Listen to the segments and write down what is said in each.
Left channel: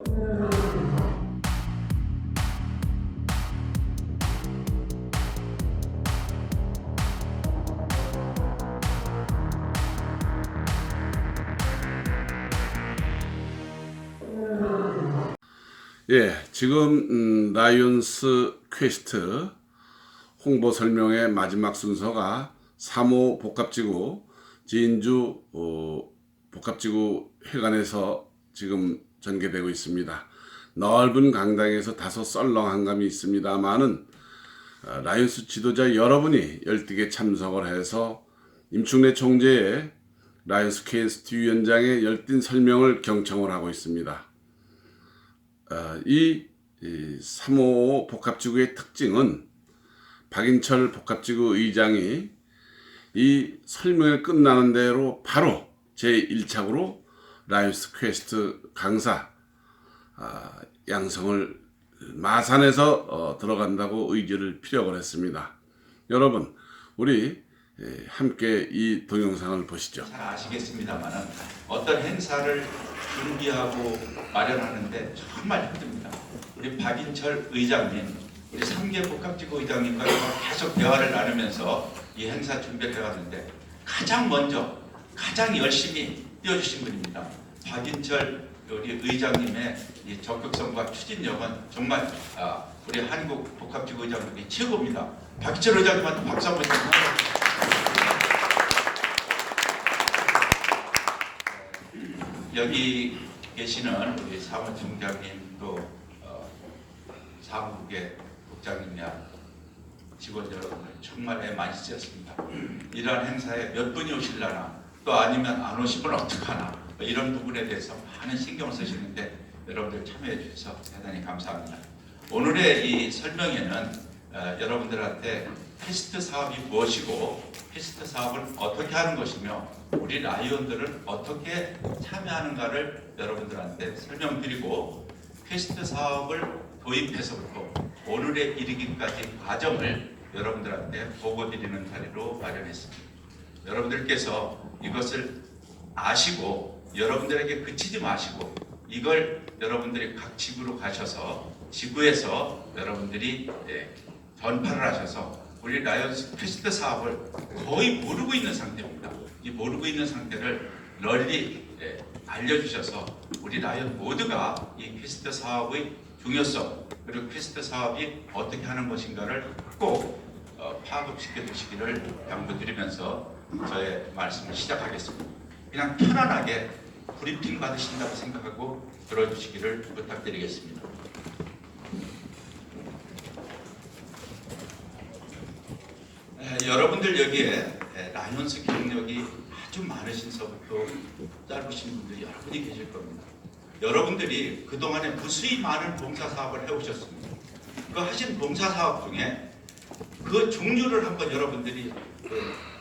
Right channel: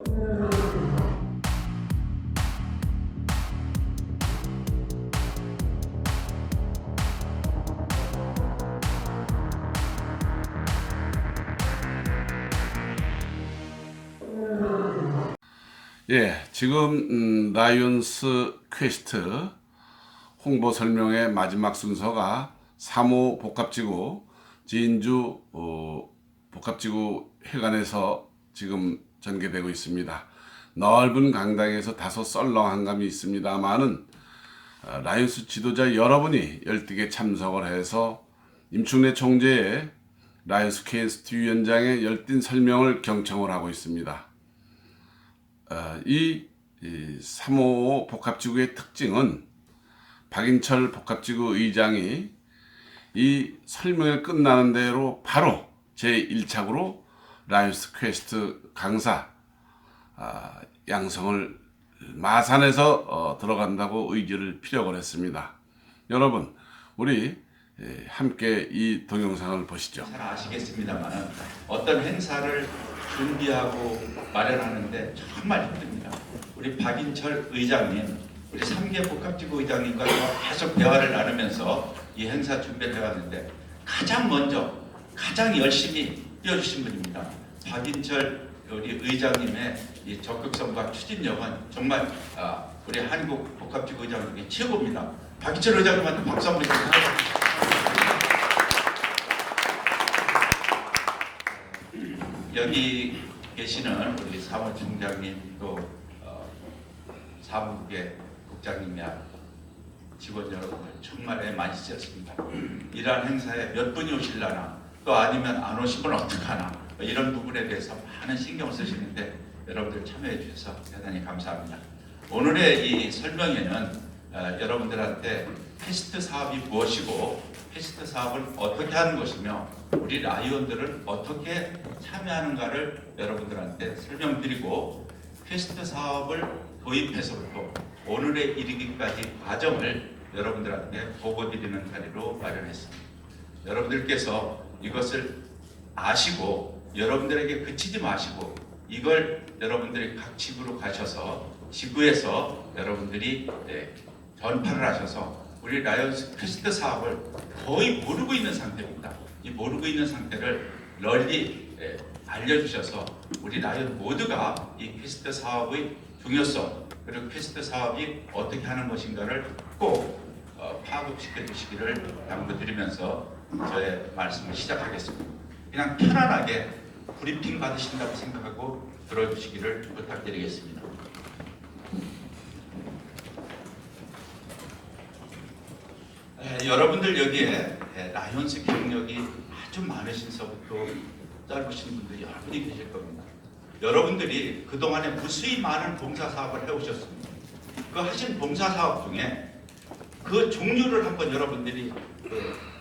예, 지금 라이온스 퀘스트 홍보 설명의 마지막 순서가 3호 복합지구 진주 복합지구 회관에서 지금 전개되고 있습니다. 넓은 강당에서 다소 썰렁한 감이 있습니다만은 라이온스 지도자 여러분이 열띠게 참석을 해서 임충래 총재의 라이온스 퀘스트 위원장의 열띤 설명을 경청을 하고 있습니다. 이 355 복합지구의 특징은 박인철 복합지구 의장이 이 설명이 끝나는 대로 바로 제1착으로 라이온스 퀘스트 강사 양성을 마산에서 들어간다고 의지를 피력을 했습니다. 여러분, 우리 함께 이 동영상을 보시죠. 잘 아시겠습니다만 어떤 행사를 준비하고 마련하는데 정말 힘듭니다. 우리 박인철 의장님, 우리 3개 복합지구 의장님과 계속 대화를 나누면서 이 행사 준비를 해왔는데 가장 먼저 가장 열심히 뛰어주신 분입니다. 박인철 우리 의장님의 이 적극성과 추진력은 정말 우리 한국 복합지구 의장님이 최고입니다. 박인철 의장님한테 박수 한번 주세요. 여기 계시는 우리 사무총장님 또 사무국의 국장님이야 직원 여러분들 정말 애 많이 쓰셨습니다. 이러한 행사에 몇 분이 오실라나 또 아니면 안 오시면 어떡하나 이런 부분에 대해서 많은 신경을 쓰시는데 여러분들 참여해 주셔서 대단히 감사합니다. 오늘의 이 설명에는 여러분들한테 테스트 사업이 무엇이고 테스트 사업을 어떻게 하는 것이며 우리 라이온들은 어떻게 참여하는가를 여러분들한테 설명드리고 테스트 사업을 도입해서부터 오늘에 이르기까지 과정을 여러분들한테 보고드리는 자리로 마련했습니다. 여러분들께서 이것을 아시고 여러분들에게 그치지 마시고 이걸 여러분들이 각 지구로 가셔서 지구에서 여러분들이 전파를 하셔서 우리 라이온스 퀘스트 사업을 거의 모르고 있는 상태입니다. 이 모르고 있는 상태를 널리 알려주셔서 우리 라이온 모두가 이 퀘스트 사업의 중요성 그리고 퀘스트 사업이 어떻게 하는 것인가를 꼭 파악시켜 주시기를 당부드리면서 저의 말씀을 시작하겠습니다. 그냥 편안하게 브리핑 받으신다고 생각하고 들어주시기를 부탁드리겠습니다. 여러분들 여기에 라이온스 경력이 아주 많으신서부터 짧으신 분들이 여러분이 계실 겁니다. 여러분들이 그동안에 무수히 많은 봉사사업을 해오셨습니다. 그 하신 봉사사업 중에 그 종류를 한번 여러분들이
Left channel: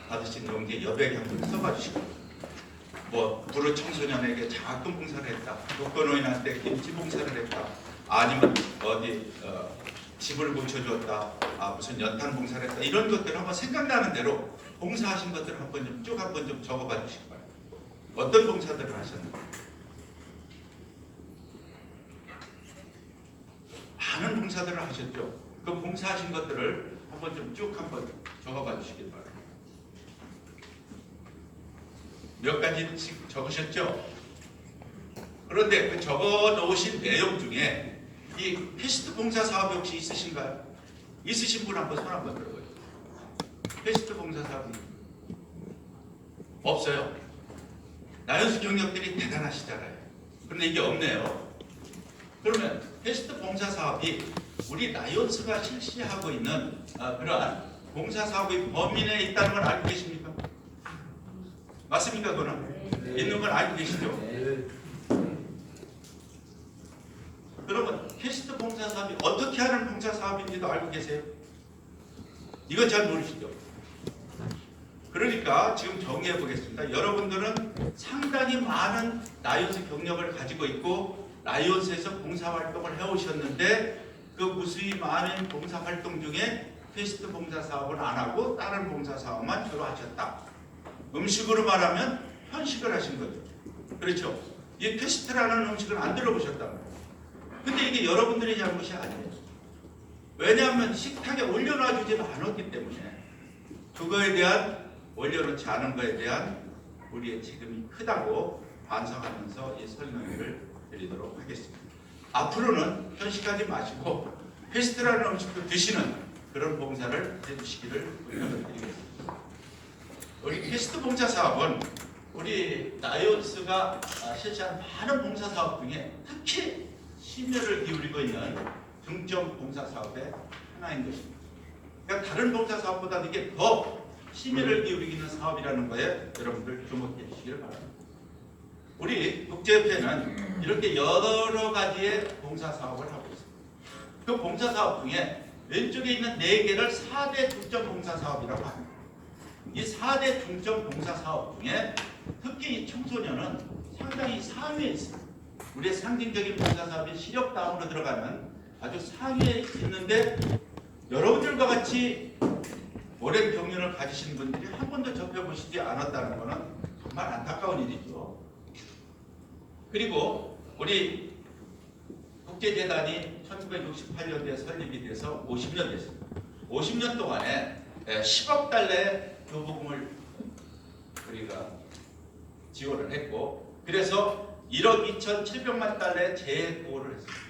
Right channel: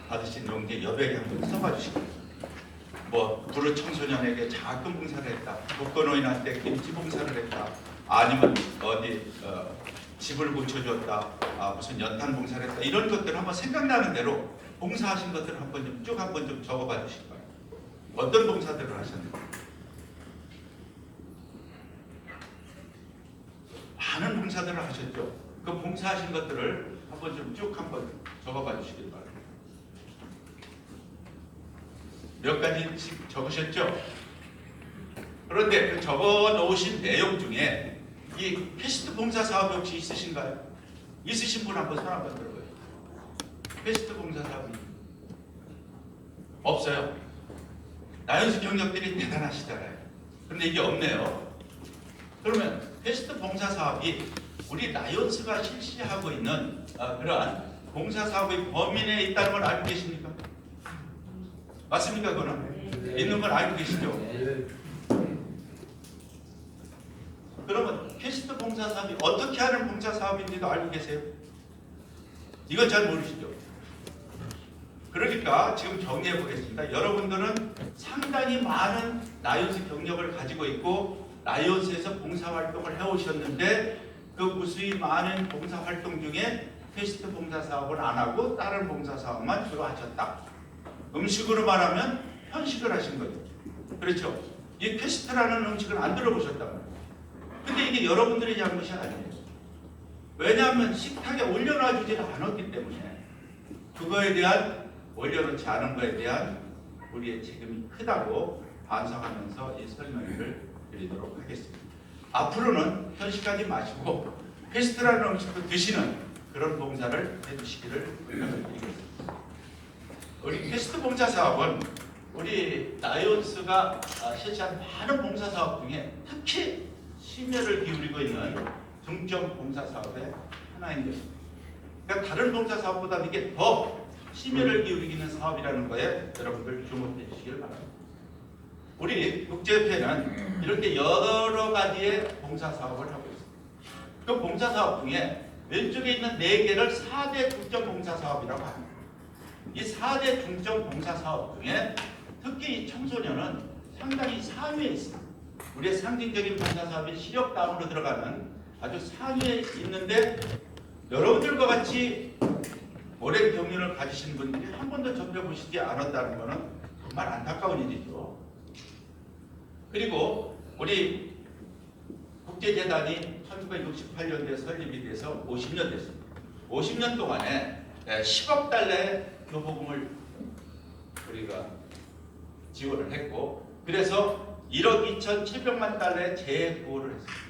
받으신 용기에 여백에 한번 써봐 주시기 뭐 부르 청소년에게 장학금 봉사를 했다, 독거노인한테 김치 봉사를 했다, 아니면 어디 집을 고쳐주었다, 무슨 연탄 봉사를 했다, 이런 것들을 한번 생각나는 대로 봉사하신 것들을 한번 좀 쭉 한번 좀 적어봐 주시기 바랍니다. 어떤 봉사들을 하셨는지. 많은 봉사들을 하셨죠. 그 봉사하신 것들을 한번 좀 쭉 한번 적어봐 주시기 바랍니다. 몇 가지씩 적으셨죠? 그런데 그 적어 놓으신 내용 중에 이 퀘스트 봉사 사업 혹시 있으신가요? 있으신 분 한번 손 한번 들어봐요. 퀘스트 봉사 사업이 없어요. 라이온스 경력들이 대단하시잖아요. 그런데 이게 없네요. 그러면 퀘스트 봉사 사업이 우리 라이온스가 실시하고 있는 그러한 봉사 사업의 범위 내에 있다는 걸 알고 계십니까? 맞습니까? 그거는 있는 건 알고 계시죠? 그러면 퀘스트 봉사 사업이 어떻게 하는 봉사 사업인지도 알고 계세요? 이건 잘 모르시죠? 그러니까 지금 정리해 보겠습니다. 여러분들은 상당히 많은 라이온스 경력을 가지고 있고 라이온스에서 봉사활동을 해오셨는데 그 무수히 많은 봉사활동 중에 퀘스트 봉사 사업을 안 하고 다른 봉사 사업만 주로 하셨다. 음식으로 말하면 편식을 하신 거죠. 그렇죠? 이 퀘스트라는 음식을 안 들어보셨다고. 근데 이게 여러분들의 잘못이 아니에요. 왜냐하면 식탁에 올려놔주지 않았기 때문에 그거에 대한 올려놓지 않은 거에 대한 우리의 책임이 크다고 반성하면서 이 설명을 드리도록 하겠습니다. 앞으로는 편식하지 마시고 페스트라는 음식을 드시는 그런 봉사를 해주시기를 부탁드리겠습니다. 우리 페스트 봉사 사업은 우리 나이온스가 실시한 많은 봉사 사업 중에 특히 심혈을 기울이고 있는 중점 봉사 사업의 하나인 것입니다. 그러니까 다른 봉사 사업보다 이게 더 심혈을 기울이는 사업이라는 거에 여러분들 주목해 주시기를 바랍니다. 우리 국제협회는 이렇게 여러 가지의 봉사 사업을 하고 있습니다. 그 봉사 사업 중에 왼쪽에 있는 4개를 4대 중점 봉사 사업이라고 합니다. 이 4대 중점 봉사 사업 중에 특히 이 청소년은 상당히 상위에 있습니다. 우리의 상징적인 봉사 사업이 시력 다운으로 들어가는 아주 상위에 있는데 여러분들과 같이 오랜 경륜을 가지신 분들이 한 번도 접해보시지 않았다는 것은 정말 안타까운 일이죠. 그리고 우리 국제재단이 1968년도에 설립이 돼서 50년 됐습니다. 50년 동안에 10억 달러의 교보금을 우리가 지원을 했고, 그래서 1억 2,700만 달러의 재해 보호를 했습니다.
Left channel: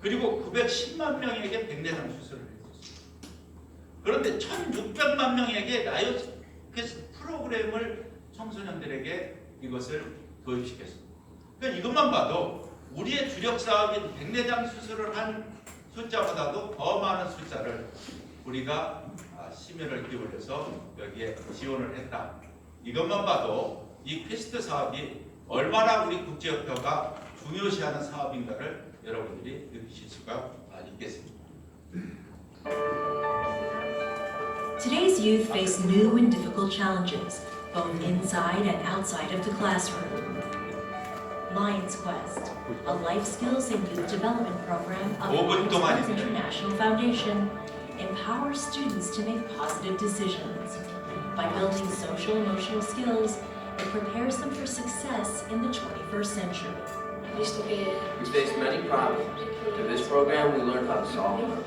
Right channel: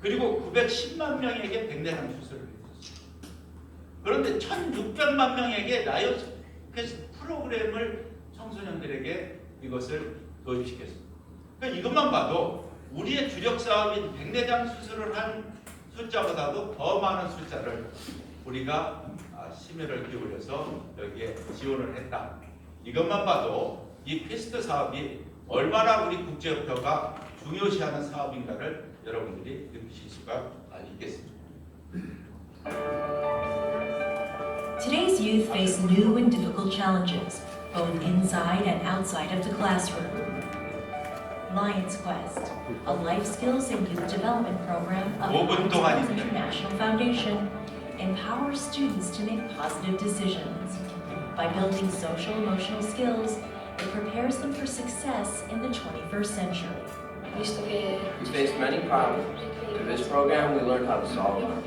그리고 910만 명에게 백내장 수술을 했습니다. 그런데 1,600만 명에게 나이오스 프로그램을 청소년들에게 이것을 도입시켰습니다. 그러니까 이것만 봐도 우리의 주력 사업인 백내장 수술을 한 숫자보다도 더 많은 숫자를 우리가 심혈을 기울여서 여기에 지원을 했다. 이것만 봐도 이 퀘스트 사업이 얼마나 우리 국제협회가 중요시하는 사업인가를 여러분들이 느끼실 수가 있겠습니다. Today's youth face new and difficult challenges, both inside and outside of the classroom. Lions Quest, a life skills and youth development program of the 5분 Lions Quest 동안입니다. International Foundation, empowers students to make positive decisions. By building social emotional skills, it prepares them for success in the 21st century. We faced many problems. Through this program, we learned how to solve them.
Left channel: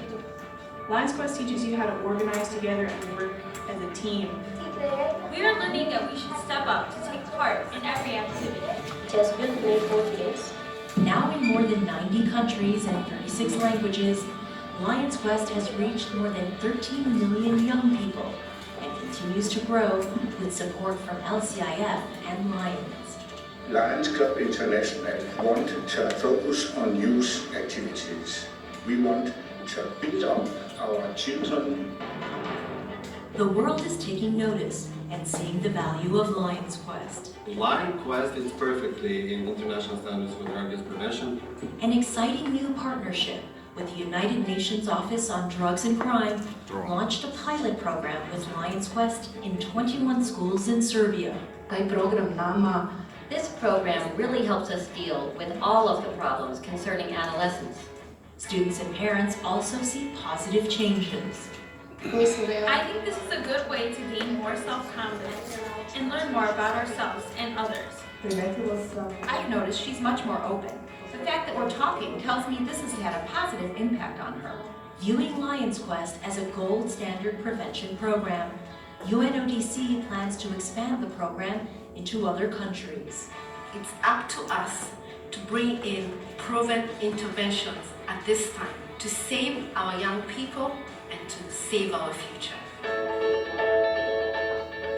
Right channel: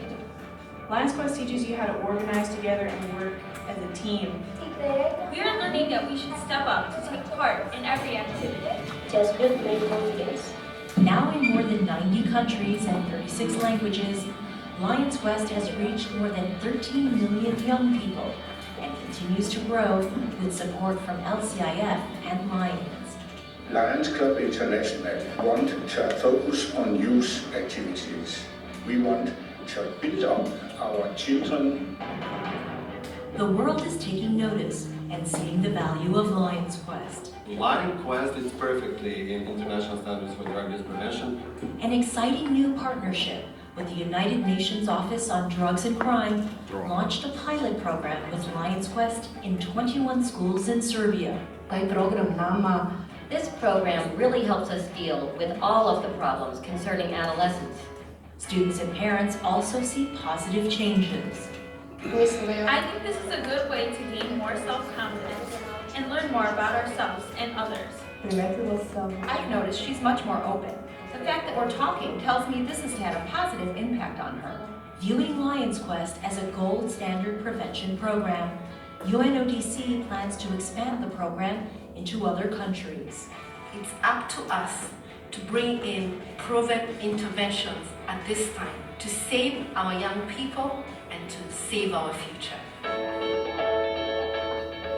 Lions Quest teaches you how to organize together and work as a team. We are learning that we should step up to take part in every activity. Just build great confidence. Now in more than 90 countries and 36 languages, Lions Quest has reached more than 13 million young people and continues to grow with support from LCIF and Lions. Lions Club International want to focus on youth activities. We want to build up our children. The world is taking notice and seeing the value of Lions Quest. Lions Quest is perfectly in international standards for drug use prevention. An exciting new partnership with the United Nations Office on Drugs and Crime launched a pilot program with Lions Quest in 21 schools in Serbia. This program really helps us deal with all of the problems concerning adolescents. Students and parents also see positive changes. I think this is a good way to gain more self-confidence and learn more about ourselves and others. I've noticed she's much more open. The fact that we're talking tells me this has had a positive impact on her. Viewing Lions Quest as a gold standard prevention program, UNODC plans to expand the program into other countries. It's up to us to bring in proven interventions at this time to save our young people and to save our future.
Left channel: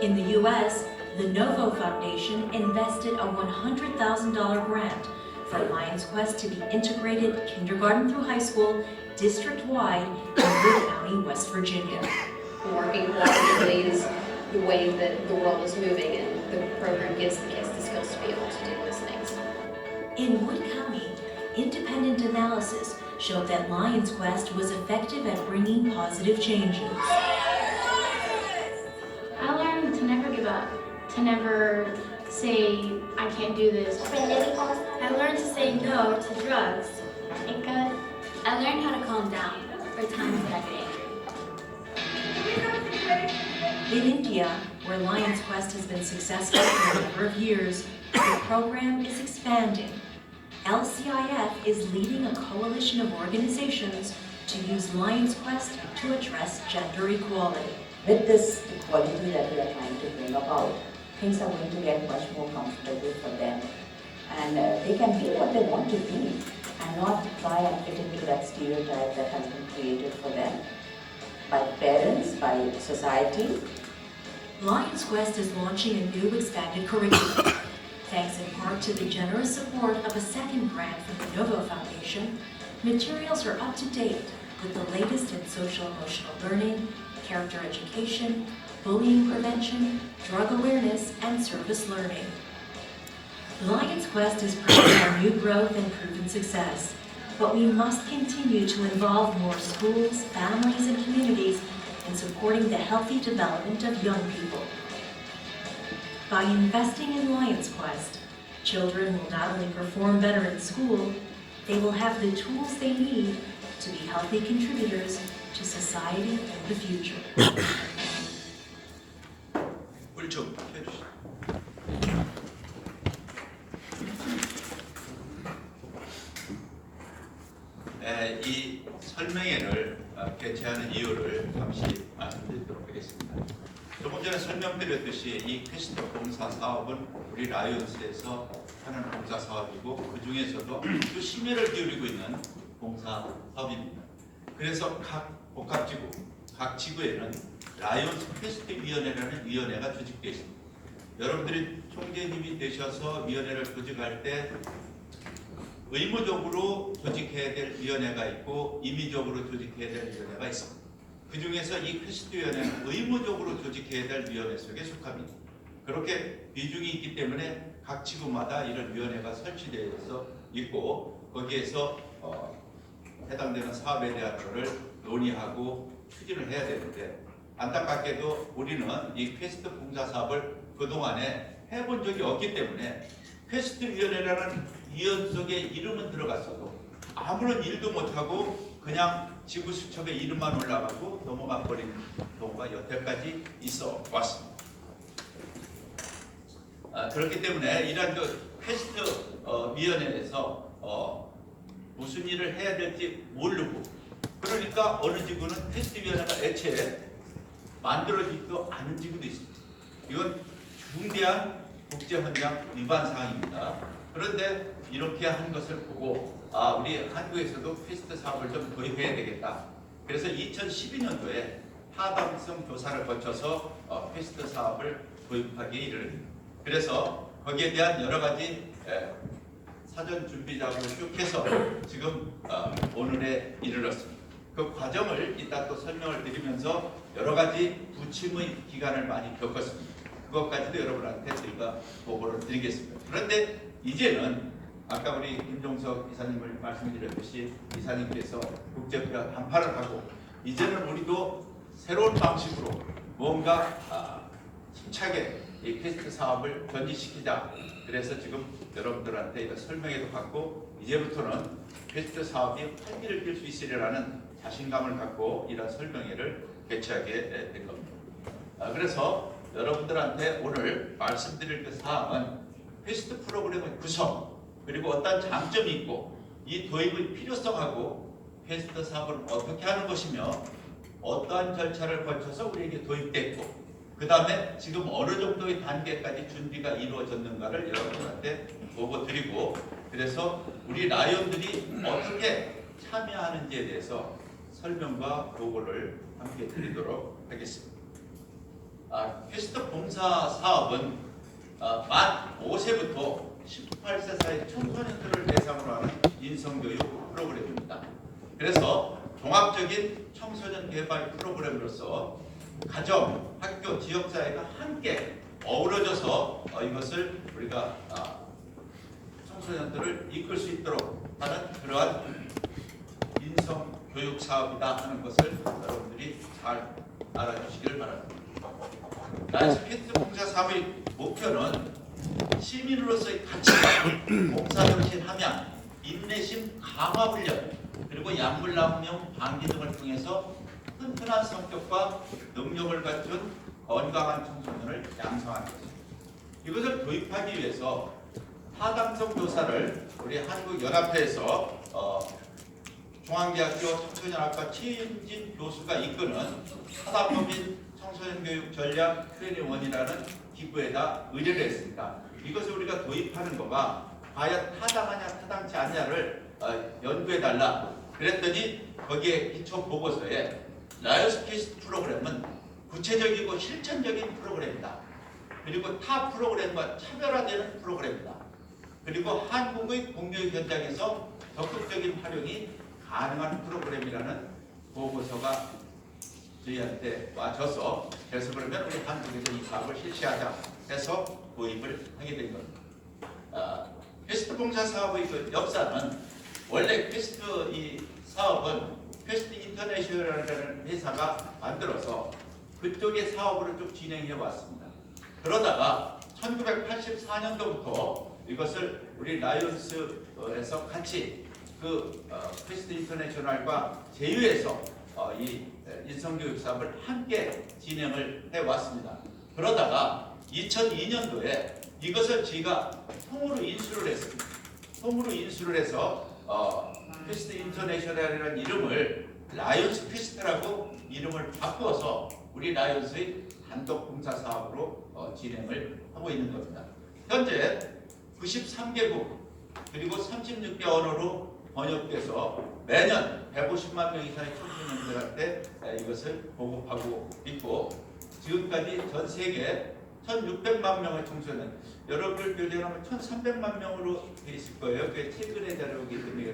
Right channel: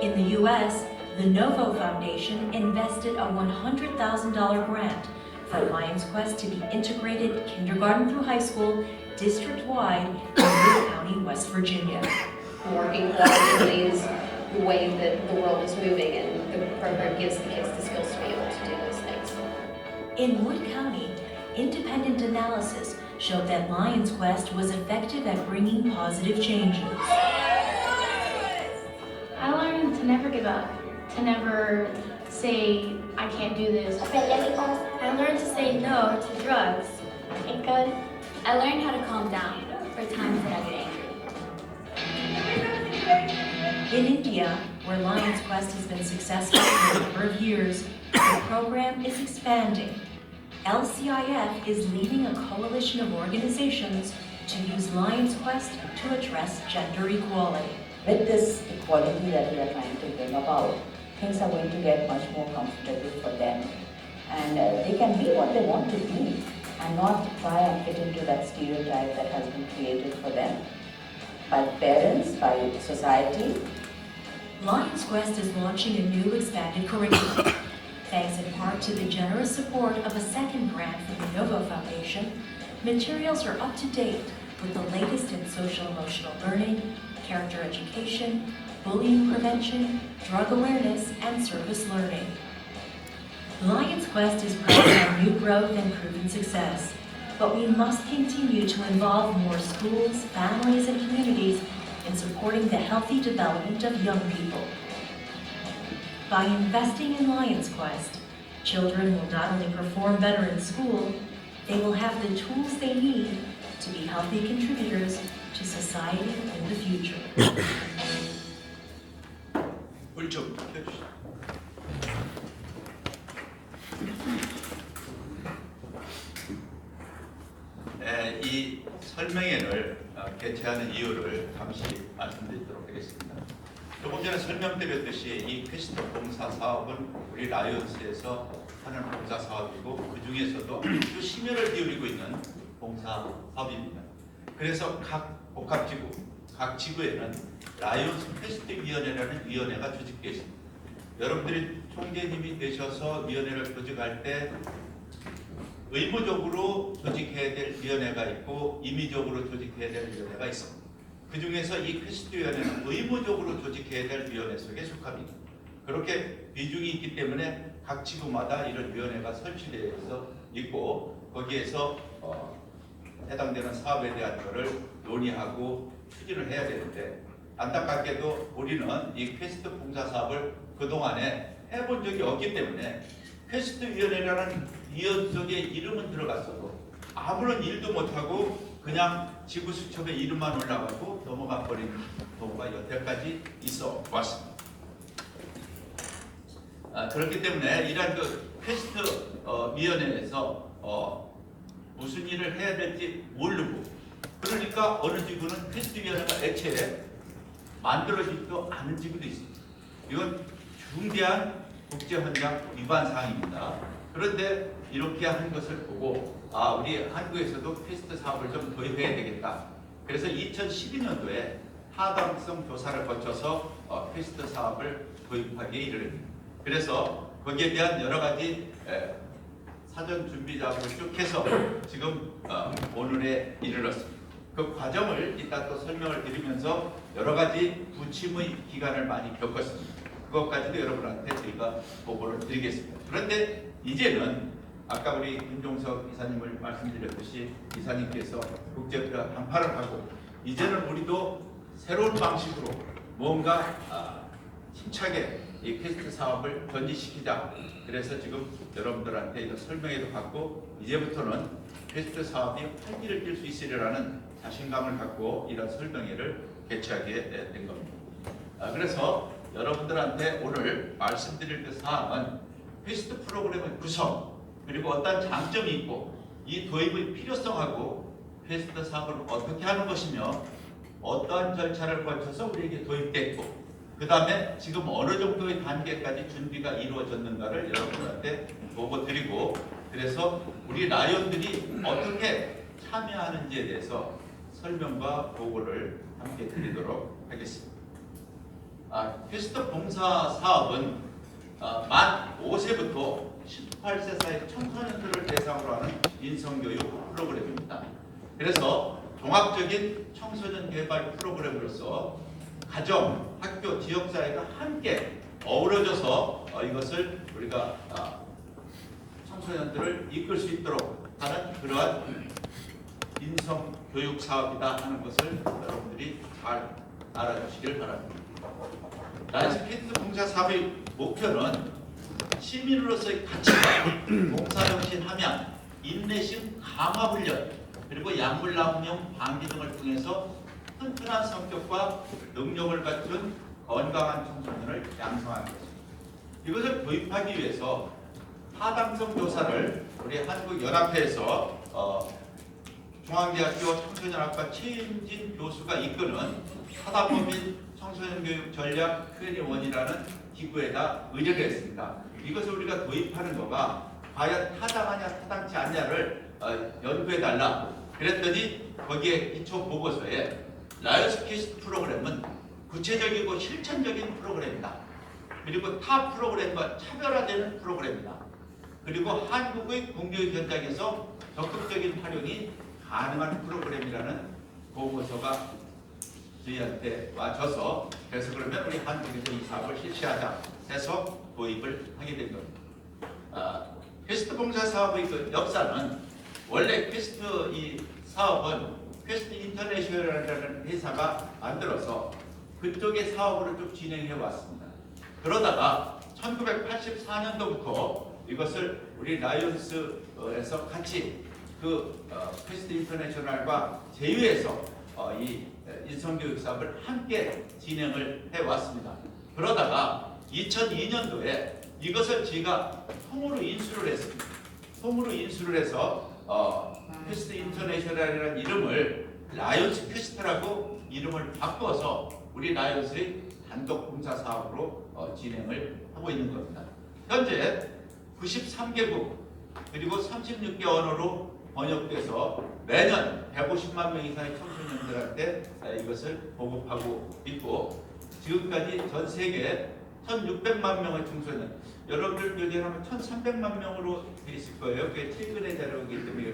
In the U.S., the Novo Foundation invested a $100,000 grant for Lions Quest to be integrated kindergarten through high school, district-wide in Wood County, West Virginia. Working collaboratively is the way that the world is moving, and the program gives the kids the skills to be able to do those things. In Wood County, independent analysis showed that Lions Quest was effective at bringing positive changes. I learned to never give up, to never say, I can't do this. I learned to say no to drugs. I learned how to calm down for times that I get angry. In India, where Lions Quest has been successful for a number of years, the program is expanding. LCIF is leading a coalition of organizations to use Lions Quest to address gender equality. With this equality that we are trying to bring about, things are going to get much more comfortable for them. And they can be what they want to be and not try and fit into that stereotype that has been created for them by parents, by society. Lions Quest is launching a new expanded curriculum. Thanks in part to the generous support of a second grant from the Novo Foundation, materials are up to date with the latest in social-emotional learning, character education, bullying prevention, drug awareness, and service learning. Lions Quest is proud of our new growth and proven success, but we must continue to involve more schools, families, and communities in supporting the healthy development of young people. By investing in Lions Quest, children will not only perform better in school, they will have the tools they need to be healthy contributors to society in the future. 좀 펴주시죠. 이 설명회를 개최하는 이유를 잠시 말씀드리도록 하겠습니다. 조금 전에 설명드렸듯이 이 퀘스트 봉사 사업은 우리 라이온스에서 하는 봉사 사업이고 그 중에서도 아주 심혈을 기울이고 있는 봉사 사업입니다. 그래서 각 복합지구, 각 지구에는 라이온스 퀘스트 위원회라는 위원회가 조직되어 있습니다. 여러분들이 총재님이 되셔서 위원회를 조직할 때 의무적으로 조직해야 될 위원회가 있고 임의적으로 조직해야 될 위원회가 있습니다. 그 중에서 이 퀘스트 위원회는 의무적으로 조직해야 될 위원회 속에 속합니다. 그렇게 비중이 있기 때문에 각 지구마다 이런 위원회가 설치되어 있고 거기에서 해당되는 사업에 대한 것을 논의하고 추진을 해야 되는데 안타깝게도 우리는 이 퀘스트 봉사 사업을 그동안에 해본 적이 없기 때문에 퀘스트 위원회라는 위원 속에 이름은 들어갔어도 아무런 일도 못하고 그냥 지구수첩에 이름만 올라가고 넘어가 버린 경우가 여태까지 있어 왔습니다. 그렇기 때문에 이러한 그 퀘스트 위원회에서 무슨 일을 해야 될지 모르고 그러니까 어느 지구는 퀘스트 위원회가 애초에 만들어지지도 않은 지구도 있습니다. 이건 중대한 국제헌장 위반 사항입니다. 그런데 이렇게 한 것을 보고 우리 한국에서도 퀘스트 사업을 좀 도입해야 되겠다. 그래서 2012년도에 타당성 조사를 거쳐서 퀘스트 사업을 도입하기에 이르릅니다. 그래서 거기에 대한 여러 가지 사전 준비 작업을 쭉 해서 지금 오늘에 이르렀습니다. 그 과정을 이따 또 설명을 드리면서 여러 가지 부침의 기간을 많이 겪었습니다. 그것까지도 여러분한테 저희가 보고를 드리겠습니다. 그런데 이제는 아까 우리 김종석 이사님을 말씀드렸듯이 이사님께서 국제협회와 한파를 하고 이제는 우리도 새로운 방식으로 뭔가 힘차게 이 퀘스트 사업을 전진시키자. 그래서 지금 여러분들한테 이거 설명회도 받고 이제부터는 퀘스트 사업이 활기를 띨 수 있으리라는 자신감을 갖고 이런 설명회를 개최하게 된 겁니다. 그래서 여러분들한테 오늘 말씀드릴 그 사항은 퀘스트 프로그램의 구성 그리고 어떤 장점이 있고 이 도입의 필요성하고 퀘스트 사업을 어떻게 하는 것이며 어떠한 절차를 거쳐서 우리에게 도입됐고 그 다음에 지금 어느 정도의 단계까지 준비가 이루어졌는가를 여러분한테 보고 드리고 그래서 우리 라이온들이 어떻게 참여하는지에 대해서 설명과 보고를 함께 드리도록 하겠습니다. 퀘스트 봉사 사업은 만 5세부터 18세 사이 청소년들을 대상으로 하는 인성교육 프로그램입니다. 그래서 종합적인 청소년 개발 프로그램으로서 가정, 학교, 지역사회가 함께 어우러져서 이것을 우리가 청소년들을 이끌 수 있도록 하는 그러한 인성교육 사업이다 하는 것을 여러분들이 잘 알아주시길 바랍니다. 라이온스 퀘스트 봉사 사업의 목표는 시민으로서의 가치관, 봉사정신 함양, 인내심 강화 훈련, 그리고 약물남용 방지 등을 통해서 튼튼한 성격과 능력을 갖춘 건강한 청소년을 양성하는 것입니다. 이것을 도입하기 위해서 타당성 조사를 우리 한국연합회에서 중앙대학교 청소년학과 최임진 교수가 이끄는 사단법 및 청소년 교육 전략 21이라는 기구에다 의뢰를 했습니다. 이것을 우리가 도입하는 거가 과연 타당하냐 타당치 않냐를 연구해달라 그랬더니 거기에 기초 보고서에 라이언스 퀘스트 프로그램은 구체적이고 실천적인 프로그램이다. 그리고 타 프로그램과 차별화되는 프로그램이다. 그리고 한국의 공교육 현장에서 적극적인 활용이 가능한 프로그램이라는 보고서가 저희한테 와줘서 그래서 그러면 우리 한국에서 이 사업을 실시하자 해서 도입을 하게 된 겁니다. 퀘스트 봉사 사업의 그 역사는 원래 퀘스트 이 사업은 퀘스트 인터내셔널이라는 회사가 만들어서 그쪽의 사업으로 쭉 진행해 왔습니다. 그러다가 1984년도부터 이것을 우리 라이온스에서 같이 그 퀘스트 인터내셔널과 제휴해서 이 인성교육 사업을 함께 진행을 해왔습니다. 그러다가 2002년도에 이것을 제가 통으로 인수를 했습니다. 통으로 인수를 해서 퀘스트 인터내셔널이라는 이름을 라이온스 퀘스트라고 이름을 바꿔서 우리 라이온스의 단독 봉사 사업으로 진행을 하고 있는 겁니다. 현재 93개국 그리고 36개 언어로 번역돼서 매년 150만 명 이상의 청소년들한테 이것을 보급하고 있고 지금까지 전 세계 1,600만 명의 청소년 여러분들 교재하면 1,300만 명으로 돼 있을 거예요. 그게 최근의 자료이기 때문에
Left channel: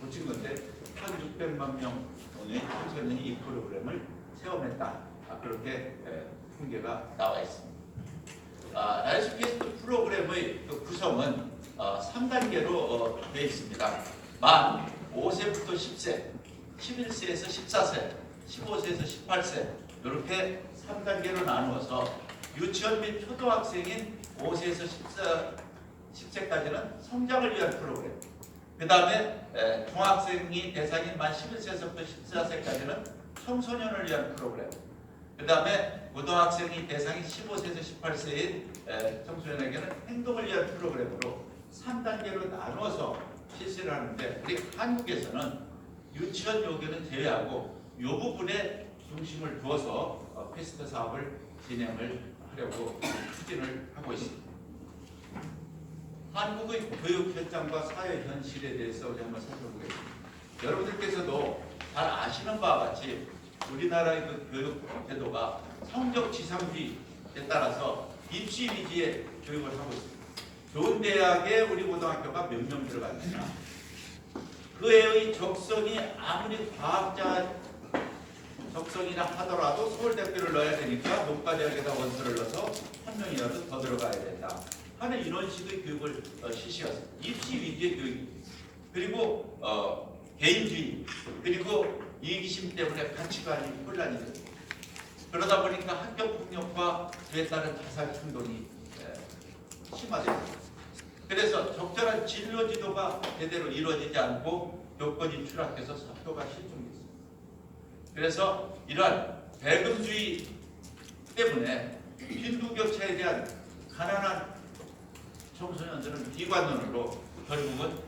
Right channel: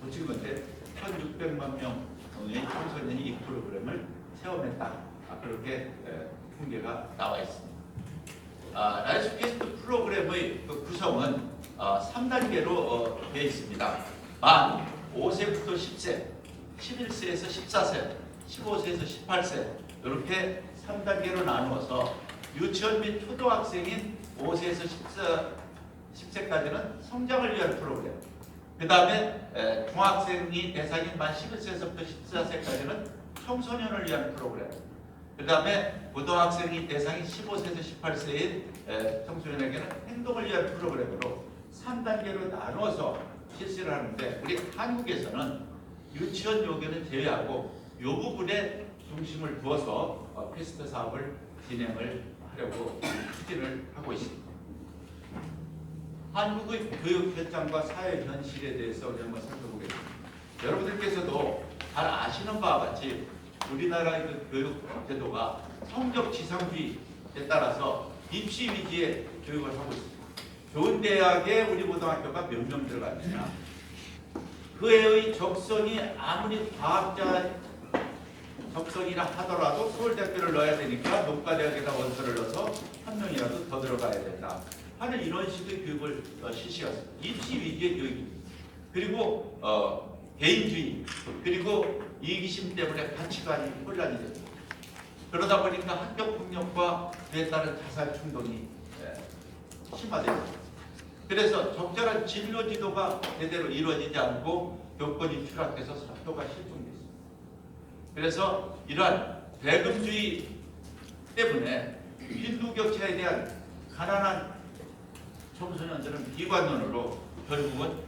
고친 건데 1,600만 명의 청소년이 이 프로그램을 체험했다. 그렇게 통계가 나와 있습니다. 라이언스 퀘스트 프로그램의 그 구성은 3단계로 되어 있습니다. 만 5세부터 10세, 11세에서 14세, 15세에서 18세 이렇게 3단계로 나누어서 유치원 및 초등학생인 5세에서 10세까지는 성장을 위한 프로그램. 그 다음에 중학생이 대상인 만 11세에서부터 14세까지는 청소년을 위한 프로그램. 그 다음에 고등학생이 대상인 15세에서 18세인 청소년에게는 행동을 위한 프로그램으로 3단계로 나눠서 실시를 하는데 우리 한국에서는 유치원 요교는 제외하고 이 부분에 중심을 두어서 퀘스트 사업을 진행을 하려고 추진을 하고 있습니다. 한국의 교육 현장과 사회 현실에 대해서 한번 살펴보겠습니다. 여러분들께서도 잘 아시는 바와 같이 우리나라의 그 교육 제도가 성적 지상주의에 따라서 입시 위주의 교육을 하고 있습니다. 좋은 대학에 우리 고등학교가 몇 명 들어갔으나 그 애의 적성이 아무리 과학자 적성이라 하더라도 서울대학교를 넣어야 되니까 농가대학에다 원서를 넣어서 한 명이라도 더 들어가야 된다 하는 이런 식의 교육을 실시했습니다. 입시 위주의 교육입니다. 그리고 개인주의 그리고 이기심 때문에 가치관이 혼란이 됩니다. 그러다 보니까 학교폭력과 그에 따른 자살 충동이 심화됩니다. 그래서 적절한 진로 지도가 제대로 이루어지지 않고 교권이 추락해서 학교가 실종됐습니다. 그래서 이러한 배금주의 때문에 빈부격차에 대한 가난한 청소년들은 비관론으로 결국은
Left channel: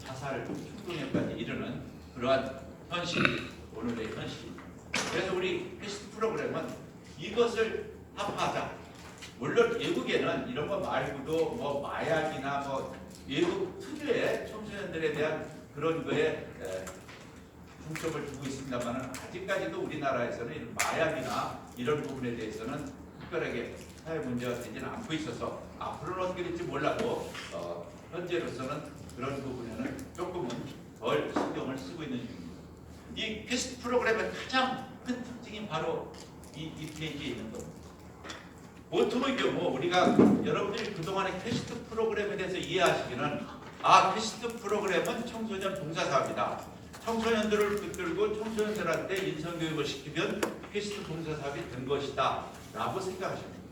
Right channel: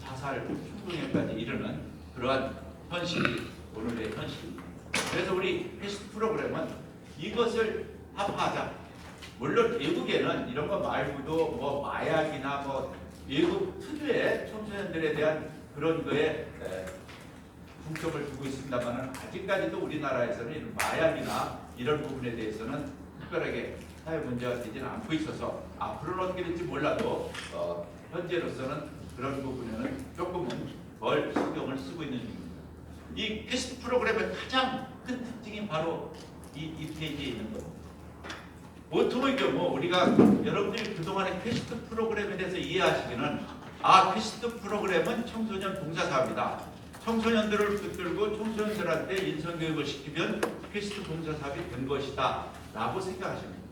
자살 충동에까지 이르는 그러한 현실이 오늘의 현실입니다. 그래서 우리 퀘스트 프로그램은 이것을 합하자. 물론 외국에는 이런 거 말고도 뭐 마약이나 뭐 외국 특유의 청소년들에 대한 그런 거에 중점을 두고 있습니다만 아직까지도 우리나라에서는 마약이나 이런 부분에 대해서는 특별하게 사회 문제가 되지는 않고 있어서 앞으로는 어떻게 될지 몰라도 현재로서는 그런 부분에는 조금은 덜 신경을 쓰고 있는 중입니다. 이 퀘스트 프로그램의 가장 큰 특징이 바로 이 페이지에 있는 겁니다. 보통의 경우 우리가 여러분들이 그동안의 퀘스트 프로그램에 대해서 이해하시기는 퀘스트 프로그램은 청소년 봉사사업이다. 청소년들을 이끌고 청소년들한테 인성교육을 시키면 퀘스트 봉사사업이 된 것이다 라고 생각하십니다.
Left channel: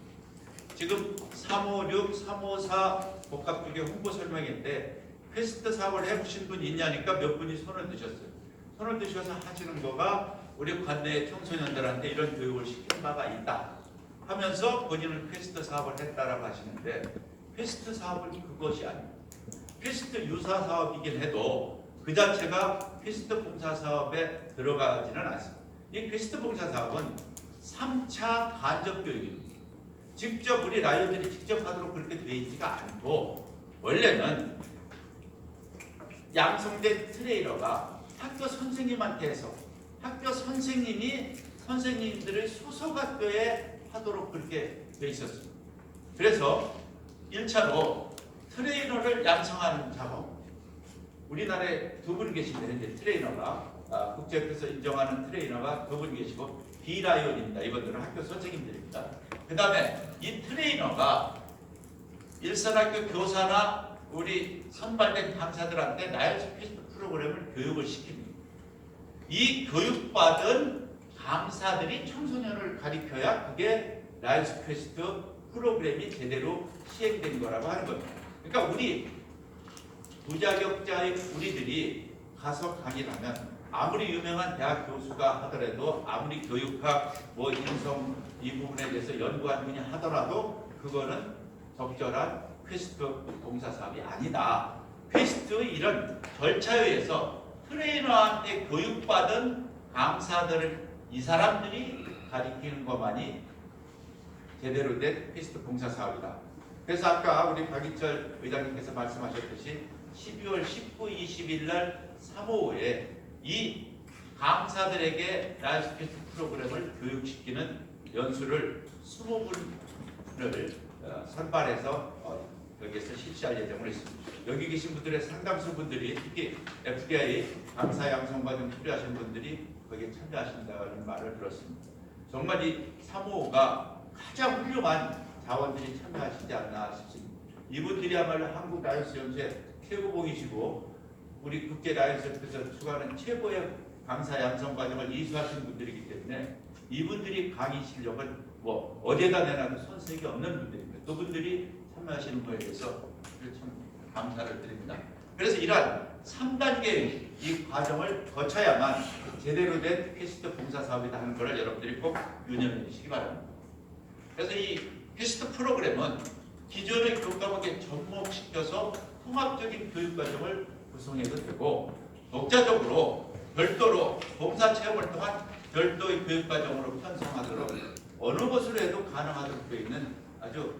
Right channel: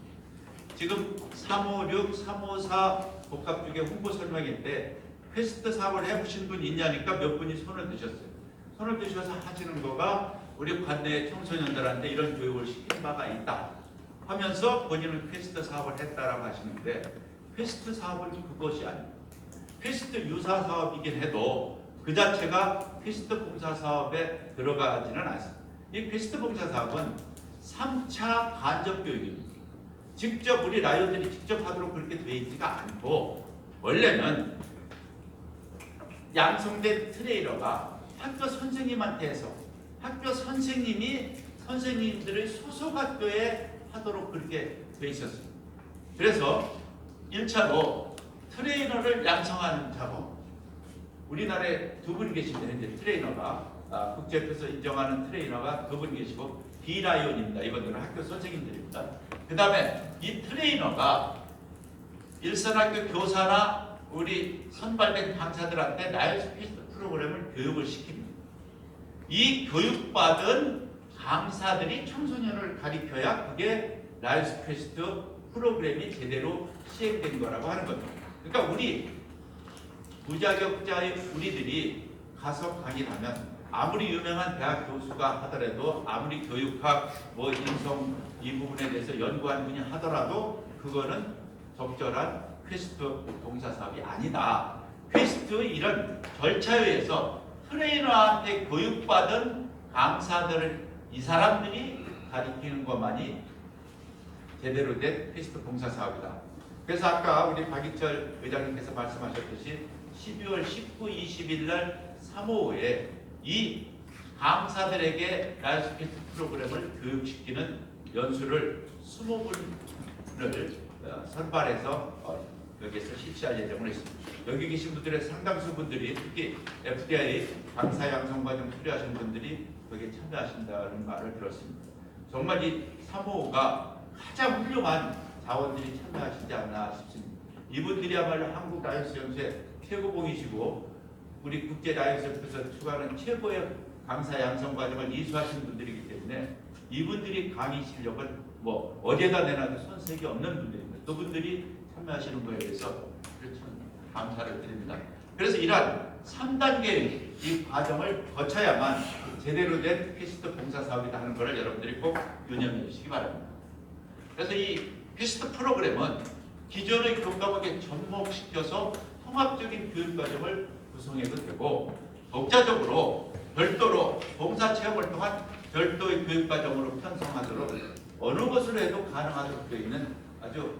지금 356, 354 복합주계 홍보 설명인데 퀘스트 사업을 해보신 분 있냐니까 몇 분이 손을 드셨어요. 손을 드셔서 하시는 거가 우리 관내 청소년들한테 이런 교육을 시킨 바가 있다 하면서 본인은 퀘스트 사업을 했다라고 하시는데 퀘스트 사업은 그것이 아닙니다. 퀘스트 유사 사업이긴 해도 그 자체가 퀘스트 봉사 사업에 들어가지는 않습니다. 이 퀘스트 봉사 사업은 3차 간접 교육입니다. 직접 우리 라이언들이 직접 하도록 그렇게 되어 있지가 않고, 원래는 양성된 트레이너가 학교 선생님한테 해서 학교 선생님이 선생님들의 소속 학교에 하도록 그렇게 되어 있었습니다. 그래서 1차로 트레이너를 양성하는 작업, 우리나라에 두 분이 계십니다. 현재 트레이너가 국제협회에서 인정하는 트레이너가 두 분 계시고 비라이온입니다. 이분들은 학교 선생님들입니다. 그 다음에 이 트레이너가 일선학교 교사나 우리 선발된 강사들한테 라이언스 퀘스트 프로그램을 교육을 시킵니다. 이 교육받은 강사들이 청소년을 가리켜야 그게 라이언스 퀘스트 프로그램이 제대로 시행된 거라고 하는 겁니다. 그러니까 우리 무자격자의 우리들이 가서 강의를 하면 아무리 유명한 대학 교수가 하더라도, 아무리 교육학 인성 이 부분에 대해서 연구한 분이 하더라도 그거는 적절한 퀘스트 봉사 사업이 아니다. 퀘스트 이런 절차에 의해서 트레이너한테 교육받은 강사들을 이 사람들이 가리키는 것만이 제대로 된 퀘스트 봉사 사업이다. 그래서 아까 우리 박익철 의장님께서 말씀하셨듯이 12월 19, 20일 날 3호에 이 강사들에게 라이언스 퀘스트 프로그램을 교육시키는 연수를 20분을 선발해서 여기에서 실시할 예정으로 있습니다. 여기 계신 분들의 상당수 분들이, 특히 FDI 강사 양성 과정 수료하신 분들이 거기에 참여하신다는 말을 들었습니다. 정말 이 3호가 가장 훌륭한 자원들이 참여하시지 않나 싶습니다. 이분들이야말로 한국 라이언스 연수의 최고봉이시고 우리 국제 라이언스 협회에서 추구하는 최고의 강사 양성 과정을 이수하시는 분들이기 때문에 이분들이 강의 실력을 어디에다 내놔도 손색이 없는 분들입니다. 그분들이 참여하시는 거에 대해서 감사를 드립니다. 그래서 이러한 3단계의 이 과정을 거쳐야만 제대로 된 퀘스트 봉사 사업이다 하는 것을 여러분들이 꼭 유념해 주시기 바랍니다. 그래서 이 퀘스트 프로그램은 기존의 교과목에 접목시켜서 통합적인 교육 과정을 구성해도 되고, 독자적으로 별도로 봉사 체험을 통한 별도의 교육 과정으로 편성하도록 어느 것으로 해도 가능하도록 되어 있는 아주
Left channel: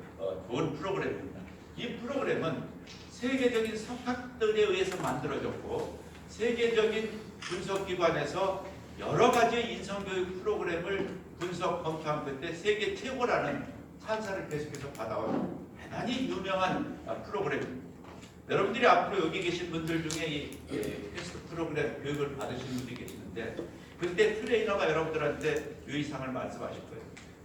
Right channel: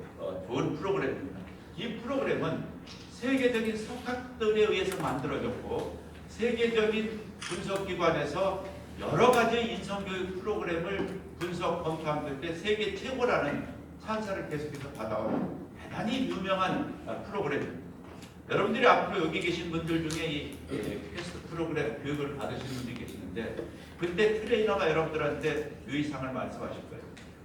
좋은 프로그램입니다. 이 프로그램은 세계적인 석학들에 의해서 만들어졌고, 세계적인 분석기관에서 여러 가지 인성교육 프로그램을 분석 검토한 끝에 세계 최고라는 찬사를 계속해서 받아온 대단히 유명한 프로그램입니다. 여러분들이 앞으로 여기 계신 분들 중에 이 퀘스트 프로그램 교육을 받으시는 분들이 계시는데, 그때 트레이너가 여러분들한테 유의사항을 말씀하실 거예요.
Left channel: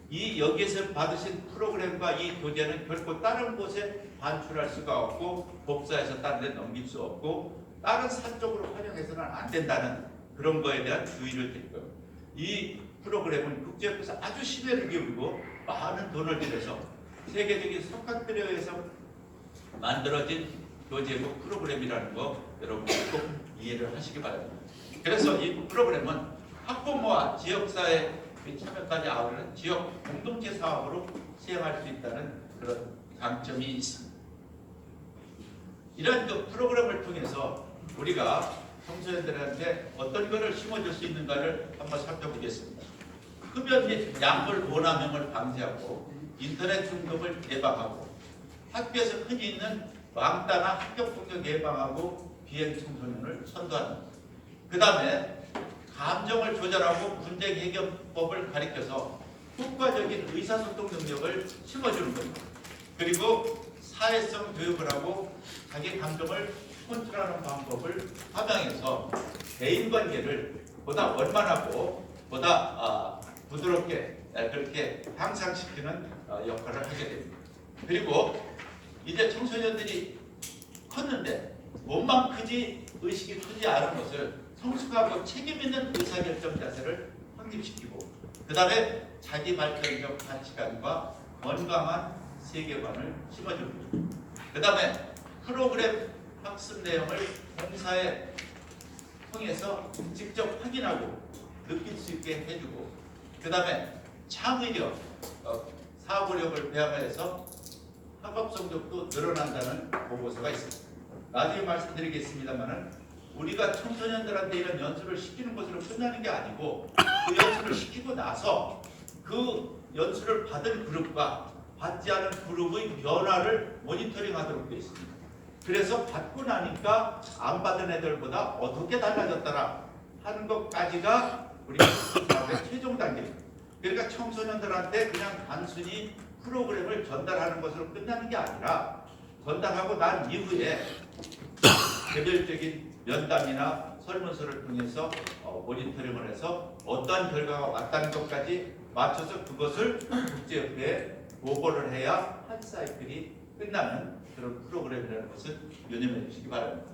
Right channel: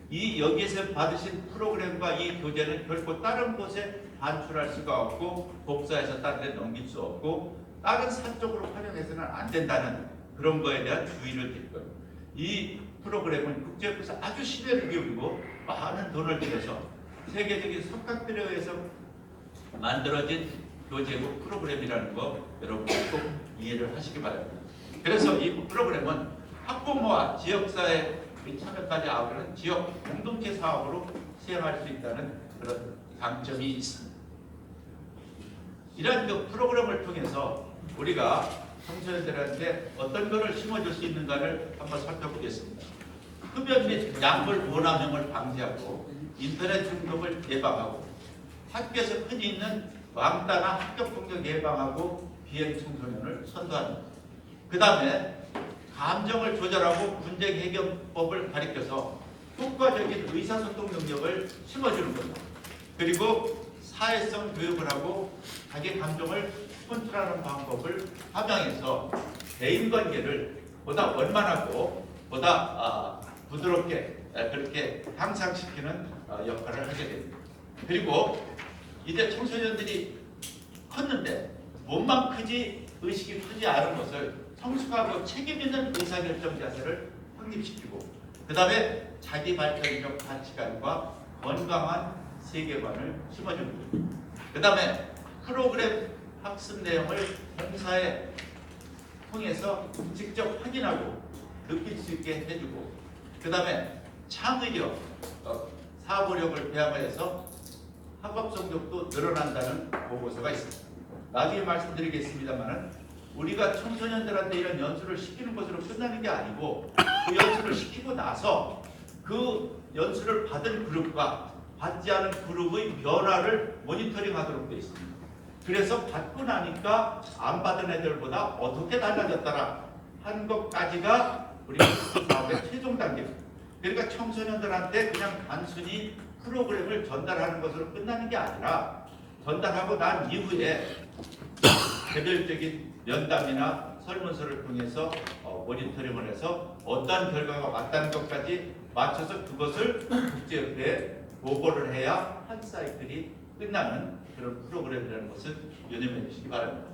이 여기에서 받으신 프로그램과 이 교재는 결코 다른 곳에 반출할 수가 없고, 복사해서 다른 데 넘길 수 없고, 다른 사적으로 활용해서는 안 된다는 그런 거에 대한 주의를 드릴 거예요. 이 프로그램은 국제협회에서 아주 신뢰를 기울이고 많은 돈을 들여서 세계적인 석학들에 의해서 만들어진 교재고 프로그램이라는 거 여러분들 꼭 이해를 하시기 바랍니다. 그래서 이 프로그램은 학부모와 지역사회 참여까지 아우르는 지역 공동체 사업으로 시행할 수 있다는 그런 장점이 있습니다. 이런 그 프로그램을 통해서 우리가 청소년들한테 어떤 것을 심어줄 수 있는가를 한번 살펴보겠습니다. 흡연 및 약물 오남용을 방지하고 인터넷 중독을 예방하고, 학교에서 흔히 있는 왕따나 합격 폭력 예방하고 비행 청소년을 선도하는, 그 다음에 감정을 조절하고 분쟁 해결법을 가리켜서 효과적인 의사소통 능력을 심어주는 겁니다. 그리고 사회성 교육을 하고 자기 감정을 컨트롤하는 방법을 함양해서 대인관계를 보다 원만하고 보다 부드럽게 그렇게 향상시키는 역할을 하게 됩니다. 그리고 이제 청소년들이 컸는데 몸만 크지 의식이 크지 않은 것을 성숙하고 책임 있는 의사결정 자세를 확립시키고, 그 다음에 자기 발전적 가치관과 건강한 세계관을 심어줍니다. 그 다음에 프로그램 학습 내용을 행사에 통해서 직접 확인하고 느낄 수 있게 해주고, 그 다음에 창의력, 사고력을 배양해서 학업 성적도 늘어난다는 보고서가 있습니다. 나중에 말씀드리겠습니다만은 우리가 청소년들한테 이런 연수를 시키는 것으로 끝나는 게 아니고 그 연수를 시키고 나서 그 연수를 받은 그룹과 받지 않은 그룹의 변화를 모니터링하도록 되어 있습니다. 그래서 받고 나니까 안 받은 애들보다 어떻게 달라졌더라 하는 것까지가 우리 사업의 최종 단계입니다. 그러니까 청소년들한테 그냥 단순히 프로그램을 전달하는 것으로 끝나는 게 아니라 전달하고 난 이후에 개별적인 면담이나 설문서를 통해서 모니터링을 해서 어떠한 결과가 왔다는 것까지 맞춰서 그것을 국제협회에 보고를 해야 한 사이클이 끝나는 그런 프로그램이라는 것을 유념해 주시기 바랍니다.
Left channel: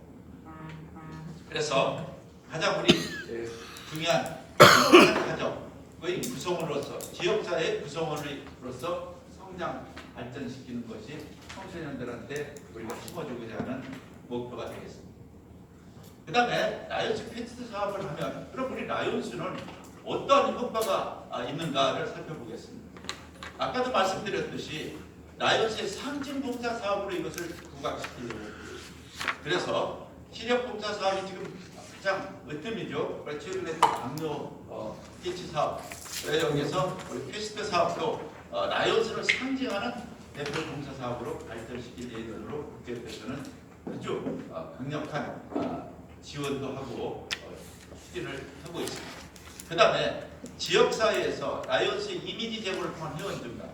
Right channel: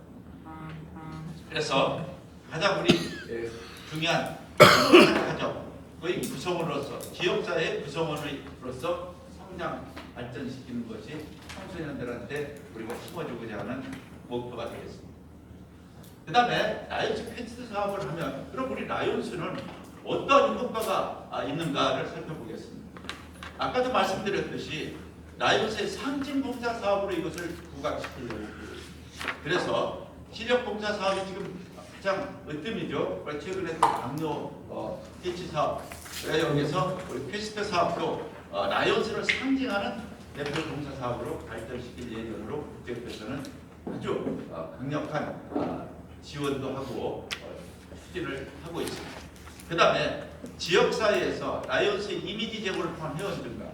그래서 가장 우리 중요한 가정의 구성원으로서 지역사회의 구성원으로서 성장 발전시키는 것이 청소년들한테 우리가 심어주고자 하는 목표가 되겠습니다. 그 다음에 라이온스 퀘스트 사업을 하면 그럼 우리 라이온스는 어떤 효과가 있는가를 살펴보겠습니다. 아까도 말씀드렸듯이 라이온스의 상징봉사 사업으로 이것을 부각시키려고 합니다. 그래서 시력봉사 사업이 지금 가장 으뜸이죠. 최근에 또 남녀 대치 사업, 여기서 퀘스트 사업도 라이온스를 상징하는 대표 봉사 사업으로 발전시킬 예정으로 국제협회에서는 아주 강력한 지원도 하고 추진을 하고 있습니다. 그 다음에 지역사회에서 라이온스의 이미지 제고를 통한 회원들과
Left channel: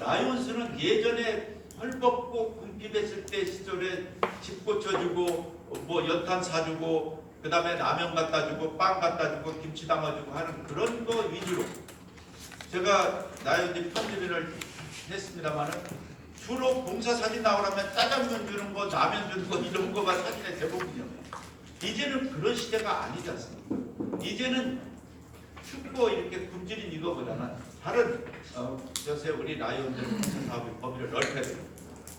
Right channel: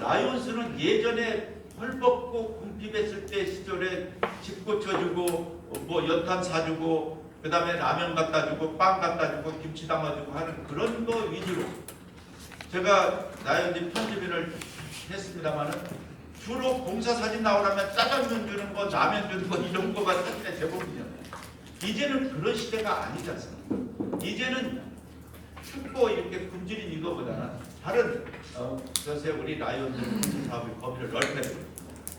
라이온스는 예전에 헐벗고 궁핍했을 때 시절에 집 고쳐주고 뭐 연탄 사주고 그 다음에 라면 갖다 주고 빵 갖다 주고 김치 담아주고 하는 그런 거 위주로 제가 라이온즈 편집인을 했습니다만은 주로 봉사 사진 나오려면 짜장면 주는 거 라면 주는 거 이런 거가 사진의 대부분이에요. 이제는 그런 시대가 아니지 않습니까? 이제는 춥고 이렇게 굶주린 이거보다는 다른 요새 우리 라이온즈 사업의 범위를 넓게 됩니다.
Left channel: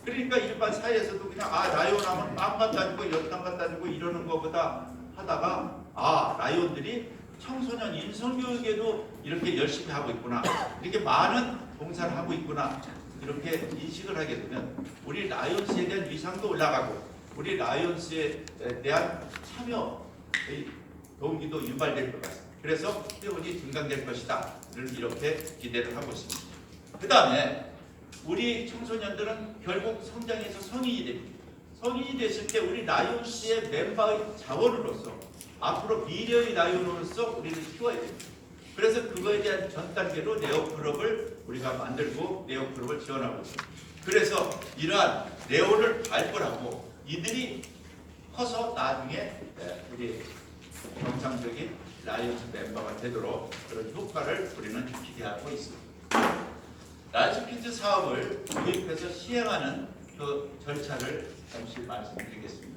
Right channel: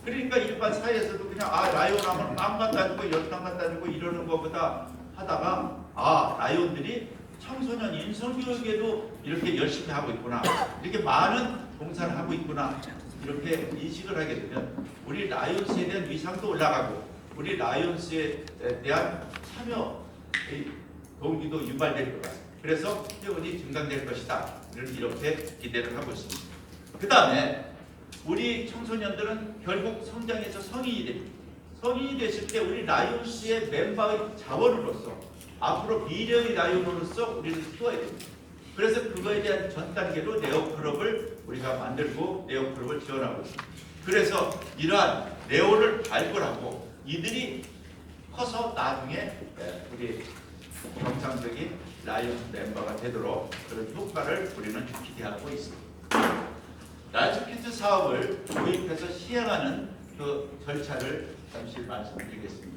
그러니까 일반 사회에서도 그냥 라이온 하면 빵 갖다 주고 연탄 갖다 주고 이러는 것보다 하다가 라이온들이 청소년 인성교육에도 이렇게 열심히 하고 있구나, 이렇게 많은 봉사를 하고 있구나, 이렇게 인식을 하게 되면 우리 라이온스에 대한 위상도 올라가고 우리 라이온스에 대한 참여의 동기도 유발될 것 같습니다. 그래서 회원이 증강될 것이다, 이렇게 기대를 하고 있습니다. 그 다음에 우리 청소년들은 결국 성장해서 성인이 됩니다. 성인이 됐을 때 우리 라이온스의 멤버의 자원으로서 앞으로 미래의 라이온으로서 우리를 키워야 됩니다. 그래서 그거에 대한 전 단계로 네오클럽을 우리가 만들고 네오클럽을 지원하고 있습니다. 그래서 이러한 네오를 발굴하고 이들이 커서 나중에 우리 정상적인 라이온스 멤버가 되도록 그런 효과를 우리는 기대하고 있습니다. 라이온스 퀴즈 사업을 도입해서 시행하는 그 절차를 잠시 말씀드리겠습니다.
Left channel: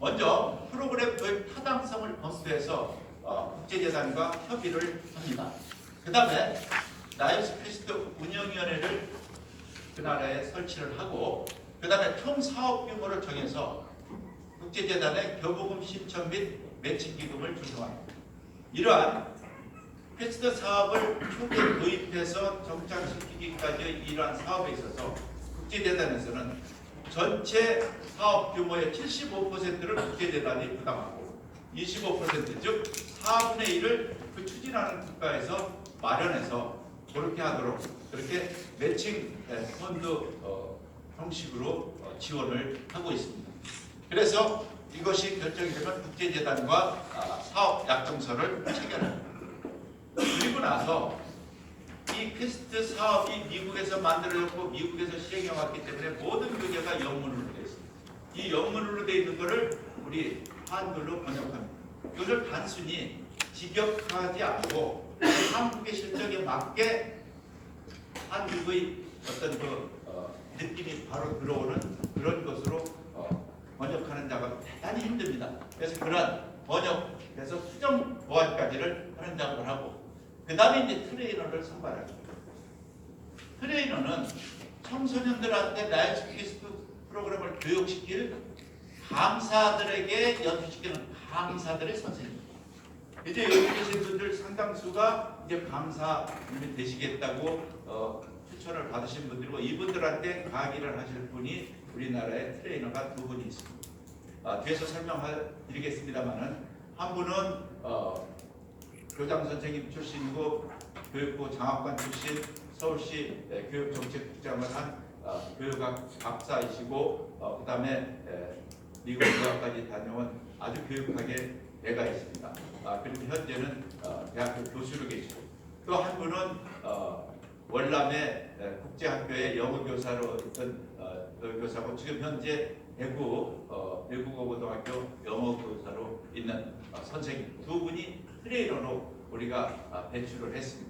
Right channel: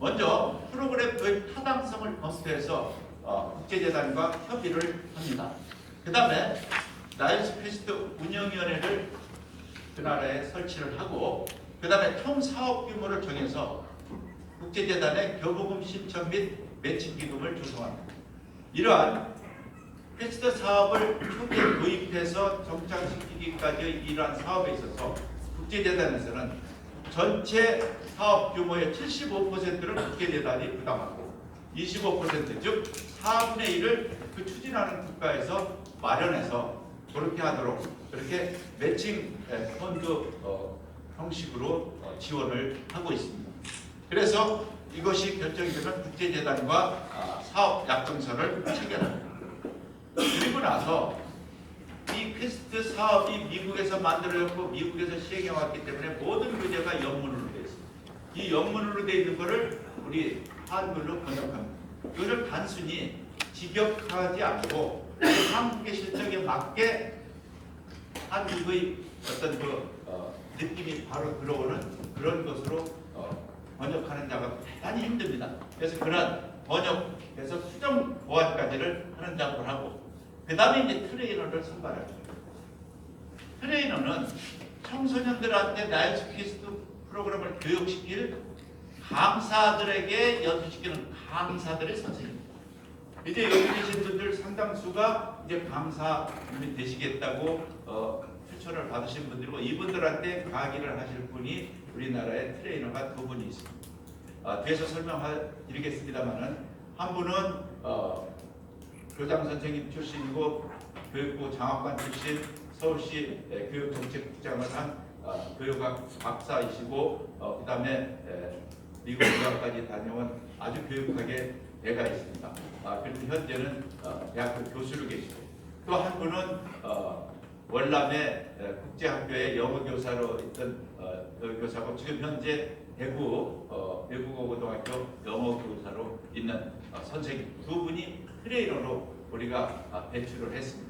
먼저 프로그램 도입 타당성을 검토해서 국제재단과 협의를 합니다. 그 다음에 라이온스 퀘스트 운영위원회를 그 나라에 설치를 하고 그 다음에 총 사업 규모를 정해서 국제재단의 교부금 신청 및 매칭 기금을 조성합니다. 이러한 퀘스트 사업을 초기에 도입해서 정착시키기까지의 이러한 사업에 있어서 국제재단에서는 전체 사업 규모의 75%를 국제재단이 부담하고 25% 즉 4분의 1을 그 추진하는 국가에서 마련해서 그렇게 하도록 그렇게 매칭 펀드 형식으로 지원을 하고 있습니다. 그래서 이것이 결정이 되면 국제재단과 사업 약정서를 체결합니다. 그리고 나서 이 퀘스트 사업이 미국에서 만들어졌고 미국에서 시행해 왔기 때문에 모든 교재가 영문으로 되어 있습니다. 이 영문으로 되어 있는 것을 우리 한글로 번역합니다. 이것을 단순히 직역하지 않고 한국의 실정에 맞게 한국의 어떤 느낌이 바로 들어오는 그런 것으로 번역하는 작업이 대단히 힘듭니다. 그래서 그런 번역에서 수정 보완까지를 하는 작업을 하고 그 다음에 이제 트레이너를 선발합니다. 트레이너는 청소년들한테 라이온스 퀘스트 프로그램을 교육시킬 강사들에게 연수시키는 강사들의 선생님입니다. 이제 여기 계신 분들 상당수가 이제 강사님이 되시겠다고 추천을 받으신 분들이고 이분들한테 강의를 하실 분이 우리나라에 트레이너가 2분이 있습니다. 뒤에서 설명드리겠습니다만은 한 분은 교장 선생님 출신이고 교육부 장학관 출신, 서울시 교육정책국장을 한 교육학 박사이시고 그다음에 미국 유학까지 다녀온 아주 교육학에 애가 있습니다. 그리고 현재는 대학교 교수로 계시고 또 한 분은 월남의 국제학교의 영어 교사로 있던 교사고 지금 현재 대구 외국어고등학교 영어 교사로 있는 선생님 두 분이 트레이너로 우리가 배출을 했습니다.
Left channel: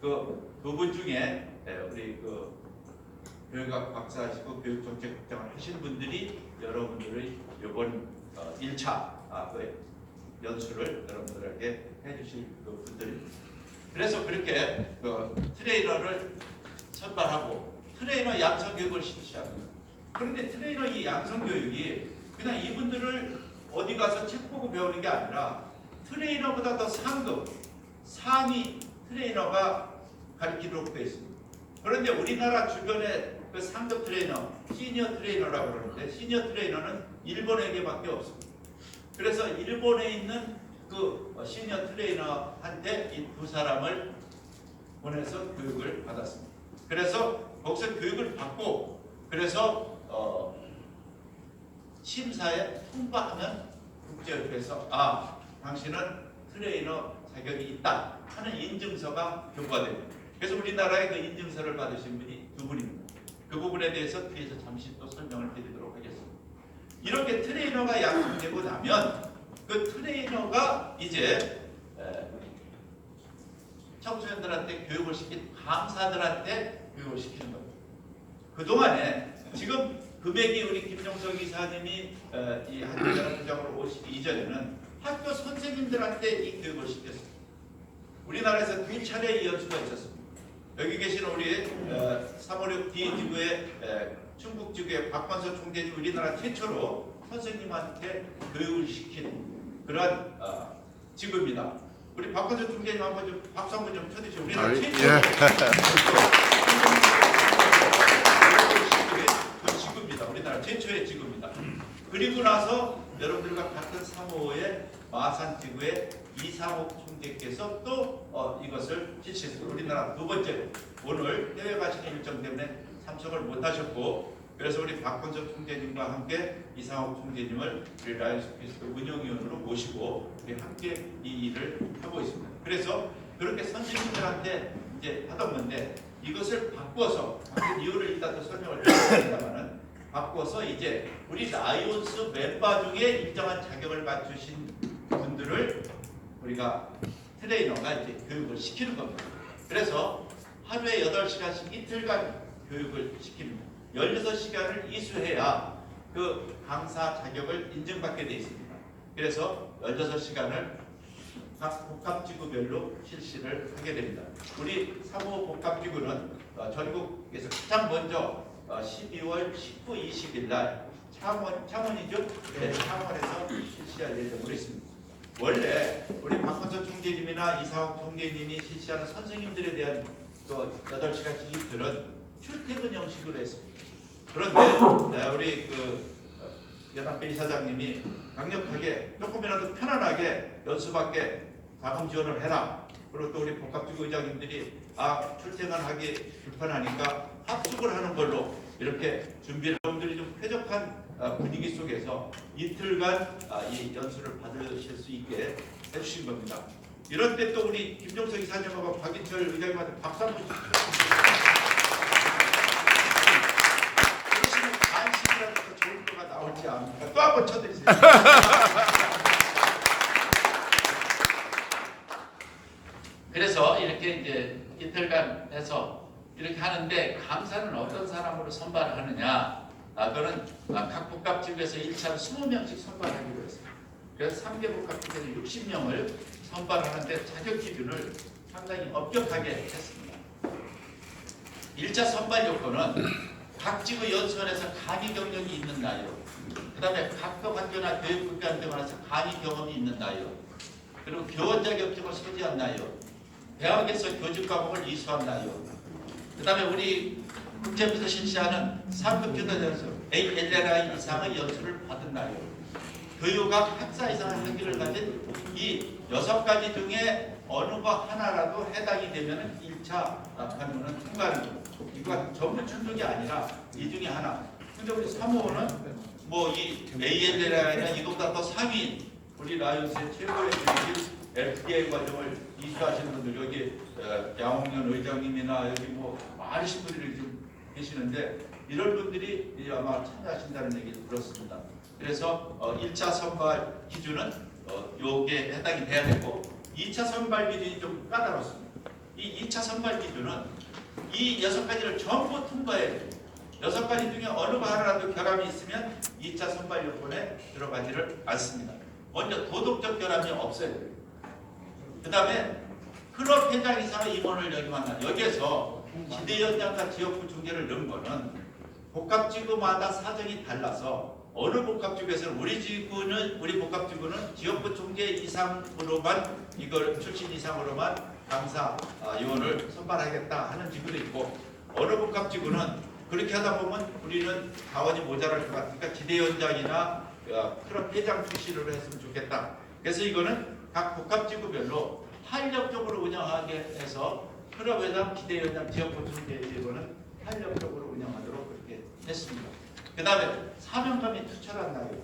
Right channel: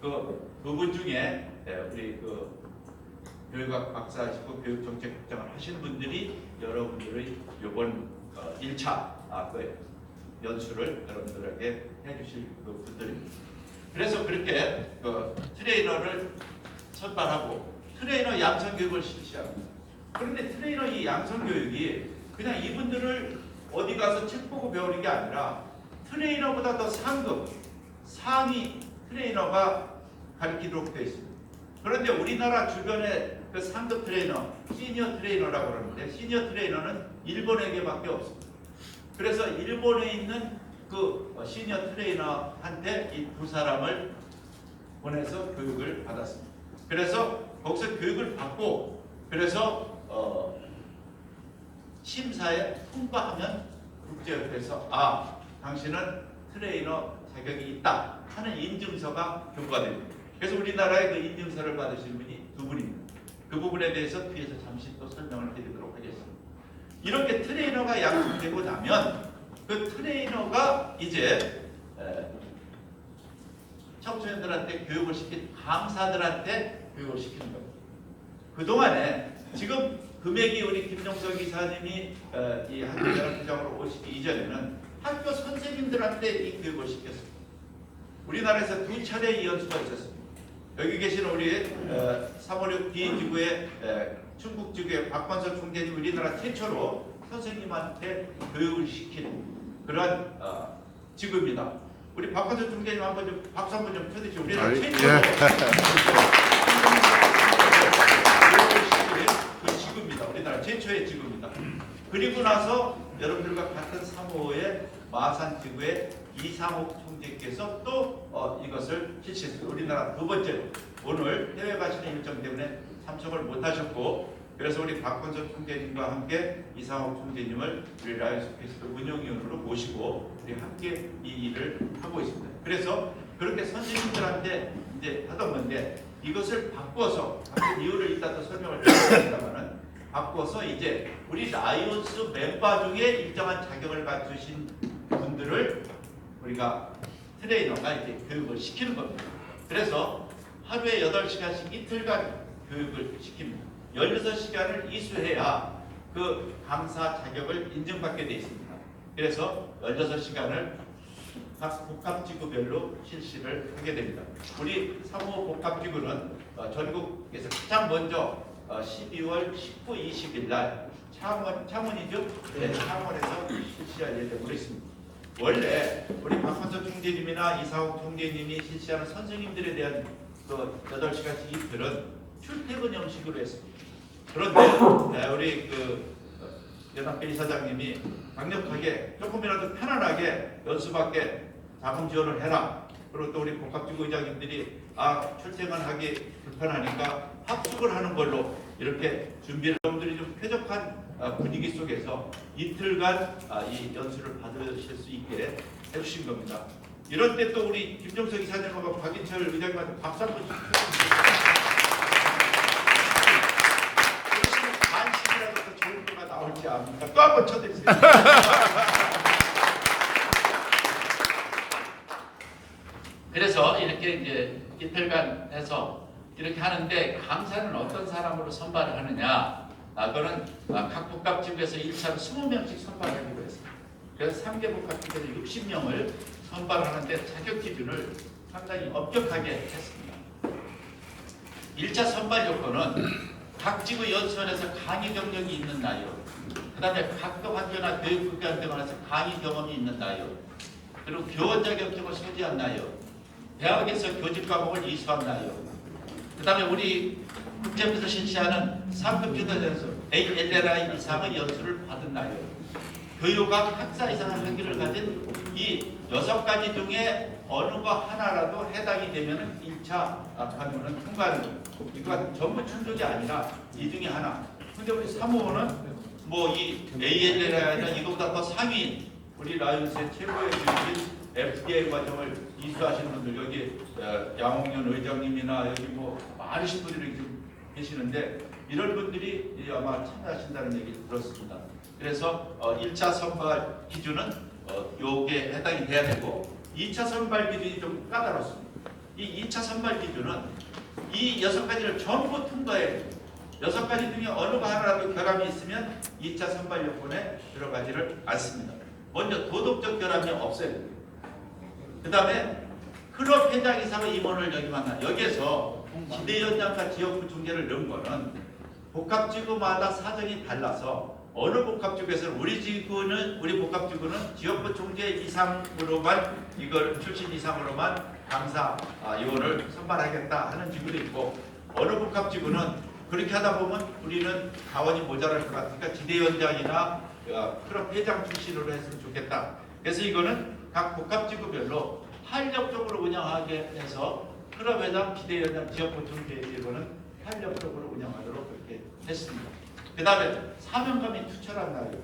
그 두 분 중에 우리 그 교육학 박사이시고 교육정책국장을 하시는 분들이 여러분들의 이번 1차 그 연수를 여러분들에게 해주실 그 분들입니다. 그래서 그렇게 그 트레이너를 선발하고 트레이너 양성 교육을 실시합니다. 그런데 트레이너 이 양성 교육이 그냥 이분들을 어디 가서 책 보고 배우는 게 아니라 트레이너보다 더 상급, 상위 트레이너가 가르치도록 되어 있습니다. 그런데 우리나라 주변에 그 상급 트레이너, 시니어 트레이너라고 그러는데 시니어 트레이너는 일본에게밖에 없습니다. 그래서 일본에 있는 그 시니어 트레이너한테 이 두 사람을 보내서 교육을 받았습니다. 그래서 거기서 교육을 받고 그래서 심사에 통과하면 국제협회에서 당신은 트레이너 자격이 있다 하는 인증서가 교부됩니다. 그래서 우리나라에 그 인증서를 받으신 분이 두 분입니다. 그 부분에 대해서 뒤에서 잠시 또 설명을 드리도록 하겠습니다. 이렇게 트레이너가 양성되고 나면 그 트레이너가 이제 청소년들한테 교육을 시킨 강사들한테 교육을 시키는 겁니다. 그동안에 지금 금액이 우리 김정석 이사님이 이 학교연합부장으로 오시기 이전에는 학교 선생님들한테 이 교육을 시켰습니다. 우리나라에서 두 차례 연수가 있었습니다. 여기 계신 우리 356 D지구의 충북 지구의 박관서 총재님 우리나라 최초로 선생님한테 교육을 시킨 그런 지구입니다. 우리 박관서 총재님 한번 좀 박수 한번 좀 쳐주시죠. 우리나라 최초로 그 지구입니다. 우리나라 최초의 지구입니다. 그리고 나서 여러분들과 같은 3호의 마산 지구의 이상옥 총재께서 또 이것을 실시했습니다. 우리나라 두 번째로 오늘 해외 가시는 일정 때문에 참석을 못하셨고 그래서 우리 박건석 총재님과 함께 이상옥 총재님을 우리 라이언스 피스토 운영위원으로 모시고 우리 함께 이 일을 하고 있습니다. 그래서 그렇게 선생님들한테 이제 하던 건데 이것을 바꿔서 이유를 이따 또 설명을 드리겠습니다만은 바꿔서 이제 우리 라이온스 멤버 중에 일정한 자격을 갖추신 분들을 우리가 트레이너가 이제 교육을 시키는 겁니다. 그래서 하루에 8시간씩 이틀간 교육을 시킵니다. 16시간을 이수해야 그 강사 자격을 인정받게 되어 있습니다. 그래서 16시간을 각 복합지구별로 실시를 하게 됩니다. 우리 3호 복합지구는 전국에서 가장 먼저 12월 19, 20일 날 창원이죠? 네, 창원에서 실시할 예정으로 있습니다. 원래 우리 박건석 총재님이나 이상욱 총재님이 실시하는 선생님들에 대한 그 8시간씩 이틀은 출퇴근 형식으로 했습니다. 그런데 우리 그 연합회 이사장님이 강력하게 조금이라도 편안하게 연수밖에 자금 지원을 해라. 그리고 또 우리 복합지구 의장님들이 출퇴근하기 불편하니까 합숙을 하는 걸로 이렇게 준비를 여러분들이 좀 쾌적한 분위기 속에서 이틀간 이 연수를 받으실 수 있게 해주신 겁니다. 이런 때 또 우리 김정석 이사님하고 박인철 의장님한테 박수 한번 주십시오. 간식이라도 더 좋은 거가 나올지 압니까? 또 한 번 쳐드리세요. 그래서 이렇게 이제 이틀간 해서 이렇게 하는데 강사는 어떤 사람으로 선발을 하느냐? 그거는 각 복합지구에서 1차로 20명씩 선발하기로 했습니다. 그래서 3개 복합지구에서 60명을 선발하는데 자격 기준을 상당히 엄격하게 했습니다. 1차 선발 요건은 각 지구 연수원에서 강의 경력이 있는 나이요. 그 다음에 각급 학교나 교육국가안병원에서 강의 경험이 있는 나이요. 그리고 교원 자격증을 소지한 나이요. 대학에서 교직 과목을 이수한 나이요. 그 다음에 우리 국제부에서 실시하는 3급 교대 연수 ALLI 이상의 연수를 받은 나이요. 교육학 학사 이상 학위를 가진 이 6가지 중에 어느 거 하나라도 해당이 되면 1차 관문은 통과하는 거예요. 이거 전부 충족이 아니라 이 중에 하나. 근데 우리 사무원은 뭐 이 ALL이나 이거보다 더 상위인 우리 라이온스의 최고의 교육인 FDA 과정을 이수하시는 분들 여기 양홍연 의장님이나 여기 뭐 많으신 분들이 지금 계시는데 이런 분들이 아마 참여하신다는 얘기를 들었습니다. 그래서 1차 선발 기준은 요게 해당이 돼야 되고 2차 선발 기준이 좀 까다롭습니다. 이 2차 선발 기준은 이 6가지를 전부 통과해야 돼요. 6가지 중에 어느 거 하나라도 결함이 있으면 2차 선발 요건에 들어가지를 않습니다. 먼저 도덕적 결함이 없어야 돼요. 그 다음에 클럽 회장 이상의 임원을 여기 만나 여기에서 지대위원장과 지역구 중재를 넣은 거는 복합지구마다 사정이 달라서 어느 복합지구에서는 우리 복합지구는 지역구 중재 이상으로만 이걸 출신 이상으로만 강사 요원을 선발하겠다 하는 지구도 있고 어느 복합지구는 그렇게 하다 보면 우리는 자원이 모자랄 것 같으니까 지대위원장이나 클럽 회장 출신으로 했으면 좋겠다. 그래서 이거는 각 복합지구별로 탄력적으로 운영하게 해서 클럽 회장, 지대위원장, 지역구 중재위원은 탄력적으로 운영하도록 그렇게 했습니다. 그 다음에 사명감이 투철한 날이에요.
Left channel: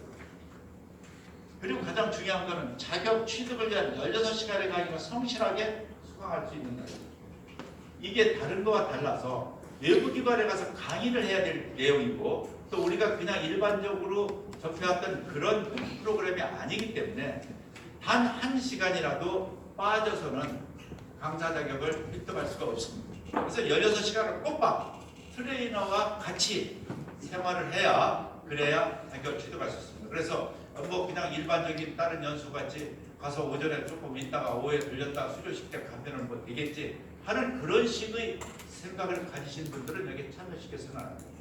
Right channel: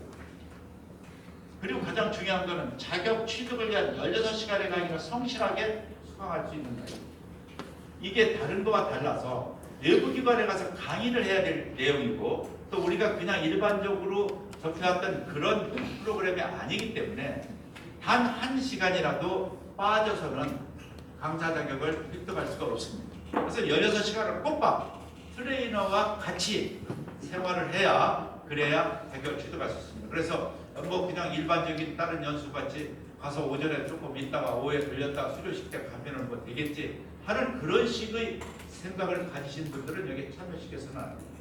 그리고 가장 중요한 것은 자격 취득을 위한 16시간의 강의를 성실하게 수강할 수 있는 날이에요. 이게 다른 거와 달라서 외부기관에 가서 강의를 해야 될 내용이고 또 우리가 그냥 일반적으로 접해왔던 그런 프로그램이 아니기 때문에 단 1시간이라도 빠져서는 강사 자격을 획득할 수가 없습니다. 그래서 16시간을 꼬박 트레이너와 같이 생활을 해야 그래야 자격을 취득할 수 있습니다. 그래서 뭐 그냥 일반적인 다른 연수같이 가서 오전에 조금 있다가 오후에 들렸다가 수료식 때 가면은 뭐 되겠지 하는 그런 식의 생각을 가지신 분들은 여기 참여시켜서는 안 됩니다.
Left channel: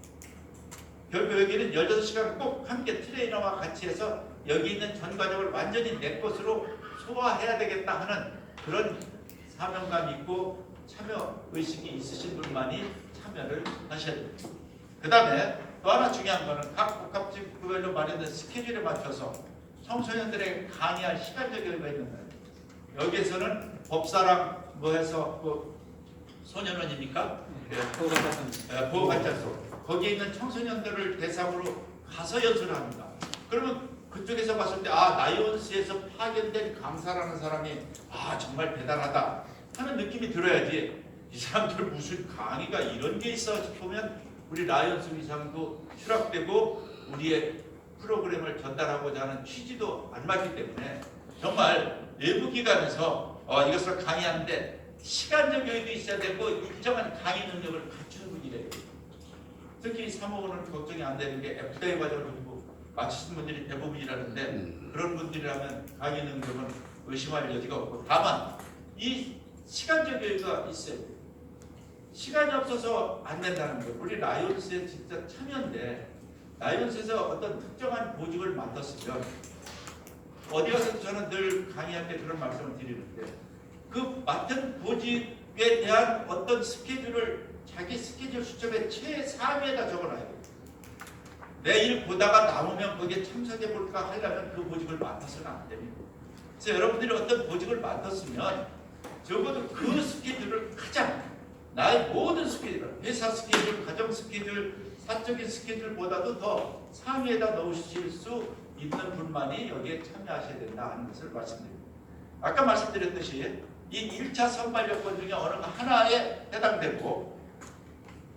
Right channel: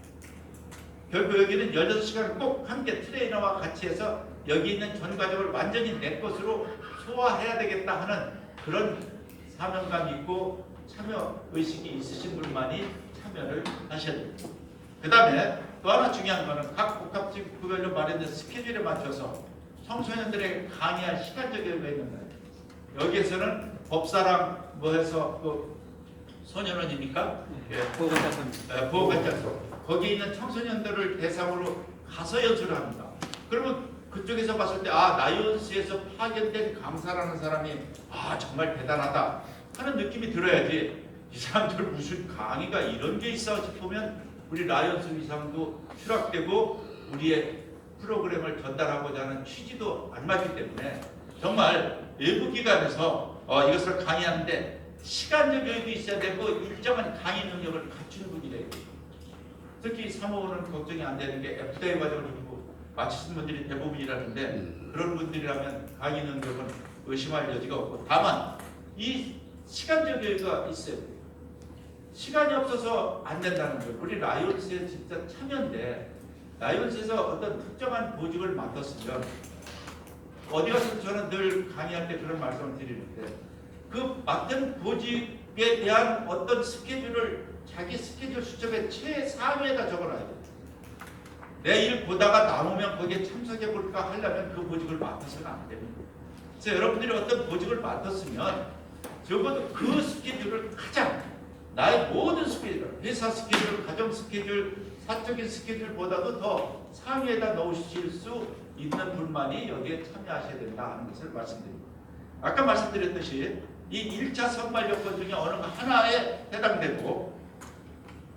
결국 여기는 16시간 꼭 함께 트레이너와 같이 해서 여기 있는 전 과정을 완전히 내 것으로 소화해야 되겠다 하는 그런 사명감 있고 참여 의식이 있으신 분만이 참여를 하셔야 됩니다. 그 다음에 또 하나 중요한 거는 각 복합지구별로 마련된 스케줄에 맞춰서 청소년들에게 강의할 시간적 여유가 있는 거예요. 여기에서는 법사랑 뭐 해서 그 소년원입니까? 보호관찰소. 거기에 있는 청소년들을 대상으로 가서 연수를 합니다. 그러면 그쪽에서 봤을 때 라이온스에서 파견된 강사라는 사람이 정말 대단하다 하는 느낌이 들어야지 이 사람들 무슨 강의가 이런 게 있어 싶으면 우리 라이온스 이상도 추락되고 우리의 프로그램을 전달하고자 하는 취지도 안 맞기 때문에 정말 외부 기관에서 이것을 강의하는데 시간적 여유도 있어야 되고 일정한 강의 능력을 갖춘 분이래요. 특히 사무원은 걱정이 안 되는 게 FDA 과정을 마치신 분들이 대부분이라는데 그런 분들이라면 강의 능력은 의심할 여지가 없고 다만 이 시간적 여유가 있어요. 시간이 없어서 안 된다는 거예요. 우리 라이온스에 진짜 참여인데 라이온스에서 어떤 특정한 보직을 맡았으면 어디 가서도 저는 늘 강의할 때 그런 말씀을 드리는데 그 맡은 보직에 대한 어떤 스케줄을 자기 스케줄 수첩에 최상위에다 적어놔야 돼요. 내 일 보다가 남으면 거기에 참석해 볼까 하려면 그 보직을 맡아서는 안 됩니다. 그래서 여러분들이 어떤 보직을 맡았으면 적어도 그 스케줄을 가장 나의 모든 스케줄, 회사 스케줄, 가정 스케줄, 사적인 스케줄보다도 더 상위에다 넣으실 수 있는 분만이 여기에 참여하셔야 된다 하는 것을 말씀드립니다. 아까 말씀드렸듯이 이 1차 선발 요건 중에 어느 하나에 해당되고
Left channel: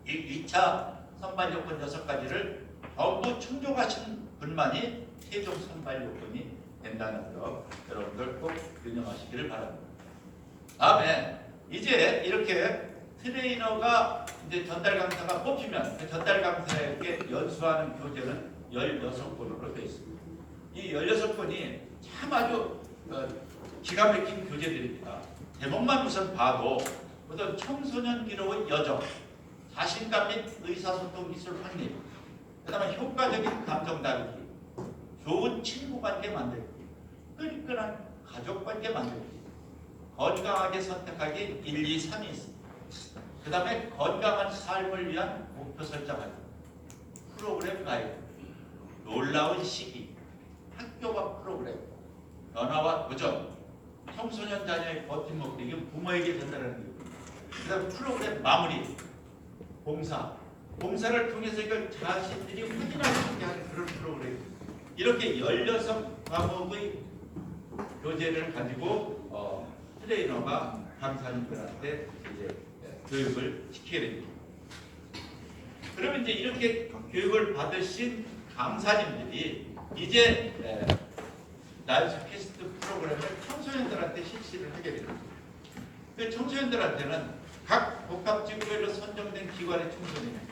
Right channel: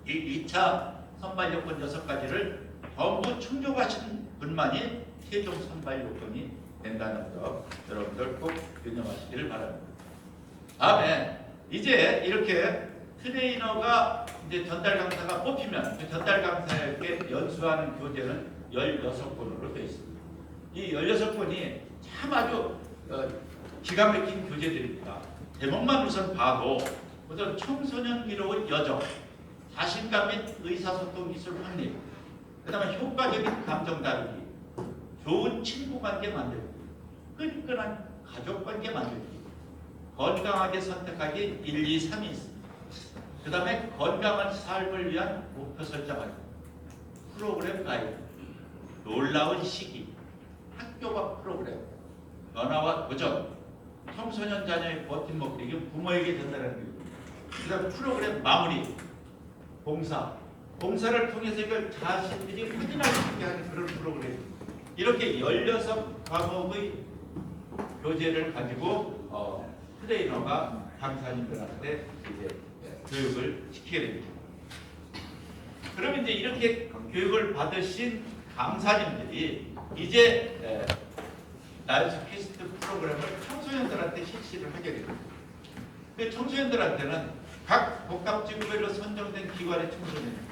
이 2차 선발 요건 6가지를 전부 충족하신 분만이 최종 선발 요건이 된다는 것 여러분들 꼭 유념하시기를 바랍니다. 다음에 이제 이렇게 트레이너가 이제 전달 강사가 뽑히면 그 전달 강사에게 연수하는 교재는 16권으로 되어 있습니다. 이 16권이 참 아주 기가 막힌 교재들입니다. 제목만 우선 봐도 어떤 청소년기로의 여정, 자신감 및 의사소통 기술 확립, 그 다음에 효과적인 감정 다루기, 좋은 친구관계 만들기, 끈끈한 가족관계 만들기, 건강하게 선택하기 1, 2, 3이 있습니다. 그 다음에 건강한 삶을 위한 목표 설정하기, 프로그램 가이드, 놀라운 시기, 학교화 프로그램, 변화와 도전, 청소년 자녀의 버팀목, 이게 부모에게 전달하는 거예요. 그다음 프로그램 마무리, 봉사를 통해서 이걸 자신들이 확인할 수 있게 하는 그런 프로그램. 이렇게 16과목의 교재를 가지고 트레이너가 강사님들한테 이제 교육을 시키게 됩니다. 그러면 이제 이렇게 교육을 받으신 강사님들이 이제 라이언스 퀘스트 프로그램을 청소년들한테 실시를 하게 됩니다. 그 청소년들한테는 각 복합지구별로 선정된 기관의 청소년,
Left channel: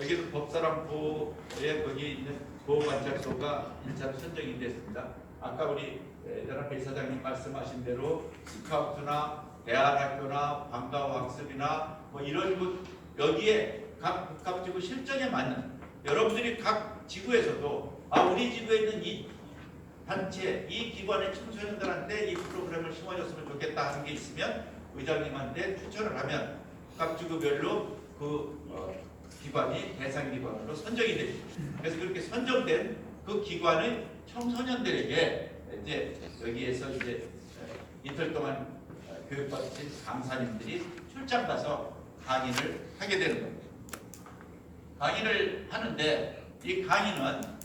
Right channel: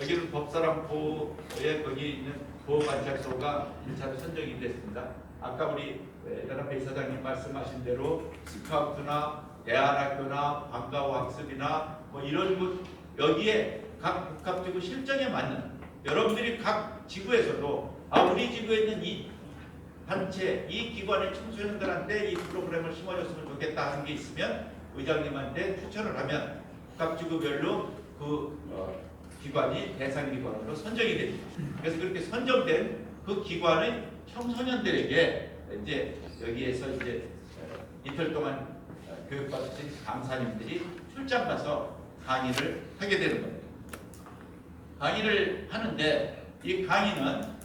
여기는 법사랑 보호에 거기 있는 보호관찰소가 1차로 선정이 됐습니다. 아까 우리 연합회 이사장님 말씀하신 대로 스카우트나 대안학교나 방과후 학습이나 뭐 이런 것, 여기에 각 복합지구 실정에 맞는, 여러분들이 각 지구에서도 우리 지구에 있는 이 단체, 이 기관의 청소년들한테 이 프로그램을 심어줬으면 좋겠다 하는 게 있으면 의장님한테 추천을 하면 각지구별로 그 기관이 대상 기관으로 선정이 됩니다. 그래서 그렇게 선정된 그 기관의 청소년들에게 이제 여기에서 이제 이틀 동안 교육받으신 강사님들이 출장 가서 강의를 하게 되는 겁니다. 강의를 하는데 이 강의는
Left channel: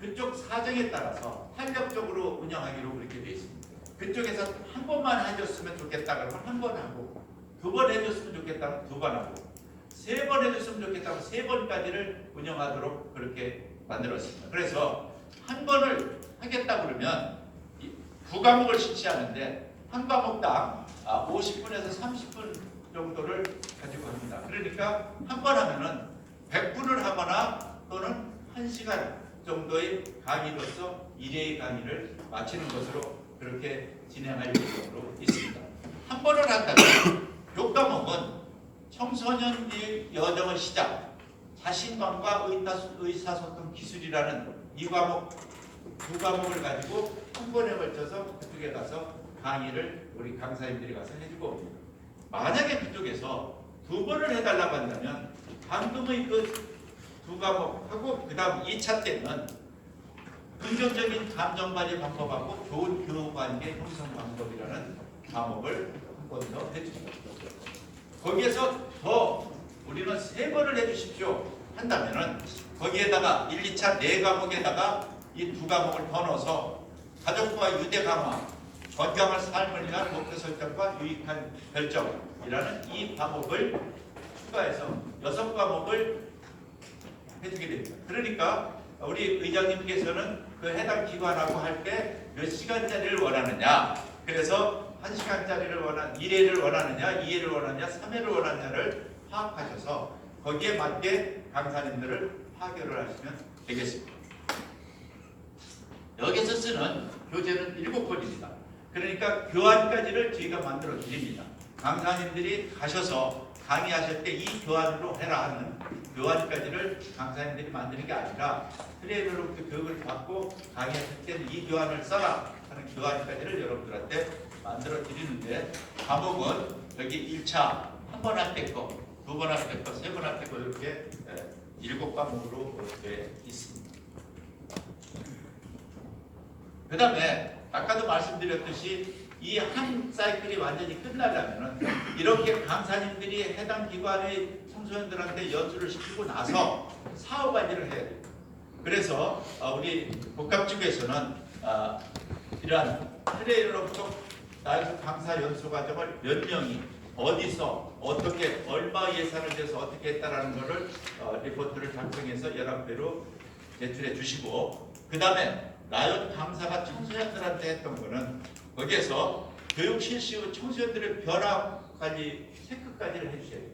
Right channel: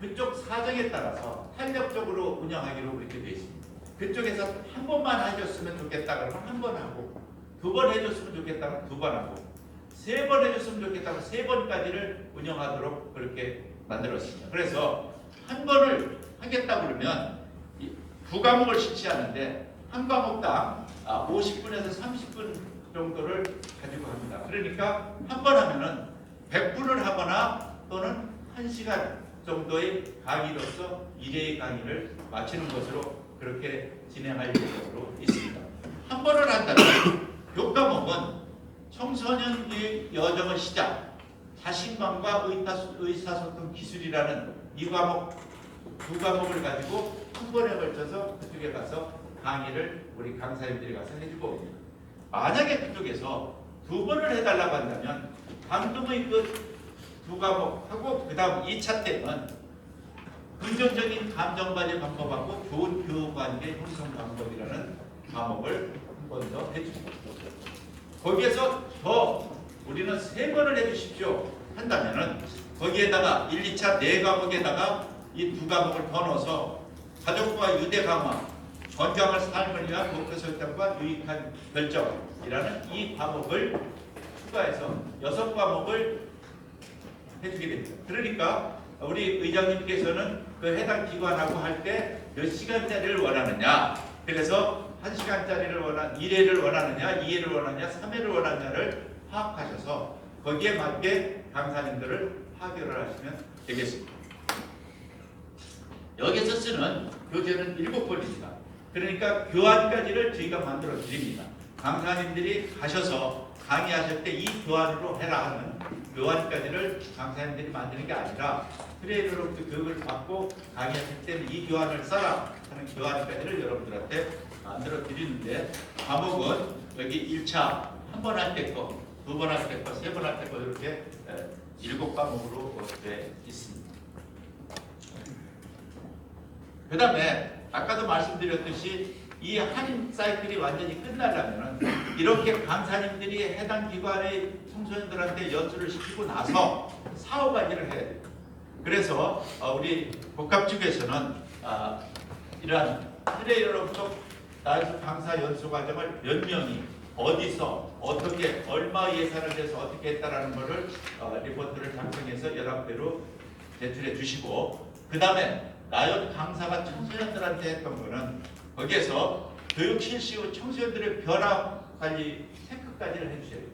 그쪽 사정에 따라서 탄력적으로 운영하기로 그렇게 되어 있습니다. 그쪽에서 한 번만 해줬으면 좋겠다 그러면 한 번 하고, 2번 해줬으면 좋겠다 그러면 2번 하고, 3번 해줬으면 좋겠다 그러면 3번까지를 운영하도록 그렇게 만들었습니다. 그래서 한 번을 하겠다 그러면 9과목을 실시하는데 한 과목당 50분에서 30분 정도를 가지고 합니다. 그러니까 한 번 하면은 100분을 하거나 또는 1시간 정도의 강의로서 1회의 강의를 마치는 것으로 그렇게 진행할 예정으로 있습니다. 한 번을 한다면 교과목은 청소년 여정의 시작, 자신감과 의사소통 기술이라는 이 과목, 2과목을 가지고 한 번에 걸쳐서 그쪽에 가서 강의를 우리 강사님들이 가서 해주고 옵니다. 만약에 그쪽에서 2번을 해달라고 한다면 방금의 그 2과목하고 그 다음 2차 때는 긍정적인 감정관리 방법하고 좋은 교우관계 형성 방법이라는 과목을 한 번 더 해줍니다. 거기에서 더 우리는 3번을 해주십시오 한다면은 거기에다가 1, 2차 4과목에다가 이 2과목을 더 넣어서 가족과 유대 강화, 건강한 삶을 위한 목표 설정과 유익한 결정이라는 이 과목을 추가해서 6과목을 해주게 됩니다. 그러니까 우리 의장님께서는 그 해당 기관하고 할 때 몇 시간짜리를 원하느냐, 그래서 1시간짜리를 1회를 원하느냐, 2회를 원하느냐, 3회를 원하느냐를 파악하셔서 거기에 맞게 강사님들을 파견을 하시면 되겠습니다. 여기서 쓰는 교재는 7권입니다. 그러니까 교환까지를 저희가 만들어 드립니다. 강사님들이 가셔서 강의하실 때 이 교환으로 해라 하는 교환까지를 강사님들이 만드는 게 아니라 트레이너로부터 교육을 받고 강의하실 때는 이 교환을 써라 하는 교환까지를 여러분들한테 만들어 드리는데, 과목은 여기 1차 한 번 할 때 거, 2번 할 때 거, 3번 할 때 거 이렇게 7과목으로 되어 있습니다. 그 다음에 아까도 말씀드렸듯이 이 한 사이클이 완전히 끝나려면 이렇게 강사님들이 해당 기관의 청소년들한테 연수를 시키고 나서 사후 관리를 해야 돼요. 그래서 우리 복합지구에서는 이러한 트레이너로부터 나에서 강사 연수 과정을 몇 명이 어디서 어떻게 얼마 예산을 내서 어떻게 했다라는 것을 리포트를 작성해서 연합회로 제출해 주시고, 그 다음에 라이언 강사가 청소년들한테 했던 거는 거기에서 교육 실시 후 청소년들의 변화 관리 체크까지를 해주셔야 돼요.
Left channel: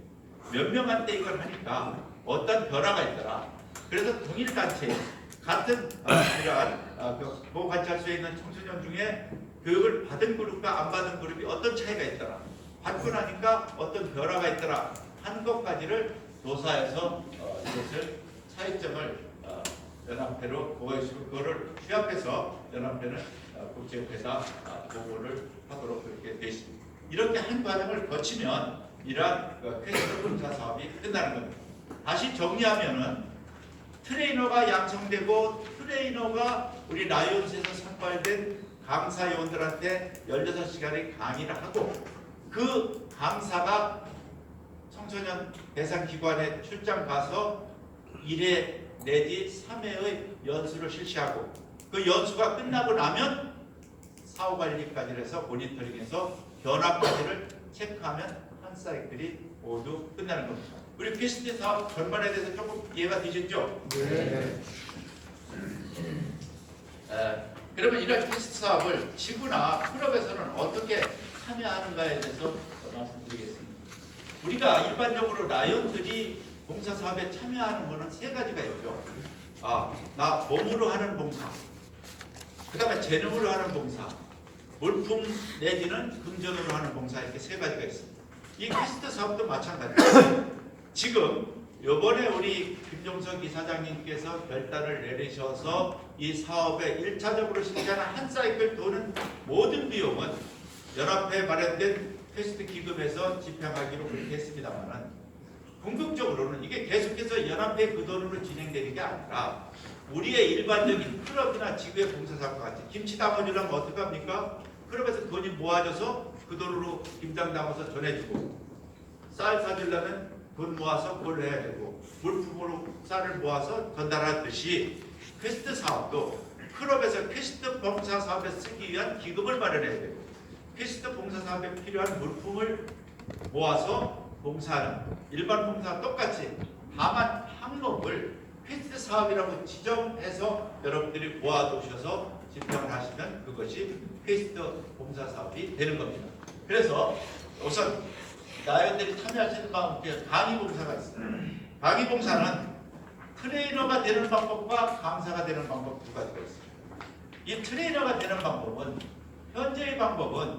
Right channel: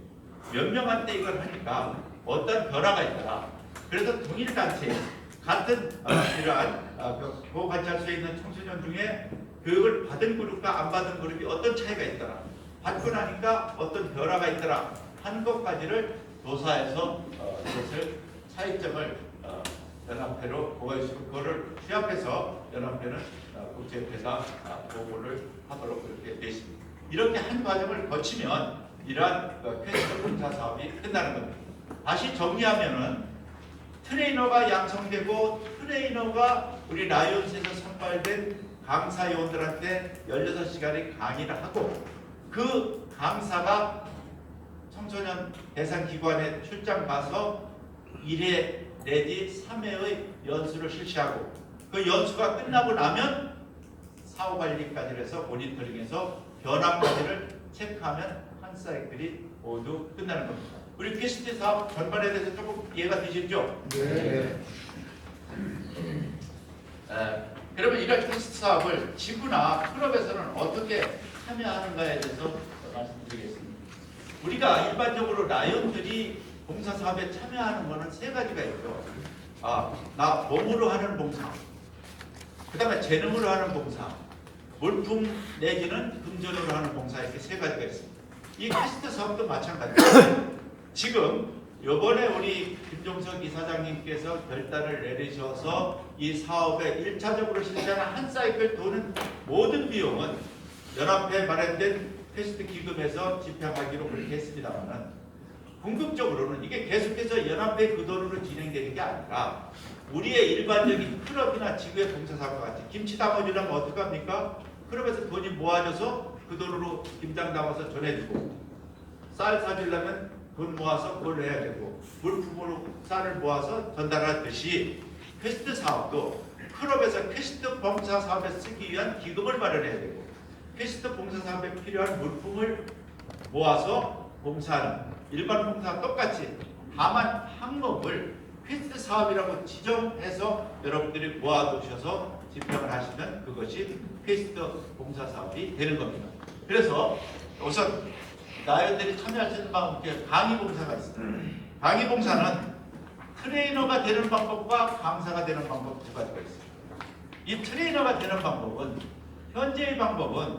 몇 명한테 이걸 하니까 어떤 변화가 있더라. 그래서 동일 단체 같은 이러한 보호관찰소에 있는 청소년 중에 교육을 받은 그룹과 안 받은 그룹이 어떤 차이가 있더라. 받고 나니까 어떤 변화가 있더라. 한 것까지를 조사해서 이것을 차이점을 연합회로 보고해주고 그거를 취합해서 연합회는 국제협회에다 보고를 하도록 그렇게 되어 있습니다. 이렇게 한 과정을 거치면 이러한 퀘스트 검사 사업이 끝나는 겁니다. 다시 정리하면은 트레이너가 양성되고 트레이너가 우리 라이온스에서 선발된 강사 요원들한테 16시간의 강의를 하고 그 강사가 청소년 대상 기관에 출장 가서 1회 내지 3회의 연수를 실시하고 그 연수가 끝나고 나면 사후관리까지 해서 모니터링해서 변화까지를 체크하면 한 사이클이 모두 끝나는 겁니다. 우리 PCT 사업 전반에 대해서 조금 이해가 되시죠? 네. 그러면 이런 PCT 사업을 지구나 클럽에서는 어떻게 참여하는가에 대해서 말씀드리겠습니다. 우리가 일반적으로 라이온들이 봉사사업에 참여하는 것은 세 가지가 있죠. 나 몸으로 하는 봉사, 그 다음에 재능으로 하는 봉사, 물품 내지는 금전으로 하는 봉사, 이렇게 세 가지가 있습니다. 이 퀘스트 사업도 마찬가지입니다. 지금 이번에 우리 김종석 이사장님께서 결단을 내리셔서 이 사업에 1차적으로 실시하는 한 사이클 도는 모든 비용은 연합회에 마련된 퀘스트 기금에서 집행하기로 그렇게 했습니다만은 궁극적으로는 이게 계속해서 연합회 그 돈으로 진행되는 게 아니라 우리의 일반적인 클럽이나 지구의 봉사사업과 같이 김치 담아주려면 어떻게 합니까? 클럽에서 돈이 모아져서 그 돈으로 김장 담아서 전해주고 쌀 사주려면 돈 모아서 그걸 해야 되고 물품으로 쌀을 모아서 전달하듯이 퀘스트 사업도 클럽에서 퀘스트 봉사 사업에 쓰기 위한 기금을 마련해야 되고 퀘스트 봉사 사업에 필요한 물품을 모아서 봉사하는 일반 봉사와 똑같이 다만 항목을 퀘스트 사업이라고 지정해서 여러분들이 모아두셔서 집행을 하시면 그것이 퀘스트 봉사 사업이 되는 겁니다. 그래서 우선 라이온들이 참여할 수 있는 방법에 강의 봉사가 있습니다. 강의 봉사는 트레이너가 되는 방법과 강사가 되는 방법 두 가지가 있습니다. 이 트레이너가 되는 방법은 현재의 방법은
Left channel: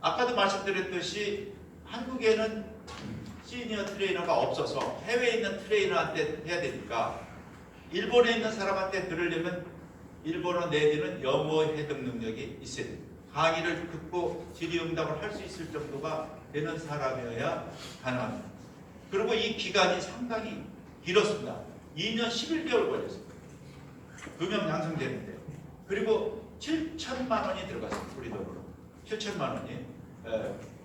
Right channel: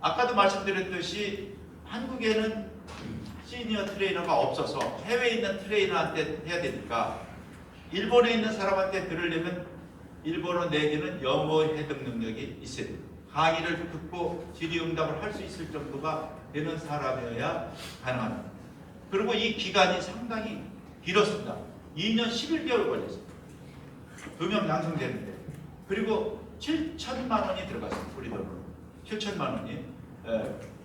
아까도 말씀드렸듯이 한국에는 시니어 트레이너가 없어서 해외에 있는 트레이너한테 해야 되니까 일본에 있는 사람한테 들으려면 일본어 내지는 영어 해독 능력이 있어야 됩니다. 강의를 듣고 질의응답을 할 수 있을 정도가 되는 사람이어야 가능합니다. 그리고 이 기간이 상당히 길었습니다. 2년 11개월 걸렸습니다. 2명 양성되는데 그리고 7천만 원이 들어갔습니다. 우리 돈으로 7천만 원이.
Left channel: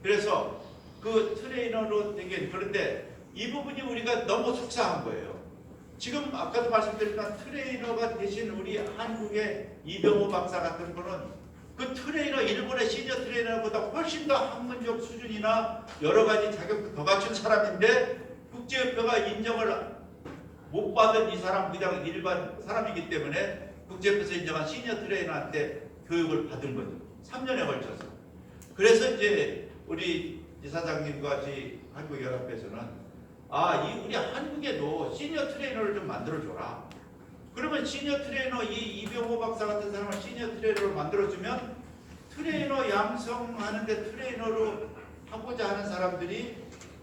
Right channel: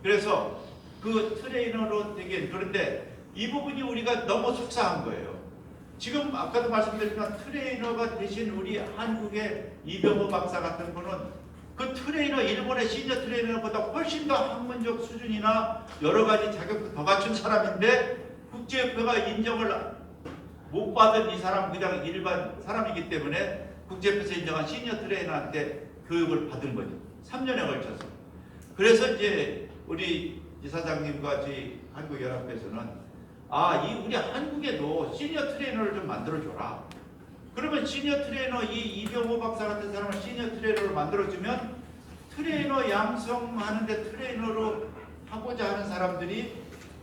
그래서 그 트레이너로 되긴 그런데 이 부분이 우리가 너무 속상한 거예요. 지금 아까도 말씀드렸지만 트레이너가 대신 우리 한국의 이병호 박사 같은 분은 그 트레이너 일본의 시니어 트레이너보다 훨씬 더 학문적 수준이나 여러 가지 자격도 더 갖춘 사람인데 국제협회가 인정을 못 받은 이 사람 그냥 일반 사람이기 때문에 국제협회에서 인정한 시니어 트레이너한테 교육을 받은 거죠. 3년에 걸쳐서. 그래서 이제 우리 이사장님과 저희 한국연합회에서는 우리 한국에도 시니어 트레이너를 좀 만들어줘라. 그러면 시니어 트레이너 이병호 박사 같은 사람을 시니어 트레이너로 만들어주면 트레이너 양성하는데 트레이너로 하고자 하는 사람들이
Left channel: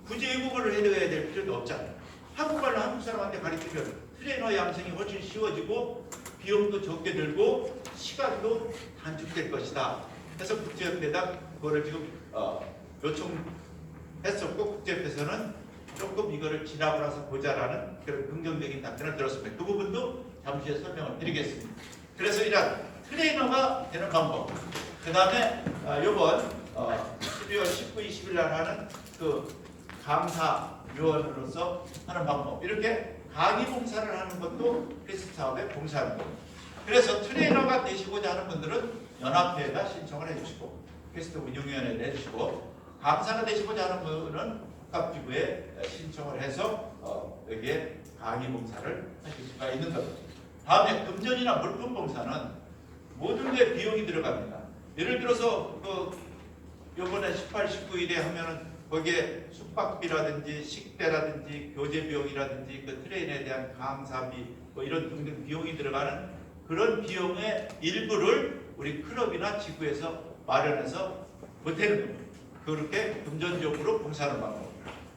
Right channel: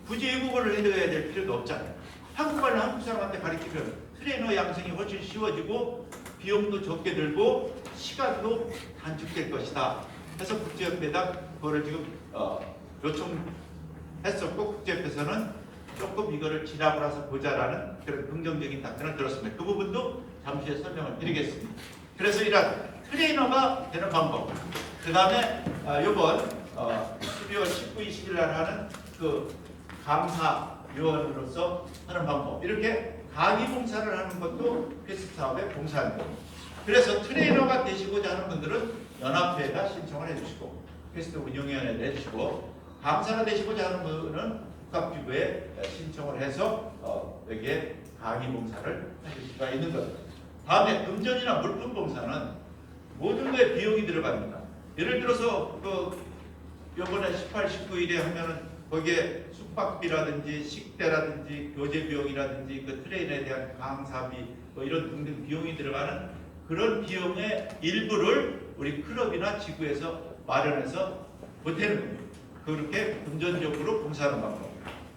굳이 외국어를 해야 될 필요도 없잖아요. 한국말로 한국 사람한테 가르치면 트레이너 양성이 훨씬 쉬워지고 비용도 적게 들고 시간도 단축될 것이다. 그래서 국제협회에다 그거를 지금 요청했었고 국제협회에서는 조금 이거를 지나고 나서 보자라는 그런 긍정적인 답변을 들었습니다. 그 부분도 잠시 후에 설명을 드리겠습니다. 그래서 이런 트레이너가 되는 방법, 그 다음에 이번 12월 19, 20일 날 하는 그 강사 요원으로서 하는 방법, 이렇게 강의 봉사를 하는 것도 퀘스트 사업에 봉사하는 겁니다. 그래서 트레이너가 되시고자 하는 분들은 연합회에다 신청을 해주시고 퀘스트 운영위원회에 내주시고 강사가 되시고자 하는 분은 국가기구에 신청을 해서 여기에 강의 봉사를 하실 수가 있는 겁니다. 다음에 금전이나 물품 봉사는 모든 데 비용이 들어갑니다. 예를 들어서 이번에 18, 19일에 하면은 거기에 숙박비라든지 식대라든지 교재 비용이라든지 그 트레이너에 대한 강사비 이런 등등 비용이 들어가는 그런 비용의 일부를 우리 클럽이나 지구에서 마련해서 보태는 겁니다. 그렇게 금전적으로 봉사하는 방법.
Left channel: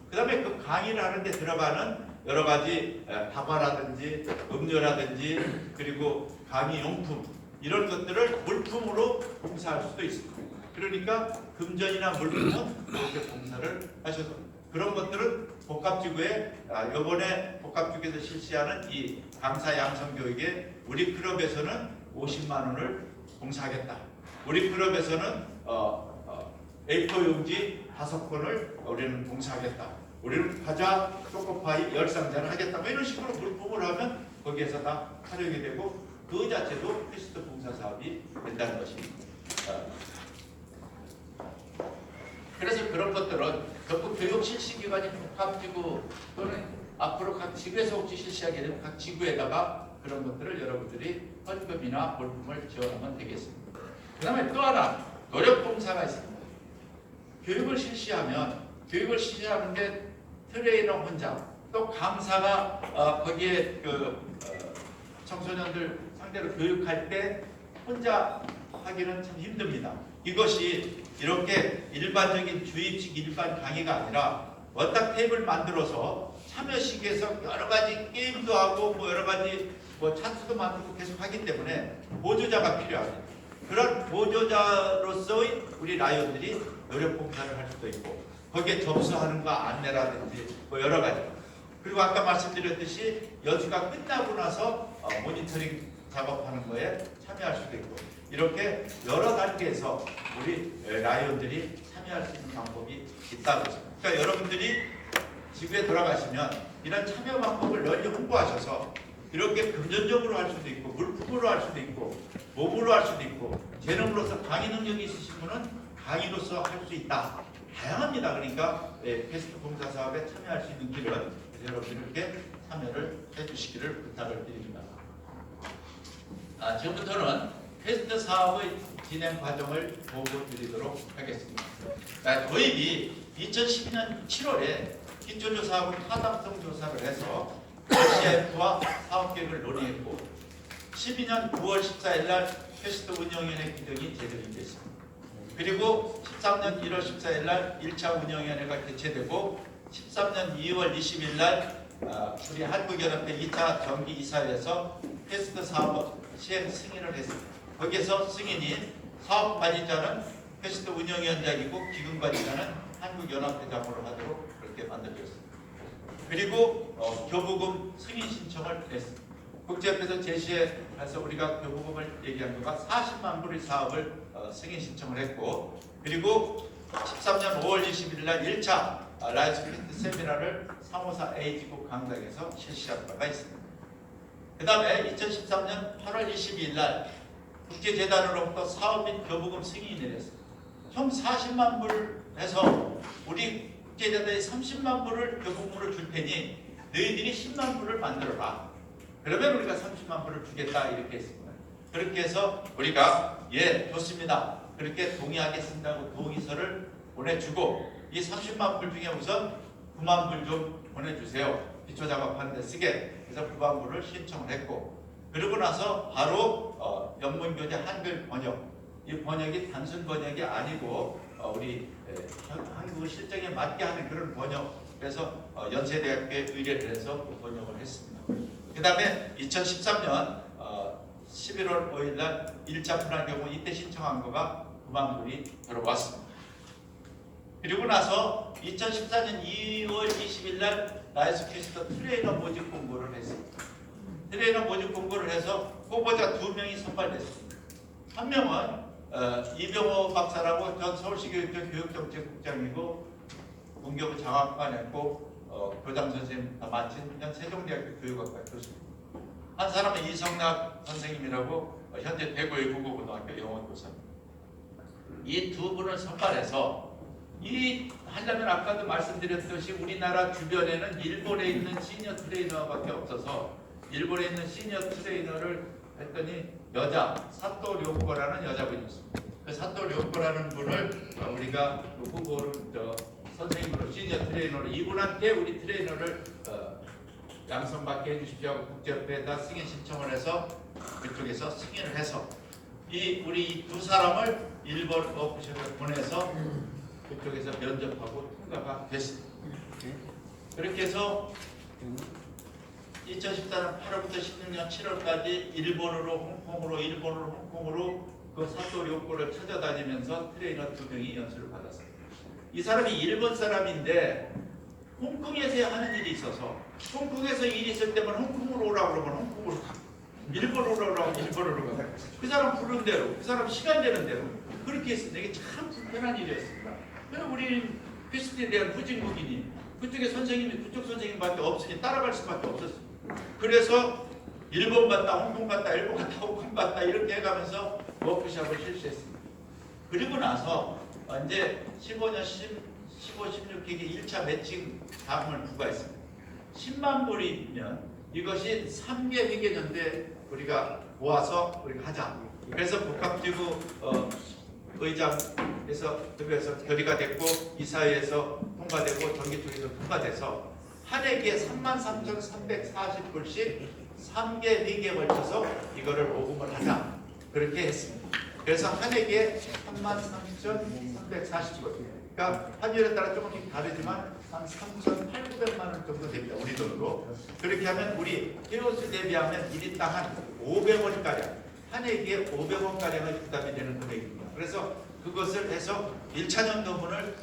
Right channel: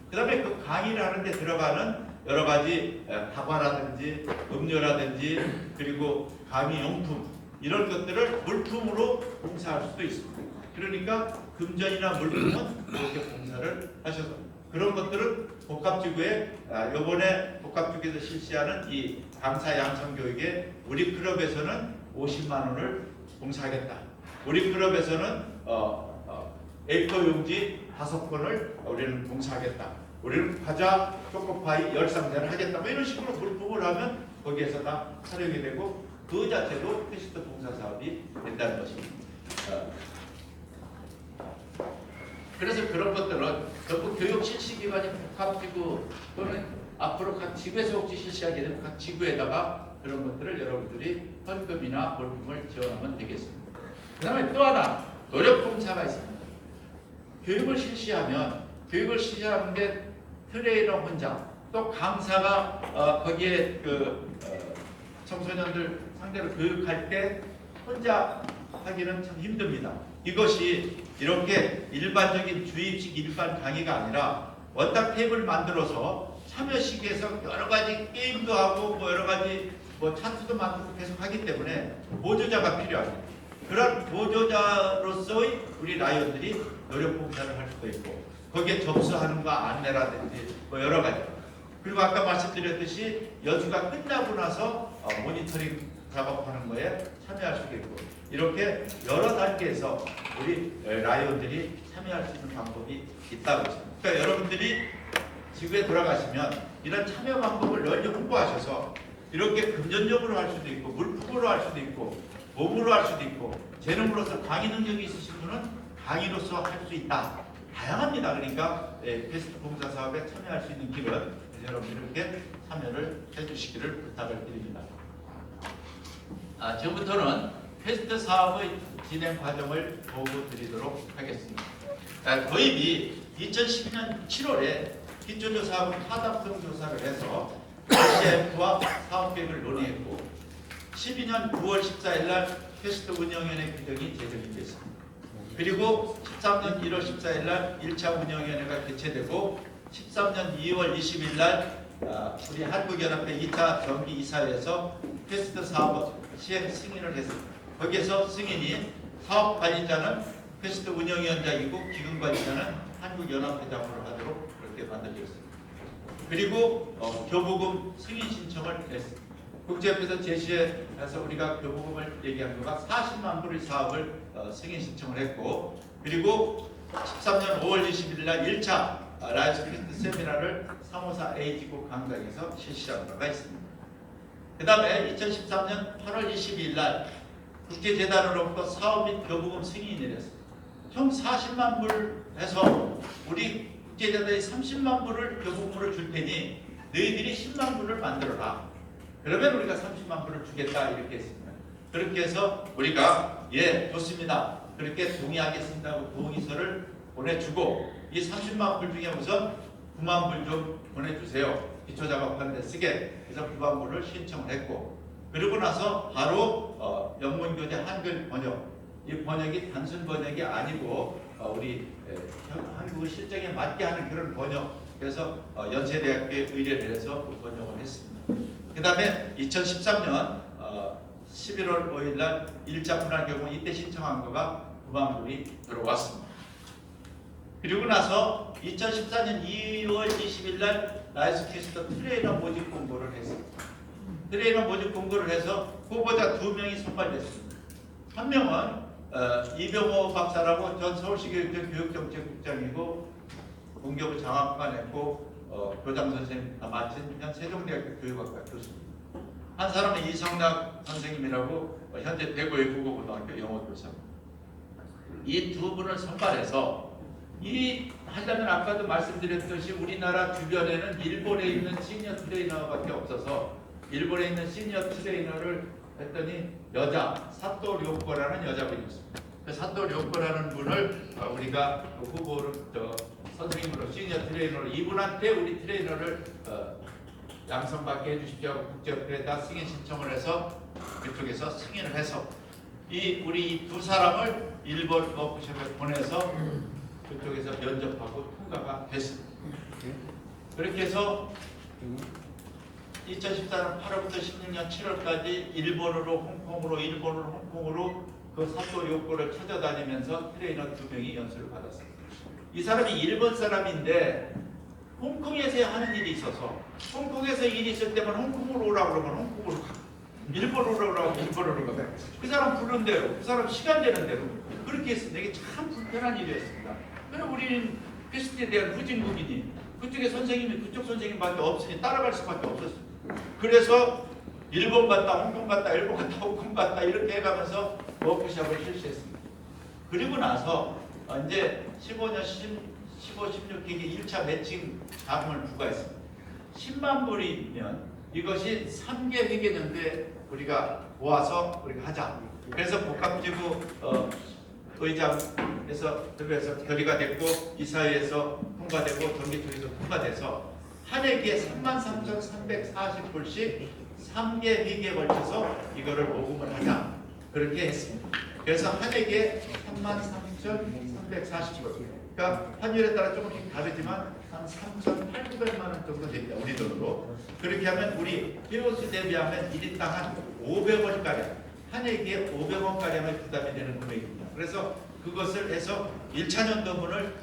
그 다음에 그 강의를 하는데 들어가는 여러 가지 다과라든지 음료라든지 그리고 강의 용품 이런 것들을 물품으로 봉사할 수도 있습니다. 그러니까 금전이나 물품은 그렇게 봉사를 하셔서 그런 것들은 복합지구에 이번에 복합지구에서 실시하는 이 강사 양성 교육에 우리 클럽에서는 50만 원을 봉사하겠다. 우리 클럽에서는 A4 용지 5건을 우리는 봉사하겠다. 우리는 과자 초코파이 10상자를 하겠다. 뭐 이런 식으로 물품을 하면 거기에서 다 촬영이 되고 그 자체도 퀘스트 봉사 사업이 된다는 것입니다. 그래서 그런 것들은 전부 교육 실시기관이 복합지구 또는 앞으로 각 지구에서 혹시 실시하게 되면 각 지구에다가 그런 것들을 여러분들이 헌금이나 볼품을 지원하면 되겠습니다. 그 다음에 또 하나 노력봉사가 있습니다. 교육을 실시하는 게 트레이너 혼자 또 강사가 거기에 청소년들 상대로 교육할 때 혼자 하기는 참 힘듭니다. 이것이 이렇게 일반적인 주입식 일반 강의가 아니라 원탁 테이블 만들어서 참여식에서 여러 가지 게임도 하고 뭐 여러 가지 찬스도 만들고 계속 하기 때문에 보조자가 필요합니다. 그런 보조자로서의 우리 라이언들이 노력 봉사를 할 수도 있고 거기에 접수하는 거 안내라든지 뭐 여러 가지. 그리고 아까 말씀드렸듯이 연수가 끝나고 나서 모니터링 작업하는 거에 참여할 수도 있고 이렇게 여러 단계에서 우리 라이언들이 참여할 수 있는 방법이 있다고 했습니다. 그러니까 여러분들이 지구에 돌아가시면 이런 참여 방법을 널리 홍보하셔서 이렇게 금전적으로 할 수도 있고 물품으로 할 수도 있고 몸으로 할 수도 있고 재능으로서 강의 능력이 있으신 분은 강의로서 할 수 있다. 다양합니다. 그러니까 퀘스트 봉사 사업에 참여할 수 있는 길은 여러분들이 이렇게 참여를 해주시기를 부탁을 드립니다. 지금부터는 퀘스트 사업의 진행 과정을 보고 드리도록 하겠습니다. 도입이 2012년 7월에 기초조사하고 타당성 조사를 해서 RCF와 사업계획을 논의했고 12년 9월 14일 날 퀘스트 운영위원회 규정이 제정이 됐습니다. 그리고 13년 1월 14일 날 1차 운영위원회가 개최되고 13년 2월 20일 날 우리 한국연합회 2차 정기이사회에서 퀘스트 사업 시행 승인을 했습니다. 거기에서 승인이 사업관리자는 퀘스트 운영위원장이고 기금관리자는 한국연합회장으로 하도록 그렇게 만들어졌습니다. 그리고 교부금 승인 신청을 냈습니다. 국제협회에서 제시해서 우리가 교부금을 얘기한 거가 40만 불의 사업을 승인 신청을 했고 그리고 13년 5월 20일 날 1차 라이언스 퀘스트 세미나를 354A 지구 강당에서 실시한 바가 있습니다. 그 다음에 2013년 8월 22일 날 국제재단으로부터 사업 및 교부금 승인이 내렸습니다. 총 40만 불을 해서 우리 국제재단이 30만 불을 교부금으로 줄 테니 너희들이 10만 불을 만들어라. 그러면 우리가 30만 불을 주겠다 이렇게 했습니다. 그렇게 해서 우리가 예 좋습니다. 그렇게 동의하겠습니다고 동의서를 보내주고 이 30만 불 중에 우선 9만 불 좀 보내주세요. 기초작업하는 데 쓰게 해서 9만 불을 신청을 했고 그리고 나서 바로 영문교재 한글 번역 이 번역이 단순 번역이 아니고 우리 한국어 실정에 맞게 하는 그런 번역 그래서 연세대학교에 의뢰를 해서 번역을 했습니다. 그 다음에 2013년 11월 5일 날 1차 분할 경우 이때 신청한 거가 9만 불이 들어왔습니다. 그리고 나서 2014년 2월 20일 날 라이언스 퀘스트 트레이너 모집 공고를 했습니다. 트레이너 모집 공고를 해서 후보자 2명이 선발됐습니다. 한 명은 이병호 박사라고 전 서울시교육청 교육정책국장이고 공교부 장학관 했고 교장 선생님 다 마친 현 세종대학교 교육학과 교수입니다. 한 사람은 이성락 선생님이라고 현재 대구의 국어고등학교 영어교사입니다. 이 두 분을 선발해서 이 하려면 아까도 말씀드렸듯이 우리나라 주변에는 일본에 있는 시니어 트레이너밖에 없어서 일본에 있는 시니어 트레이너를 했더니 여자 사토 료코라는 여자분이었습니다. 그 사토 료코라는 분을 우리가 후보로 선생님으로 시니어 트레이너로 이분한테 우리 트레이너를 양성받게 해주십시오 하고 국제협회에다 승인 신청을 해서 그쪽에서 승인을 해서 우리 두 사람을 일본 워크숍에 보내서 그쪽에서 면접하고 통과가 됐습니다. 그렇게 해서 2014년 8월부터 16년 7월까지 일본으로 홍콩으로 그 사토 료코를 찾아다니면서 트레이너 2명이 연수를 받았습니다. 이 사람이 일본 사람인데 홍콩에서 하는 일이 있어서 홍콩에서 일이 있을 때만 홍콩으로 오라고 그러면 홍콩으로 가. 일본어로 가면 그 사람 부른 대로, 그 사람 시간 되는 대로 그렇게 했습니다. 이게 참 불편한 일이었습니다. 그럼 우리는 퀘스트에 대한 후진국이니 그쪽에 선생님이 그쪽 선생님밖에 없으니 따라갈 수밖에 없었어요. 그래서 일본 갔다 홍콩 갔다 일본 갔다 홍콩 갔다 이렇게 해가면서 워크숍을 실시했습니다. 그리고 나서 이제 15년 15, 16기기 1차 매칭 자금을 부과했습니다. 10만 불이면 이것이 3개 회계연대 우리가 모아서 우리가 하자. 그래서 복합지구 의장에서 그래서 결의가 됐고 이사회에서 통과되고 전기투기도 통과돼서 한 회기에 33,340불씩 3개 회기에 걸쳐서 이거를 모금을 하자. 그렇게 했습니다. 그래서 한 회기에 33,340불. 그러니까 환율에 따라 조금씩 다르지만 한 3,800만 원 정도 됩니다. 우리 돈으로. 그렇게 하면 우리 회원수 대비하면 1인당 한 500원가량, 한 회기에 500원가량의 부담이 되는 금액입니다. 그래서 그것을 해서 1차년도분을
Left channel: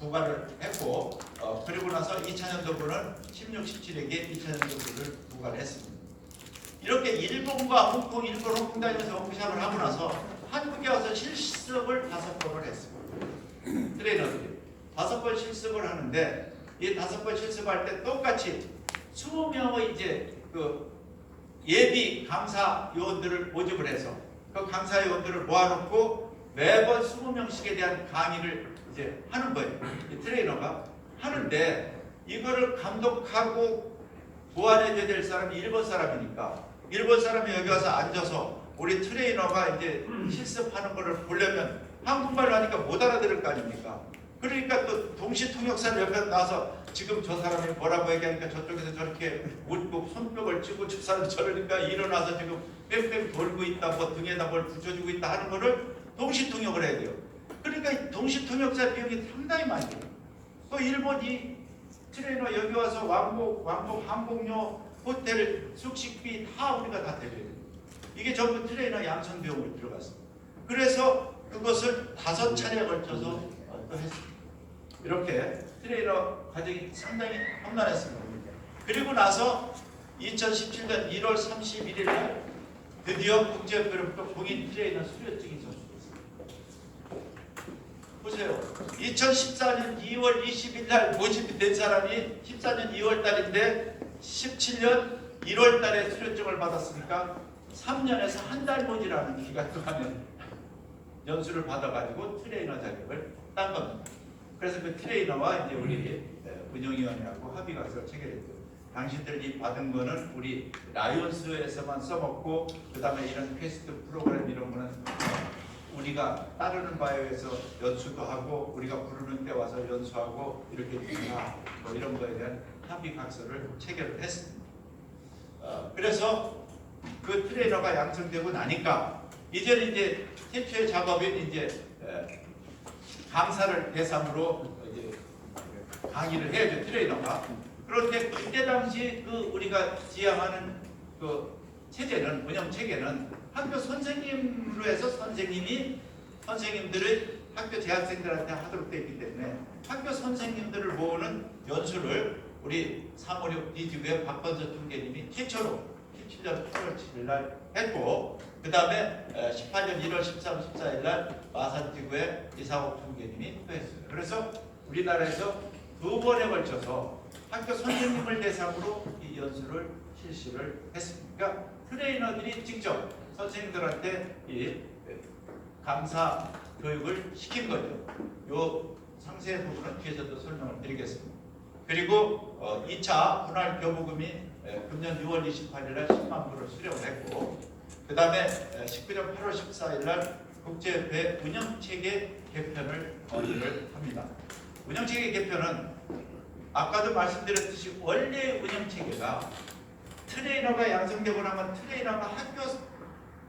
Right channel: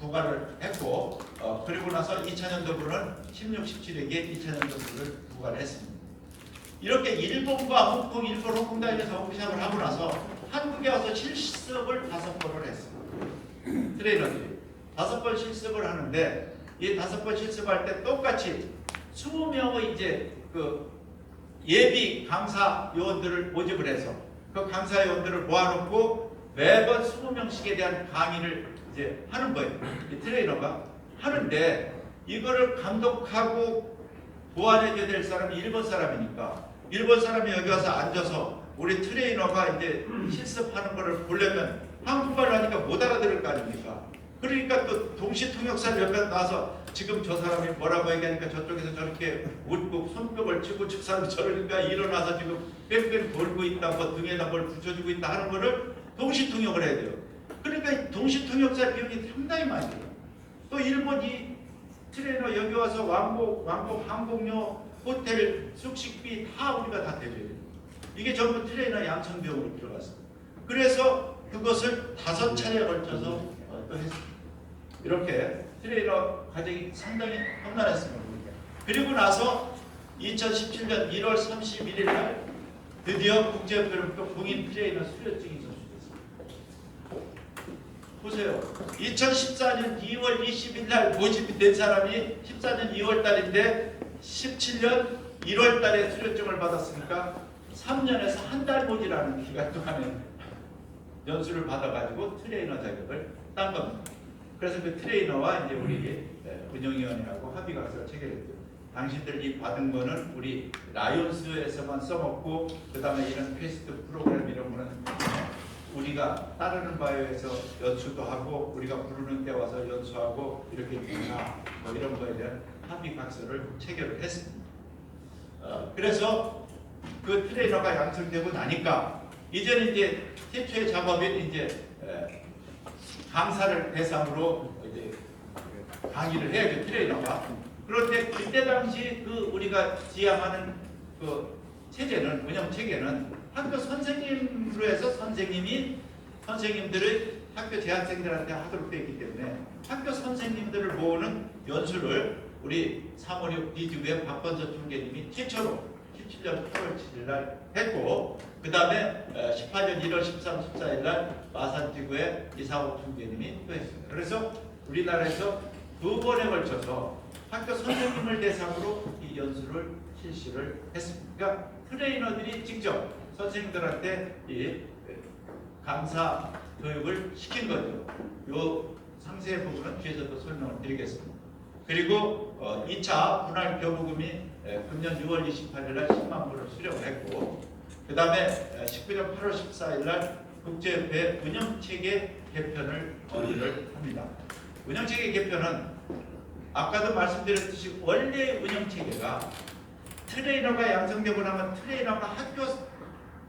부과를 했고 그리고 나서 2차년도분은 16, 17회기에 2차년도분을 부과를 했습니다. 이렇게 일본과 홍콩, 일본, 홍콩 다니면서 워크숍을 하고 나서 한국에 와서 실습을 5번을 했습니다. 트레이너들이 5번 실습을 하는데 이 5번 실습할 때 똑같이 20명의 이제 그 예비 강사 요원들을 모집을 해서 그 강사 요원들을 모아놓고 매번 20명씩에 대한 강의를 이제 하는 거예요. 이 트레이너가 하는데 이거를 감독하고 보완해줘야 될 사람이 일본 사람이니까 일본 사람이 여기 와서 앉아서 우리 트레이너가 이제 실습하는 거를 보려면 한국말을 하니까 못 알아들을 거 아닙니까? 그러니까 또 동시통역사를 옆에 나와서 지금 저 사람이 뭐라고 얘기하니까 저쪽에서 저렇게 웃고 손뼉을 치고 저 사람 저러니까 일어나서 지금 뺑뺑 돌고 있다, 뭐 등에다 뭘 붙여주고 있다 하는 거를 동시통역을 해야 돼요. 그러니까 동시통역사 비용이 상당히 많이 들어요. 또 일본이 트레이너 여기 와서 왕복 항공료, 호텔, 숙식비 다 우리가 다 대줘야 돼요. 이게 전부 트레이너 양성 비용으로 들어갔습니다. 그래서 그것을 5차례에 걸쳐서 또 했습니다. 이렇게 트레이너 과정이 상당히 험난했습니다. 그리고 나서 2017년 1월 31일 날 드디어 국제협회로부터 공인 트레이너 수료증이 전수됐습니다. 보세요. 2014년 2월 20일 날 모집이 된 사람이 14년 2월 달인데 17년 1월 달에 수료증을 받았으니까 3년에서 한 달 모지라는 기간 동안에 연수를 받아가지고 트레이너 자격을 딴 겁니다. 그래서 그 트레이너와 이제 우리 운영위원회하고 합의가서 체결했죠. 당신들이 받은 거는 우리 라이온스에서만 써먹고 그 다음에 이런 퀘스트 프로그램 이런 거는 우리가 따르는 바에 의해서 연수도 하고 우리가 부르는 데 와서 연수하고 이렇게 다 뭐 이런 거에 대한 합의 각서를 체결을 했습니다. 그래서 그 트레이너가 양성되고 나니까 이제는 이제 최초의 작업인 이제 강사를 대상으로 이제 강의를 해야죠, 트레이너가. 그런데 그때 당시 그 우리가 지향하는 그 체제는 운영 체계는 학교 선생님으로 해서 선생님들의 학교 재학생들한테 하도록 되어 있기 때문에 학교 선생님들을 모으는 연수를 우리 356 DG부의 박건서 총재님이 최초로 17년 8월 7일 날 했고 그 다음에 18년 1월 13, 14일 날 마산지구의 이상옥 총재님이 또 했습니다. 그래서 우리나라에서 2번에 걸쳐서 학교 선생님을 대상으로 이 연수를 실시를 했습니다. 그러니까 트레이너들이 직접 선생님들한테 이 강사 교육을 시킨 거죠. 요 상세 부분은 뒤에서도 설명을 드리겠습니다. 그리고 2차 분할 교부금이 금년 6월 28일 날 10만 불을 수령을 했고 그 다음에 19년 8월 14일 날 국제협회 운영체계 개편을 건의를 합니다. 운영체계 개편은 아까도 말씀드렸듯이 원래 운영체계가 트레이너가 양성되고 나면 트레이너가 학교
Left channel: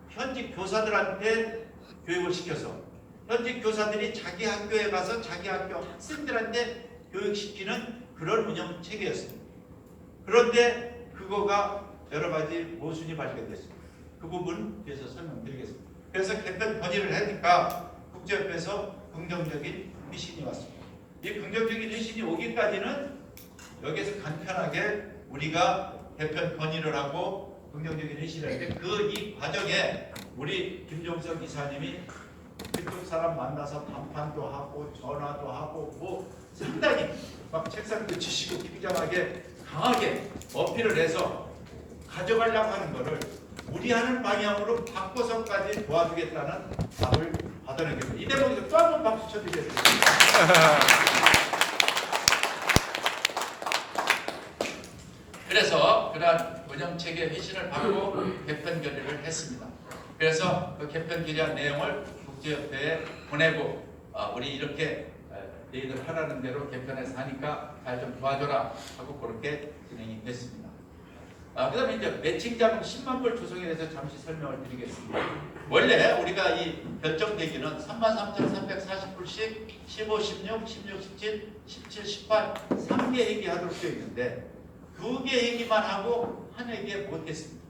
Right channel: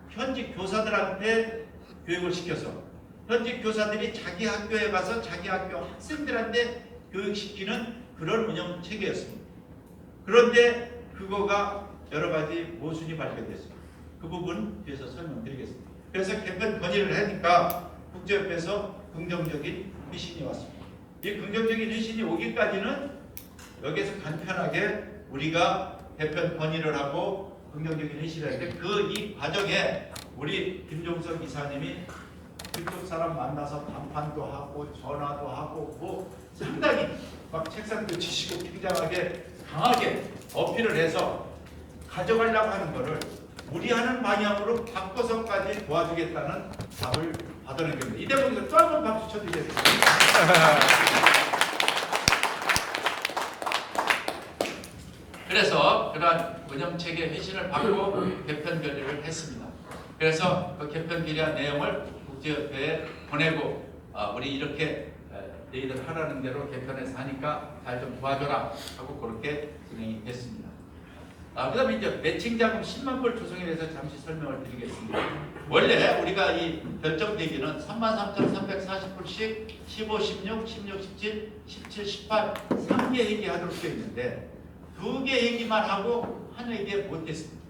현직 교사들한테 교육을 시켜서 현직 교사들이 자기 학교에 가서 자기 학교 학생들한테 교육시키는 그런 운영체계였습니다. 그런데 그거가 여러 가지 모순이 발견됐습니다. 그 부분 뒤에서 설명드리겠습니다. 그래서 개편 건의를 하니까 국제협회에서 긍정적인 회신이 왔습니다. 이 긍정적인 회신이 오기까지는 여기서 간편하게 우리가 개편 건의를 하고 긍정적인 회의를 했는데 그 이 과정에 우리 김종석 이사님이 그쪽 사람 만나서談판도 하고 전화도 하고 뭐 상당히 막 책상도 치시고 굉장하게 강하게 어필을 해서 가져가려고 하는 거를 무리하는 방향으로 바꿔서까지 도와주겠다는 답을 받아낸 겁니다. 이 대목에서 또 한 번 박수 쳐드리겠습니다. 그래서 그러한 운영체계 회신을 받고 개편 결의를 했습니다. 그래서 그 개편 결의한 내용을 국제협회에 보내고 우리 이렇게 너희들 하라는 대로 개편해서 하니까 잘 좀 도와줘라 하고 그렇게 진행이 됐습니다. 그 다음에 이제 매칭 자금 10만 불 조성에 대해서 잠시 설명을 드리겠습니다. 원래 우리가 이 결정 대기는 33,340불씩 15, 16, 16, 17, 17, 18 3개 회계하도록 되어 있는데 2개 회계만 하고 한 회계 못했습니다.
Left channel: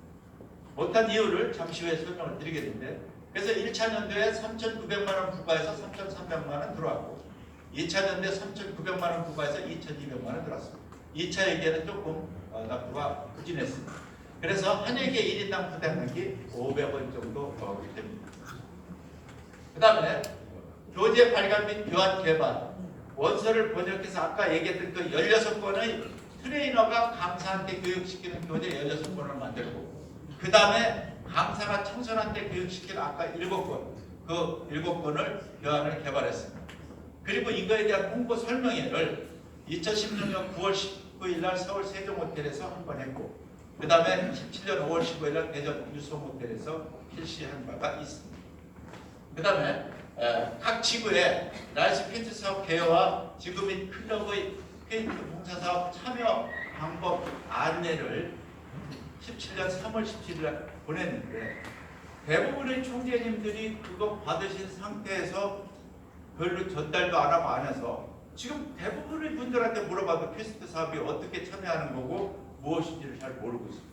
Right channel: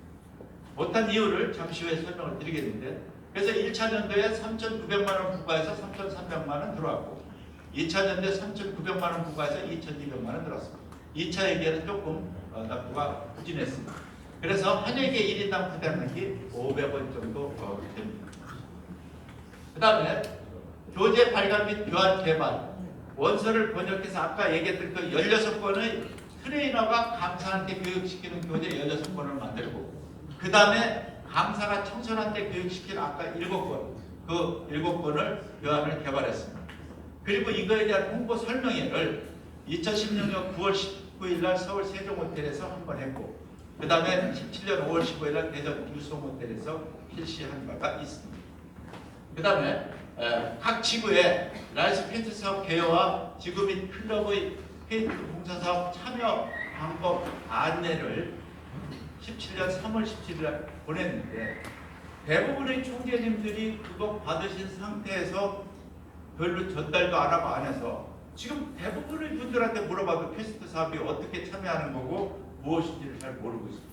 못한 이유를 잠시 후에 설명을 드리겠는데 그래서 1차 년도에 3,900만 원 부과해서 3,300만 원 들어왔고 2차 년도에 3,900만 원 부과해서 2,200만 원 들어왔습니다. 2차 회계는 조금 납부가 부진했습니다. 그래서 한 회계 1인당 부담액이 500원 정도 됩니다. 그 다음에 교재 발간 및 교환 개발 원서를 번역해서 아까 얘기했던 그 16권의 트레이너가 강사한테 교육시키는 교재 16권을 만들고 그 다음에 강사가 청소년한테 교육시키는 아까 7권 그 7권을 교환을 개발했습니다. 그리고 이거에 대한 홍보 설명회를 2016년 9월 19일 날 서울 세종호텔에서 한 번 했고 그 다음에 17년 5월 15일 날 대전 유성호텔에서 실시한 바가 있습니다. 그 다음에 각 지구의 라이스 페인트 사업 개요와 지구 및 클럽의 페인트 봉사 사업 참여 방법 안내를 17년 3월 17일 날 보냈는데 대부분의 총재님들이 그거 받으신 상태에서 별로 전달도 안 하고 안 해서 지금 대부분의 분들한테 물어봐도 퀘스트 사업이 어떻게 참여하는 거고 무엇인지를 잘 모르고 있습니다.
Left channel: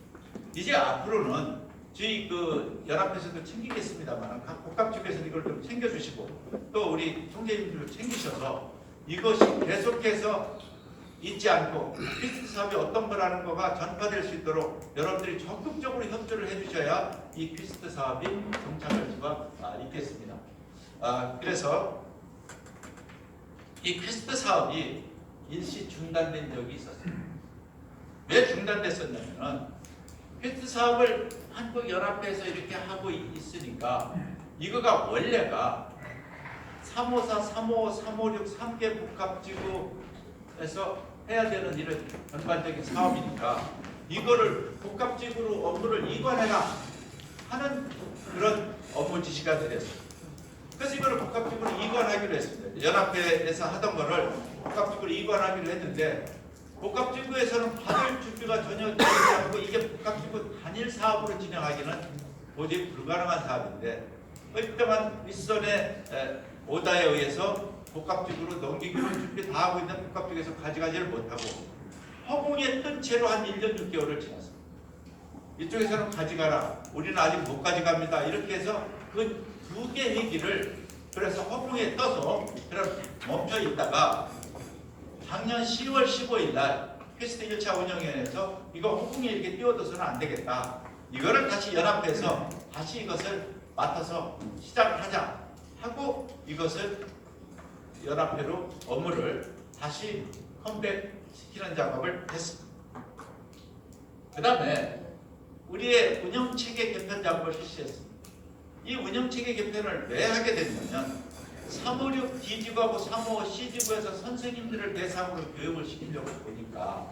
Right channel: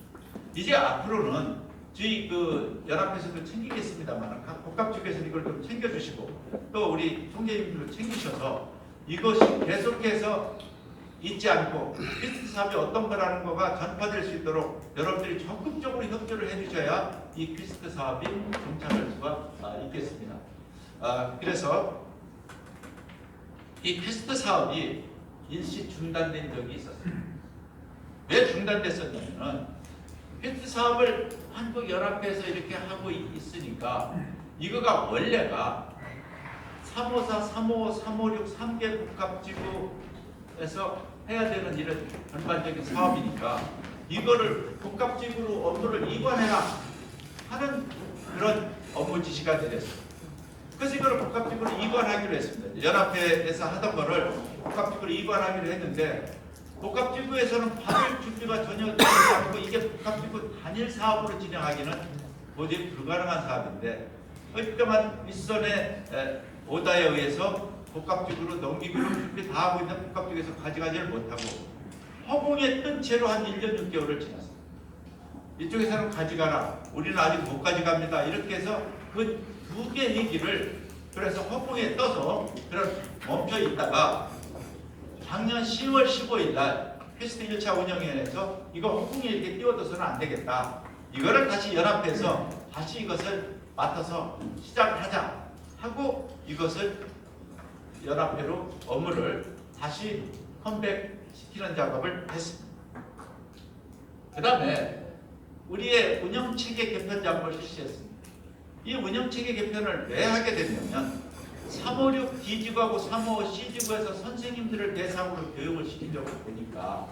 이제 앞으로는 저희 그 연합회에서도 챙기겠습니다만 각 복합 쪽에서 이걸 좀 챙겨주시고 또 우리 총재님들도 챙기셔서 이것이 계속해서 잊지 않고 퀘스트 사업이 어떤 거라는 거가 전파될 수 있도록 여러분들이 적극적으로 협조를 해주셔야 이 퀘스트 사업이 정착할 수가 있겠습니다. 그래서 이 퀘스트 사업이 일시 중단된 적이 있었습니다. 왜 중단됐었냐면 퀘스트 사업을 한국연합회에서 이렇게 하고 있으니까 이거가 원래가 354, 355, 356, 3개 복합지구에서 해야 되는 이런 전반적인 사업이니까 이거를 복합지구로 업무를 이관해라 하는 그런 업무 지시가 되었습니다. 그래서 이거를 복합지구로 이관하기로 했습니다. 연합회에서 하던 거를 복합지구로 이관하기로 했는데 복합지구에서는 받을 준비가 전혀 되지 않고 이게 복합지구 단일 사업으로 진행하기는 도저히 불가능한 사업인데 일정한 윗선의 오다에 의해서 복합지구로 넘기기로 준비 다 하고 있는 복합지구에서 가져가지를 못하고 허공에 뜬 채로 한 1년 6개월을 지났습니다. 이쪽에서는 가져가라. 우리는 아직 못 가져갑니다. 이렇게 해서 그 2개 얘기를 그래서 허공에 떠서 그런 멈춰 있다가 작년 10월 15일 날 퀘스트 1차 운영위원회에서 이거 허공에 이렇게 띄워둬서는 안 되겠다. 이거를 다시 연합해서 다시 이것을 맡아서 시작하자 하고 이것을 연합회로 업무를 다시 컴백시키는 작업을 했습니다. 그 다음에 우리의 운영체계 개편 작업을 실시했습니다. 이 운영체계 개편을 왜 하게 됐냐면 356 D지구하고 355 C지구에서 선생님들을 대상으로 교육을 시키려고 보니까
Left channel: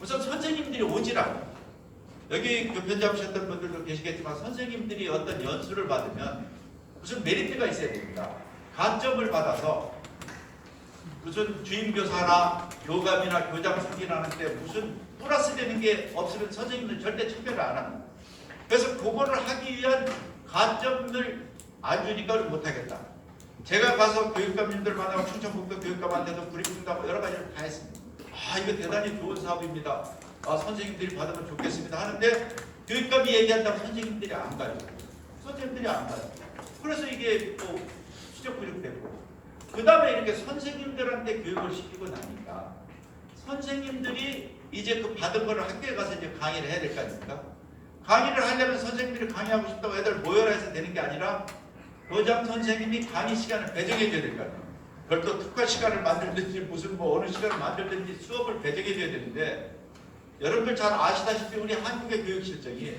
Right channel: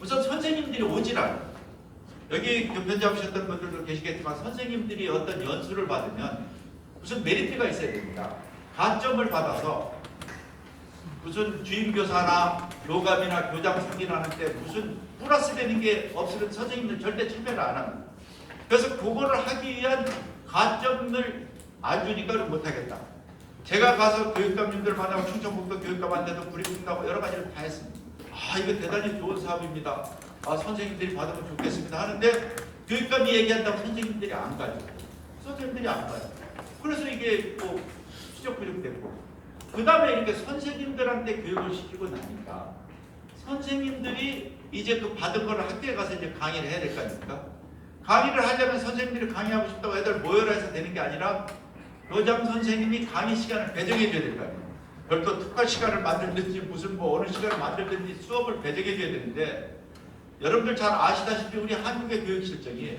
우선 선생님들이 오질 않아요. 여기 교편 잡으셨던 분들도 계시겠지만 선생님들이 어떤 연수를 받으면 무슨 메리트가 있어야 됩니다. 가점을 받아서 무슨 주임교사나 교감이나 교장 승진하는 때 무슨 플러스 되는 게 없으면 선생님들 절대 참여를 안 합니다. 그래서 그거를 하기 위한 가점을 안 주니까 못하겠다. 제가 가서 교육감님들 만나고 충청북도 교육감한테도 브리핑도 하고 여러 가지를 다 했습니다. 이거 대단히 좋은 사업입니다. 선생님들이 받으면 좋겠습니다 하는데 교육감이 얘기한다고 선생님들이 안 가요. 선생님들이 안 가요. 그래서 이게 또 수적 부족됐고 그 다음에 이렇게 선생님들한테 교육을 시키고 나니까 선생님들이 이제 그 받은 거를 학교에 가서 이제 강의를 해야 될 거 아닙니까? 강의를 하려면 선생님들이 강의하고 싶다고 애들 모여라 해서 되는 게 아니라 교장 선생님이 강의 시간을 배정해 줘야 될 거 아니에요. 별도 특화 시간을 만들든지 무슨 뭐 어느 시간을 만들든지 수업을 배정해 줘야 되는데 여러분들 잘 아시다시피 우리 한국의 교육 실정이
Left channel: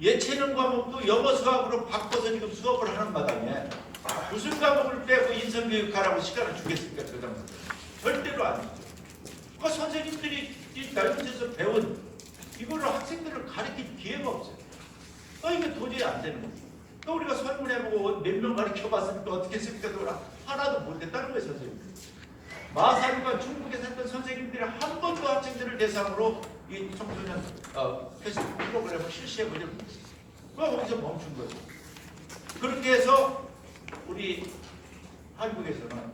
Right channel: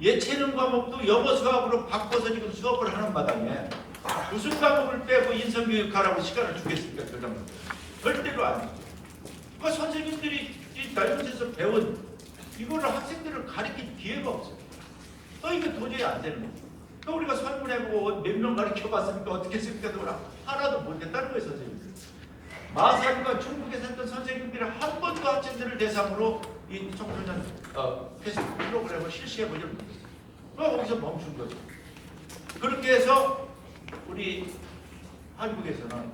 예체능 과목도 영어 수학으로 바꿔서 지금 수업을 하는 마당에 무슨 과목을 빼고 인성교육하라고 시간을 주겠습니까? 교장선생님 절대로 안 주죠. 그 선생님들이 이 날것에서 배운 이거를 학생들을 가르칠 기회가 없어요. 이게 도저히 안 되는 거예요. 또 우리가 설문해보고 몇 명 가르쳐봤으니까 어떻게 했습니까? 하나도 못했다는 거예요, 선생님들. 마산과 중국에서 했던 선생님들이 한 번도 학생들을 대상으로 이 청소년 테스트 프로그램을 실시해보지 못했어요. 또 거기서 멈춘 거죠. 그렇게 해서 우리 한국에서는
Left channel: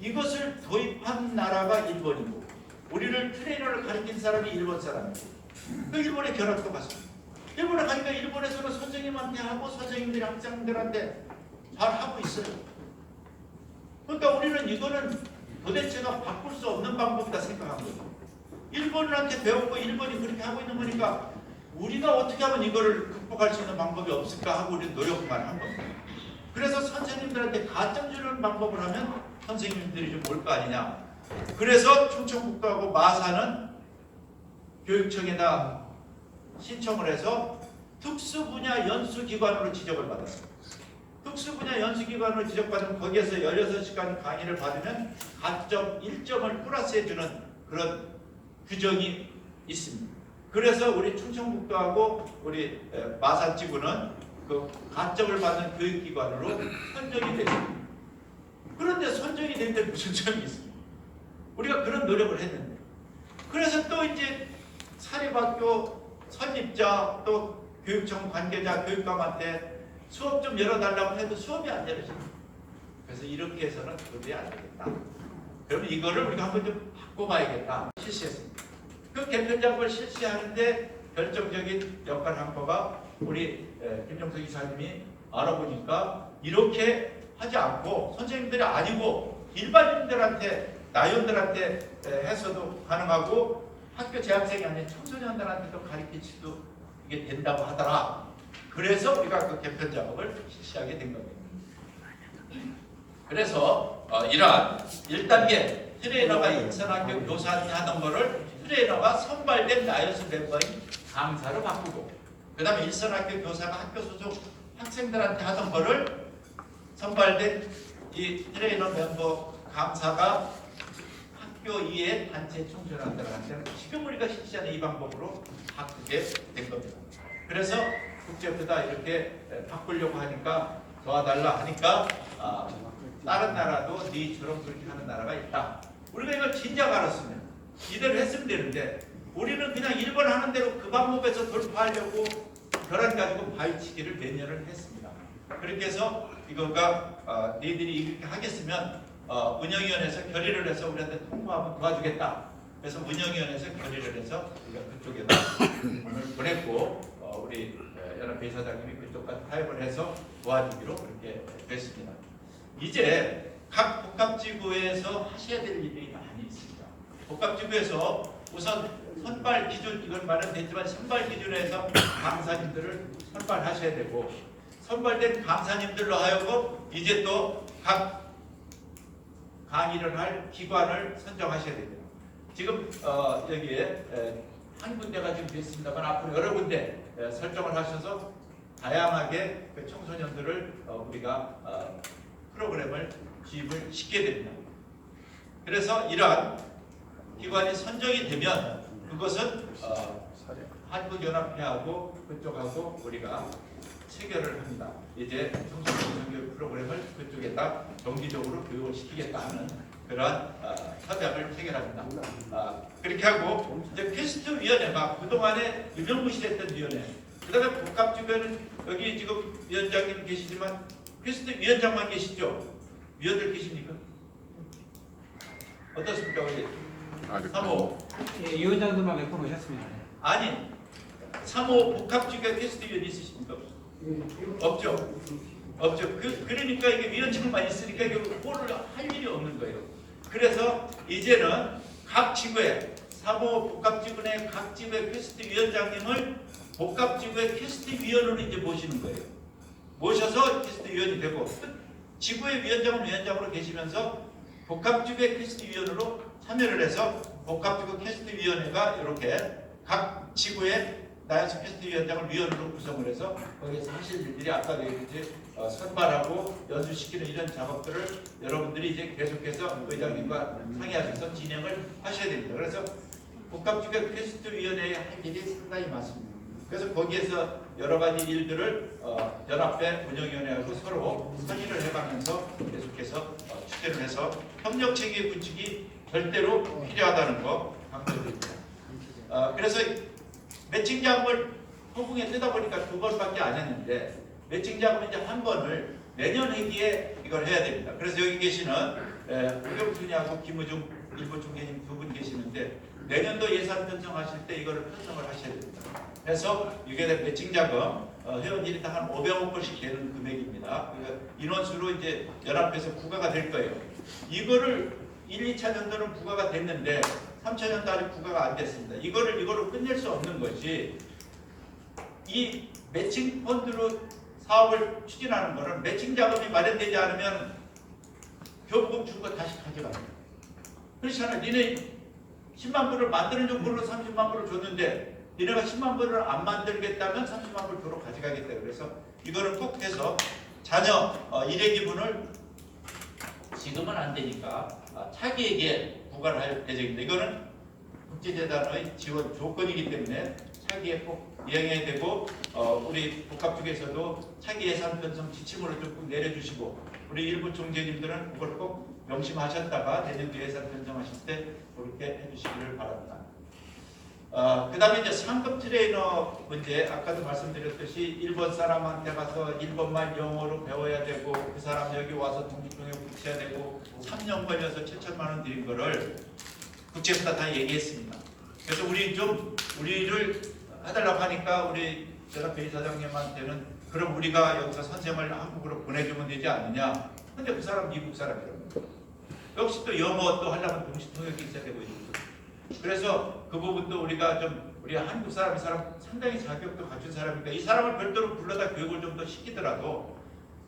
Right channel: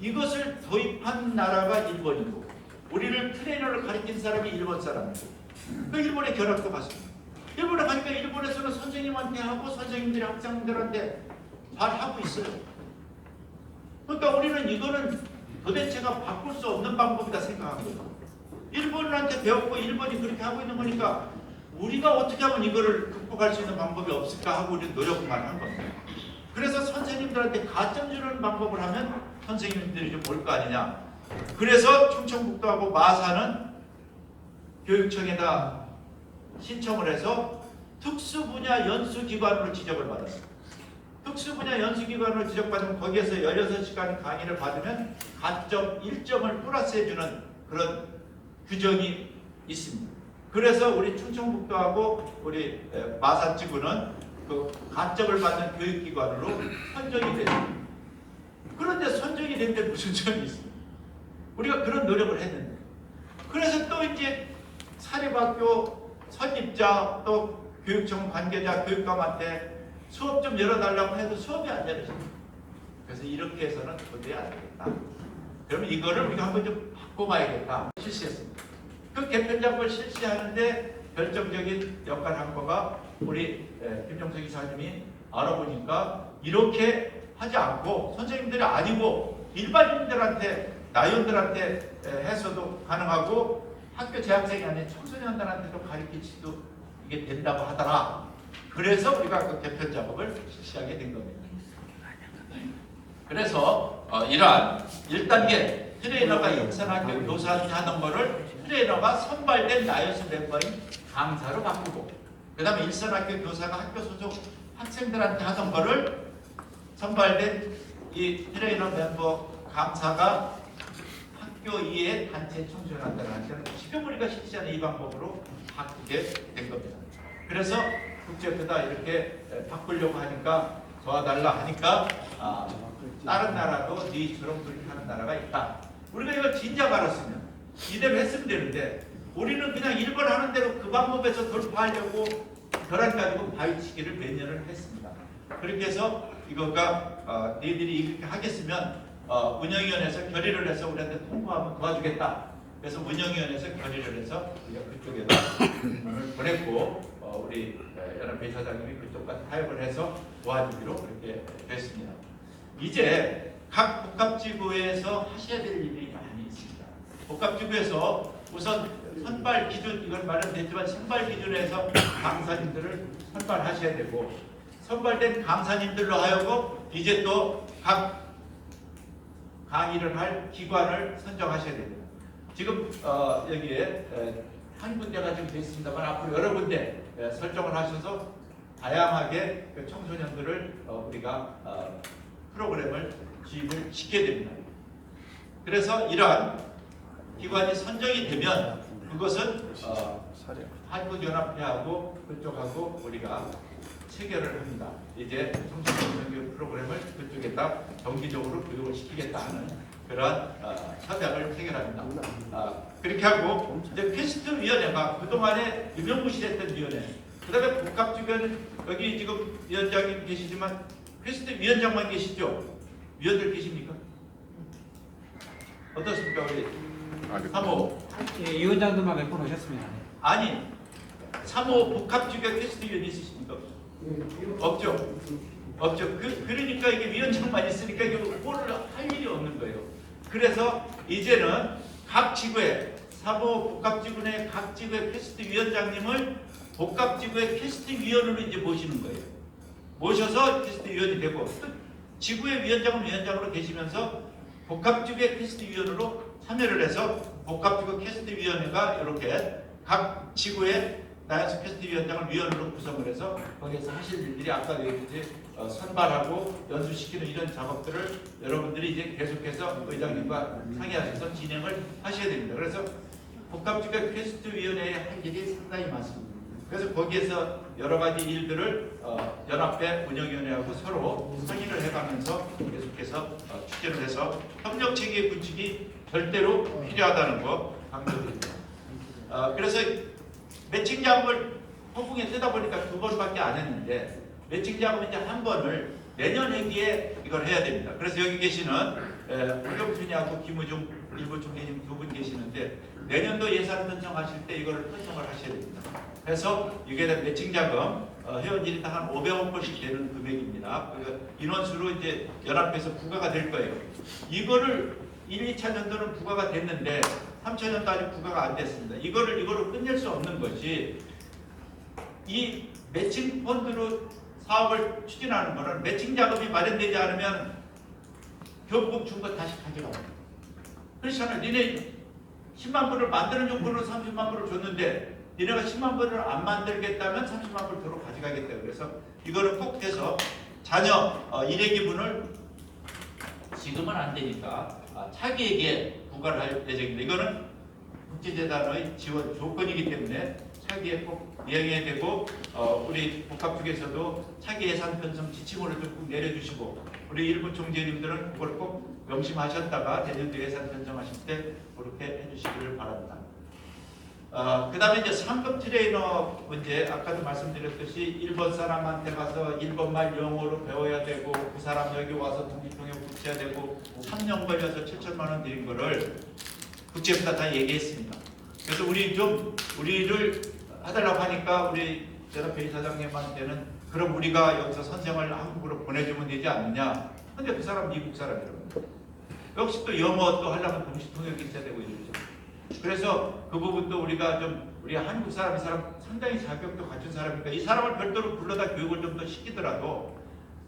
이것을 도입한 나라가 일본이고 우리를 트레이너를 가르친 사람이 일본 사람이고 그 일본의 결합도 같습니다. 일본에 가니까 일본에서는 선생님한테 하고 선생님들이 학생들한테 잘 하고 있어요. 그러니까 우리는 이거는 도대체가 바꿀 수 없는 방법이다 생각한 거죠. 일본인한테 배웠고 일본이 그렇게 하고 있는 거니까 우리가 어떻게 하면 이거를 극복할 수 있는 방법이 없을까 하고 우리 노력만 한 겁니다. 그래서 선생님들한테 가점 주는 방법을 하면 선생님들이 좀 올 거 아니냐. 그래서 충청북도하고 마산은 교육청에다 신청을 해서 특수분야 연수기관으로 지적을 받았습니다. 특수분야 연수기관으로 지적받으면 거기에서 16시간 강의를 받으면 가점 1점을 플러스해주는 그런 규정이 있습니다. 그래서 우리 충청북도하고 우리 마산지구는 그 가점을 받는 교육기관으로 선정이 됐습니다. 그런데 선정이 된 데 무슨 점이 있습니까? 우리가 그런 노력을 했는데 그래서 또 이제 사립학교 선입자 또 교육청 관계자 교육감한테 수업 좀 열어달라고 해도 수업이 안 열어집니다. 그래서 이렇게 해서는 도저히 안 되겠다. 그러면 이거를 우리가 한번 좀 바꿔봐야겠다. 실시했습니다. 그 개편 작업을 실시하는데 결정적인 역할을 한 거가 우리 김정석 이사님이 알아보니까 이렇게 하지 않고 선생님들이 아니고 일반인들한테 나이원들한테 해서도 가능하고 학교 재학생이 아닌 청소년들한테도 가르칠 수도 이게 된다고 하더라. 그래서 우리가 그 개편 작업을 실시하게 된 겁니다. 그래서 이러한 1단계 트레이너가 인천학교 교사한테 하던 거를 트레이너가 선발된 나이언스 멤버인 강사로 바꾸고 그 다음에 일선학교 교사가 학교 소속 학생들한테 하던 거를 선발된 이 트레이너 멤버 강사가 학교 이외의 단체 청소년들한테는 지금 우리가 실시하는 이 방법으로 바꾸게 된 겁니다. 그래서 국제부다 이렇게 바꾸려고 하니까 도와달라 하니까 다른 나라도 니처럼 그렇게 하는 나라가 있다. 우리가 이거 진작 알았으면 이대로 했으면 되는데 우리는 그냥 일본 하는 대로 그 방법에서 돌파하려고 결함 가지고 바위치기를 몇 년을 했습니다. 그렇게 해서 이거가 너희들이 이렇게 하겠으면 운영위원회에서 결의를 해서 우리한테 통보하면 도와주겠다. 그래서 운영위원회에서 결의를 해서 우리가 그쪽에다 보냈고 우리 연합 회사장님이 그쪽과 타협을 해서 도와주기로 그렇게 됐습니다. 이제 각 복합지구에서 하셔야 될 일이 많이 있습니다. 복합지구에서 우선 선발 기준, 이건 마련됐지만 선발 기준에서 강사님들을 선발하셔야 되고 선발된 강사님들로 하여금 이제 또 각 강의를 할 기관을 선정하셔야 됩니다. 지금 여기에 한 군데가 좀 됐습니다만 앞으로 여러 군데 설정을 하셔서 다양하게 그 청소년들을 우리가 프로그램을 지입을 시키게 됩니다. 그래서 이러한 기관이 선정이 되면 그것은 한국연합회하고 그쪽하고 우리가 체결을 합니다. 이제 청소년 교육 프로그램을 그쪽에다 정기적으로 교육을 시키겠다는 그런 협약을 체결합니다. 그렇게 하고 이제 퀘스트위원회가 그동안에 유명무실했던 위원회, 그 다음에 복합주변은 여기 지금 위원장님 계시지만 퀘스트위원장만 계시죠? 위원들 계십니까? 어떻습니까? 우리 3호 예, 위원장들만 몇 분 오셨습니다. 아니 3호 복합주변 퀘스트위원 있으십니까? 없죠. 없죠. 그러니까 이게 위원장만 있으니까 이게 꼴을 할 일이 없는 거예요. 그래서 이제는 각 지구에 3호 복합지구 내 각 지구의 퀘스트 위원장님을 복합지구의 캐스팅위원으로 이제 모시는 거예요. 모셔서 캐스팅위원이 되고 또 지구의 위원장으로 계시면서 복합지구의 캐스팅위원으로 참여를 해서 복합지구 캐스팅위원회가 이렇게 각 지구의 나이스 캐스팅위원장을 위원으로 구성을 해서 거기에서 하실 일들이 아까 얘기했듯이 선발하고 연수시키는 이런 작업들을 여러분들이 이제 계속해서 의장님과 상의하셔서 진행을 하셔야 됩니다. 그래서 복합지구 캐스팅위원회의 할 일이 상당히 많습니다. 그래서 거기에서 여러 가지 일들을 연합회 운영위원회하고 서로 상의를 해가면서 계속해서 추진을 해서 협력체계 구축이 절대로 필요하다는 거 강조드립니다. 그래서 매칭 작업을 허공에 뜨다 보니까 2번밖에 안 했는데 매칭 작업은 이제 한 번을 내년 회기에 이걸 해야 됩니다. 그래서 여기 계시는 홍경준이하고 김우중 일부 총재님 2분 계시는데 내년도 예산 편성하실 때 이거를 편성을 하셔야 됩니다. 그래서 이게 매칭 자금 회원일당 한 500억 원씩 되는 금액입니다. 인원수로 이제 연합해서 부과가 될 거예요. 이거를 1, 2차 년도는 부과가 됐는데 3차 년도 아직 부과가 안 됐습니다. 이거로 끝낼 수 없는 것이 이 매칭 펀드로 사업을 추진하는 거는 매칭 자금이 마련되지 않으면 교부금 준 거 다시 가져갑니다. 그렇잖아요. 니네 10만 불을 만드는 용도로 30만 불을 줬는데 니네가 10만 불을 안 만들겠다면 30만 불 도로 가져가겠다. 그래서 이거를 꼭 해서 자녀 일회기분을 지금은 안 되니까 차기에게 부과를 할 예정입니다. 이거는 국제재단의 지원 조건이기 때문에 차기에 꼭 이행해야 되고 우리 복합 쪽에서도 차기 예산 편성 지침을 좀 내려주시고 우리 일부 총재님들은 그걸 꼭 명심하셨다가 내년도 예산 편성하실 때 그렇게 해주시기를 바랍니다. 그 다음에 이제 상급 트레이너 문제, 아까도 말씀드렸듯이 일본 사람한테 가서 일본말 영어로 배워야 되고 그 사람 여기 와서 독립통역 붙여야 되고 3년 걸려서 7천만 원 드린 거를 국제부터 다 얘기했습니다. 그래서 우리를 하달라고 하니까 우리 연합회 이사장님한테는 그럼 우리가 여기서 선생을 한국으로 보내주면 되지 않느냐. 근데 그 사람 미국 사람이라고. 역시 또 영어 또 하려면 동시 통역이 있어야 되고 이러죠. 그래서 그 부분도 우리가 우리 한국 사람 상당히 자격도 갖춘 사람이니까 이 사람을 별도로 불러다 교육을 좀 더 시키더라도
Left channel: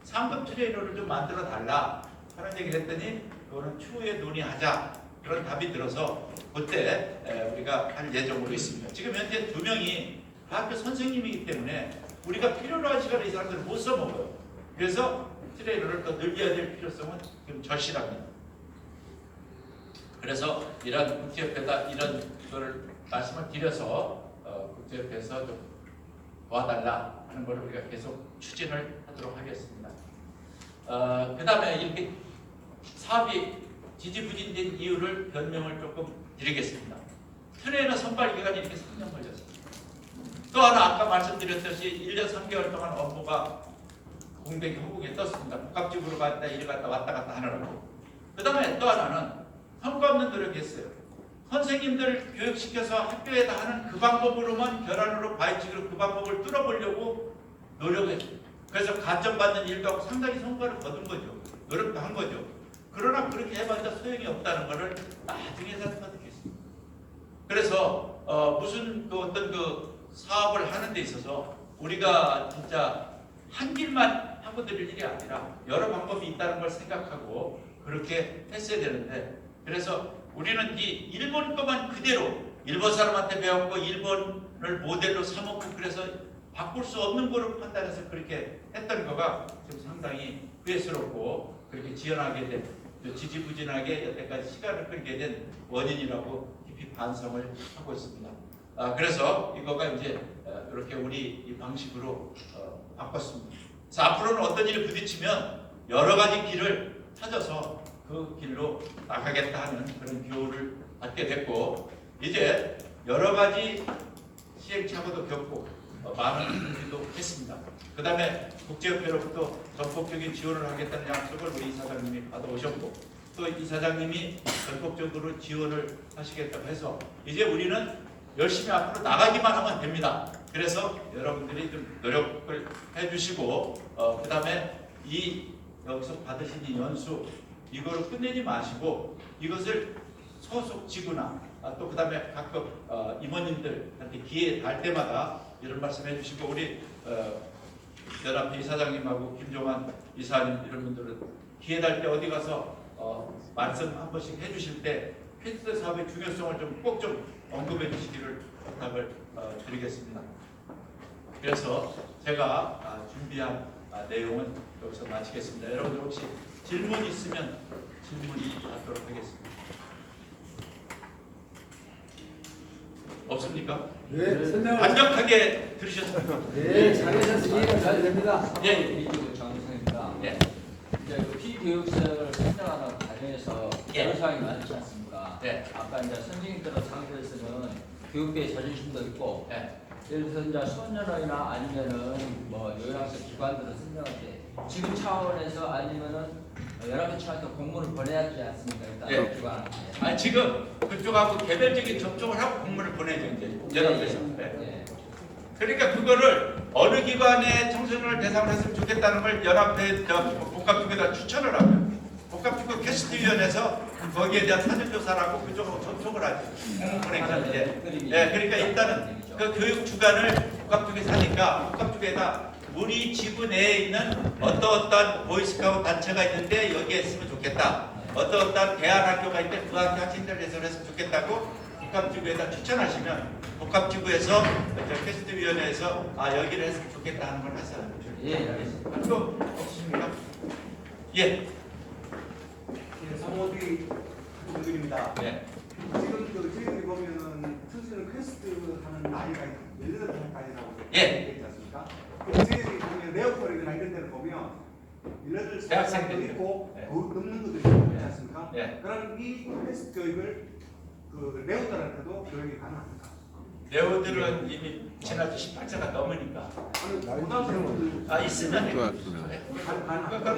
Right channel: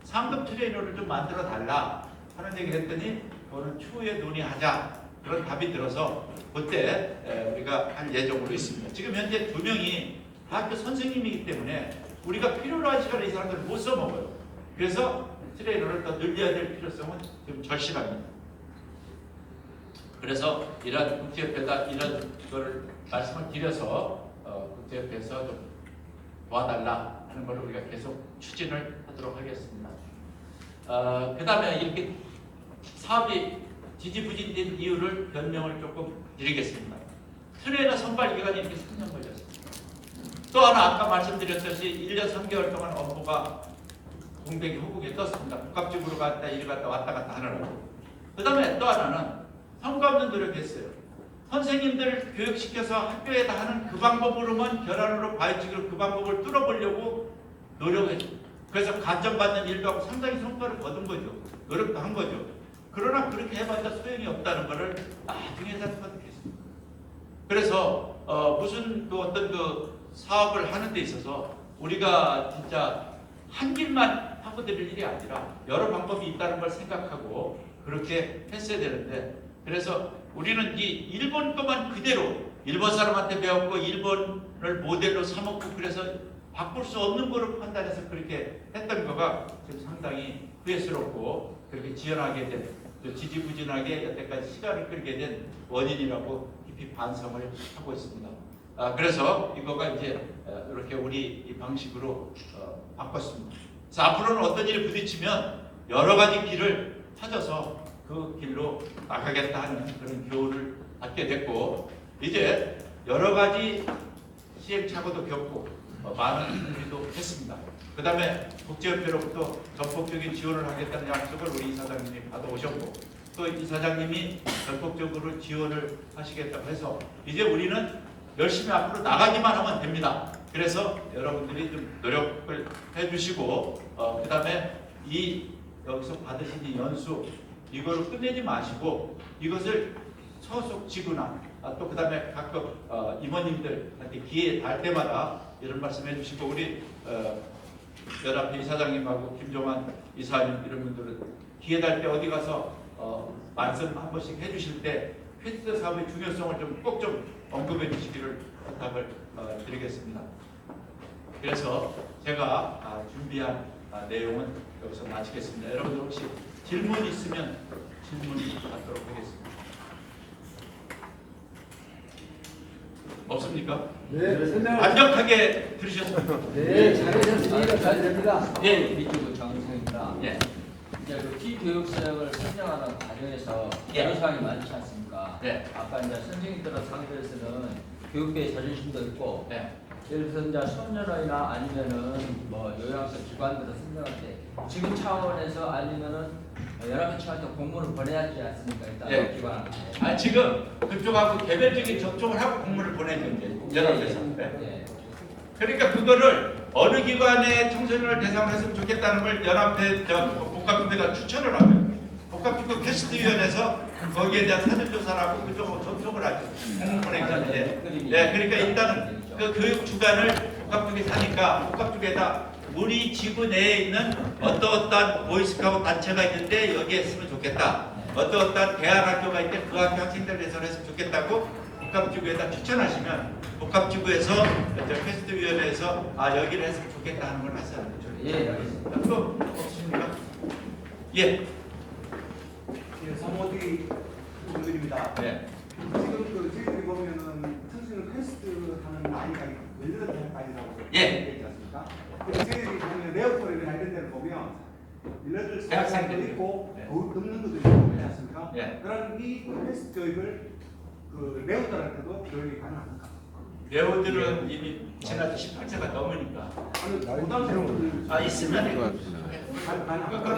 상급 트레이너를 좀 만들어 달라 하는 얘기를 했더니 그거는 추후에 논의하자 그런 답이 들어서 그때 우리가 할 예정으로 있습니다. 지금 현재 2명이 학교 선생님이기 때문에 우리가 필요로 한 시간에 이 사람들을 못 써먹어요. 그래서 트레이너를 더 늘려야 될 필요성은 지금 절실합니다. 그래서 이런 국제협회다 이런 걸 말씀을 드려서 국제협회에서 좀 도와달라 하는 걸 우리가 계속 추진을 하도록 하겠습니다. 그 다음에 이렇게 사업이 지지부진된 이유를 변명을 조금 드리겠습니다. 트레이너 선발 기간이 이렇게 3년 걸렸습니다. 또 하나 아까 말씀드렸듯이 1년 3개월 동안 업무가 공백이 허공에 떴습니다. 복합적으로 갔다 이리 갔다 왔다 갔다 하느라고. 그 다음에 또 하나는 성과 없는 노력했어요. 선생님들 교육시켜서 학교에다 하는 그 방법으로만 결함으로 바이직으로 그 방법을 뚫어보려고 노력했어요. 그래서 간접받는 일도 하고 상당히 성과를 거둔 거죠. 노력도 한 거죠. 그러나 그렇게 해봤자 소용이 없다는 것을 나중에 터득했습니다. 그래서 무슨 어떤 사업을 하는 데 있어서 우리가 진짜 한 길만 하고 드릴 일이 아니라 여러 방법이 있다는 걸 생각하고 그렇게 했어야 되는데 그래서 우리는 이 일본 것만 그대로 일본 사람한테 배웠고 일본을 모델로 삼았고 그래서 바꿀 수 없는 거로 판단해서 그렇게 했던 거가 지금 상당히 후회스럽고 그렇게 지연하게 된 지지부진하게 여태까지 시간을 끌게 된 원인이라고 깊이 반성을 하고 있습니다. 그래서 이거가 이제 이렇게 우리 이 방식으로 바꿨습니다. 그래서 앞으로는 어떤 일이 부딪히면 여러 가지 길을 찾아서 그 길로 나가겠다 하는 그런 교훈을 받게 됐고 이제 여러 가지 시행착오도 겪고 많은 준비도 했습니다. 그 다음에 국제협회로부터 전폭적인 지원을 하겠다는 약속을 우리 이사장님이 받아오셨고 또 이사장님이 전폭적으로 지원을 하시겠다고 해서 이제 우리는 열심히 앞으로 나가기만 하면 됩니다. 그래서 여러분들이 좀 노력을 해주시고 그 다음에 여기서 받으신 이 연수 이거를 끝내지 마시고 이것을 소속 지구나 또 그 다음에 각급 임원님들한테 기회 날 때마다 이런 말씀해 주시고 우리 연합회 이사장님하고 김종환 이사님 이런 분들은 기회 날 때 어디 가서 말씀 한 번씩 해주실 때 퀘스트 사업의 중요성을 좀 꼭 좀 언급해 주시기를 부탁을 드리겠습니다. 그래서 제가 준비한 내용은 여기서 마치겠습니다. 여러분들 혹시 질문 있으면 질문하도록 하겠습니다. 없습니까? 네, 완벽하게 들으셨습니까? 네, 잘하셨습니다. 잘 됩니다. 예. 장성입니다. 예. 이제 그 피교육 수행을 선정하는 과정에서 예. 여러 사항이 많지 않습니까? 예. 아까 이제 선생님들의 상대에서는 교육계의 자존심도 있고, 예. 예를 들어서 이제 소년원이나 아니면은 뭐 요양서 기관들을 선정할 때 지금 차원에서 아니면은 여러 차원에서 공문을 보내야 하지 않습니까? 일단 예. 기관한테. 지금 그쪽하고 개별적인 접촉을 하고 공문을 보내죠 이제 연합에서. 예. 그러니까 그거를 어느 기관에 청소년을 대상으로 했으면 좋겠다는 걸 연합회 복합주교가 추천을 하고요. 복합주교 퀘스트위원회에서 거기에 대한 사전조사를 하고 그쪽하고 접촉을 하죠. 공문 보내는데. 네, 그러니까 일단은 그 교육 주관을 복합주교에 사니까 복합주교에다 우리 지구 내에 있는 어떠한 보이스카우트 단체가 있는데 여기에 했으면 좋겠다. 어떠한 대안학교가 있는데 그 학교 학생들을 해서 했으면 좋겠다고 복합지구에다 추천하시면 복합지구에서 퀘스트위원회에서 여기를 했으면 좋겠다 하는 걸 하세요. 예, 알겠습니다. 그거 없습니까? 예. 사모디 분들입니다. 네. 지금 저희들이 보면은 청소년 퀘스트 하는 나이가 18살까지라고 예. 되어 있지 않습니까? 그리고 저희들이 보면 레오폴이나 이런 데를 보면 18살도 있고 네. 더 넘는 것도 있고 그렇지 않습니까? 네. 그럼 이 퀘스트 교육을 그 레오들한테도 교육이 가능합니까? 레오들은 이미 지난주 18세가 넘으니까. 아니 고등학생들 있으면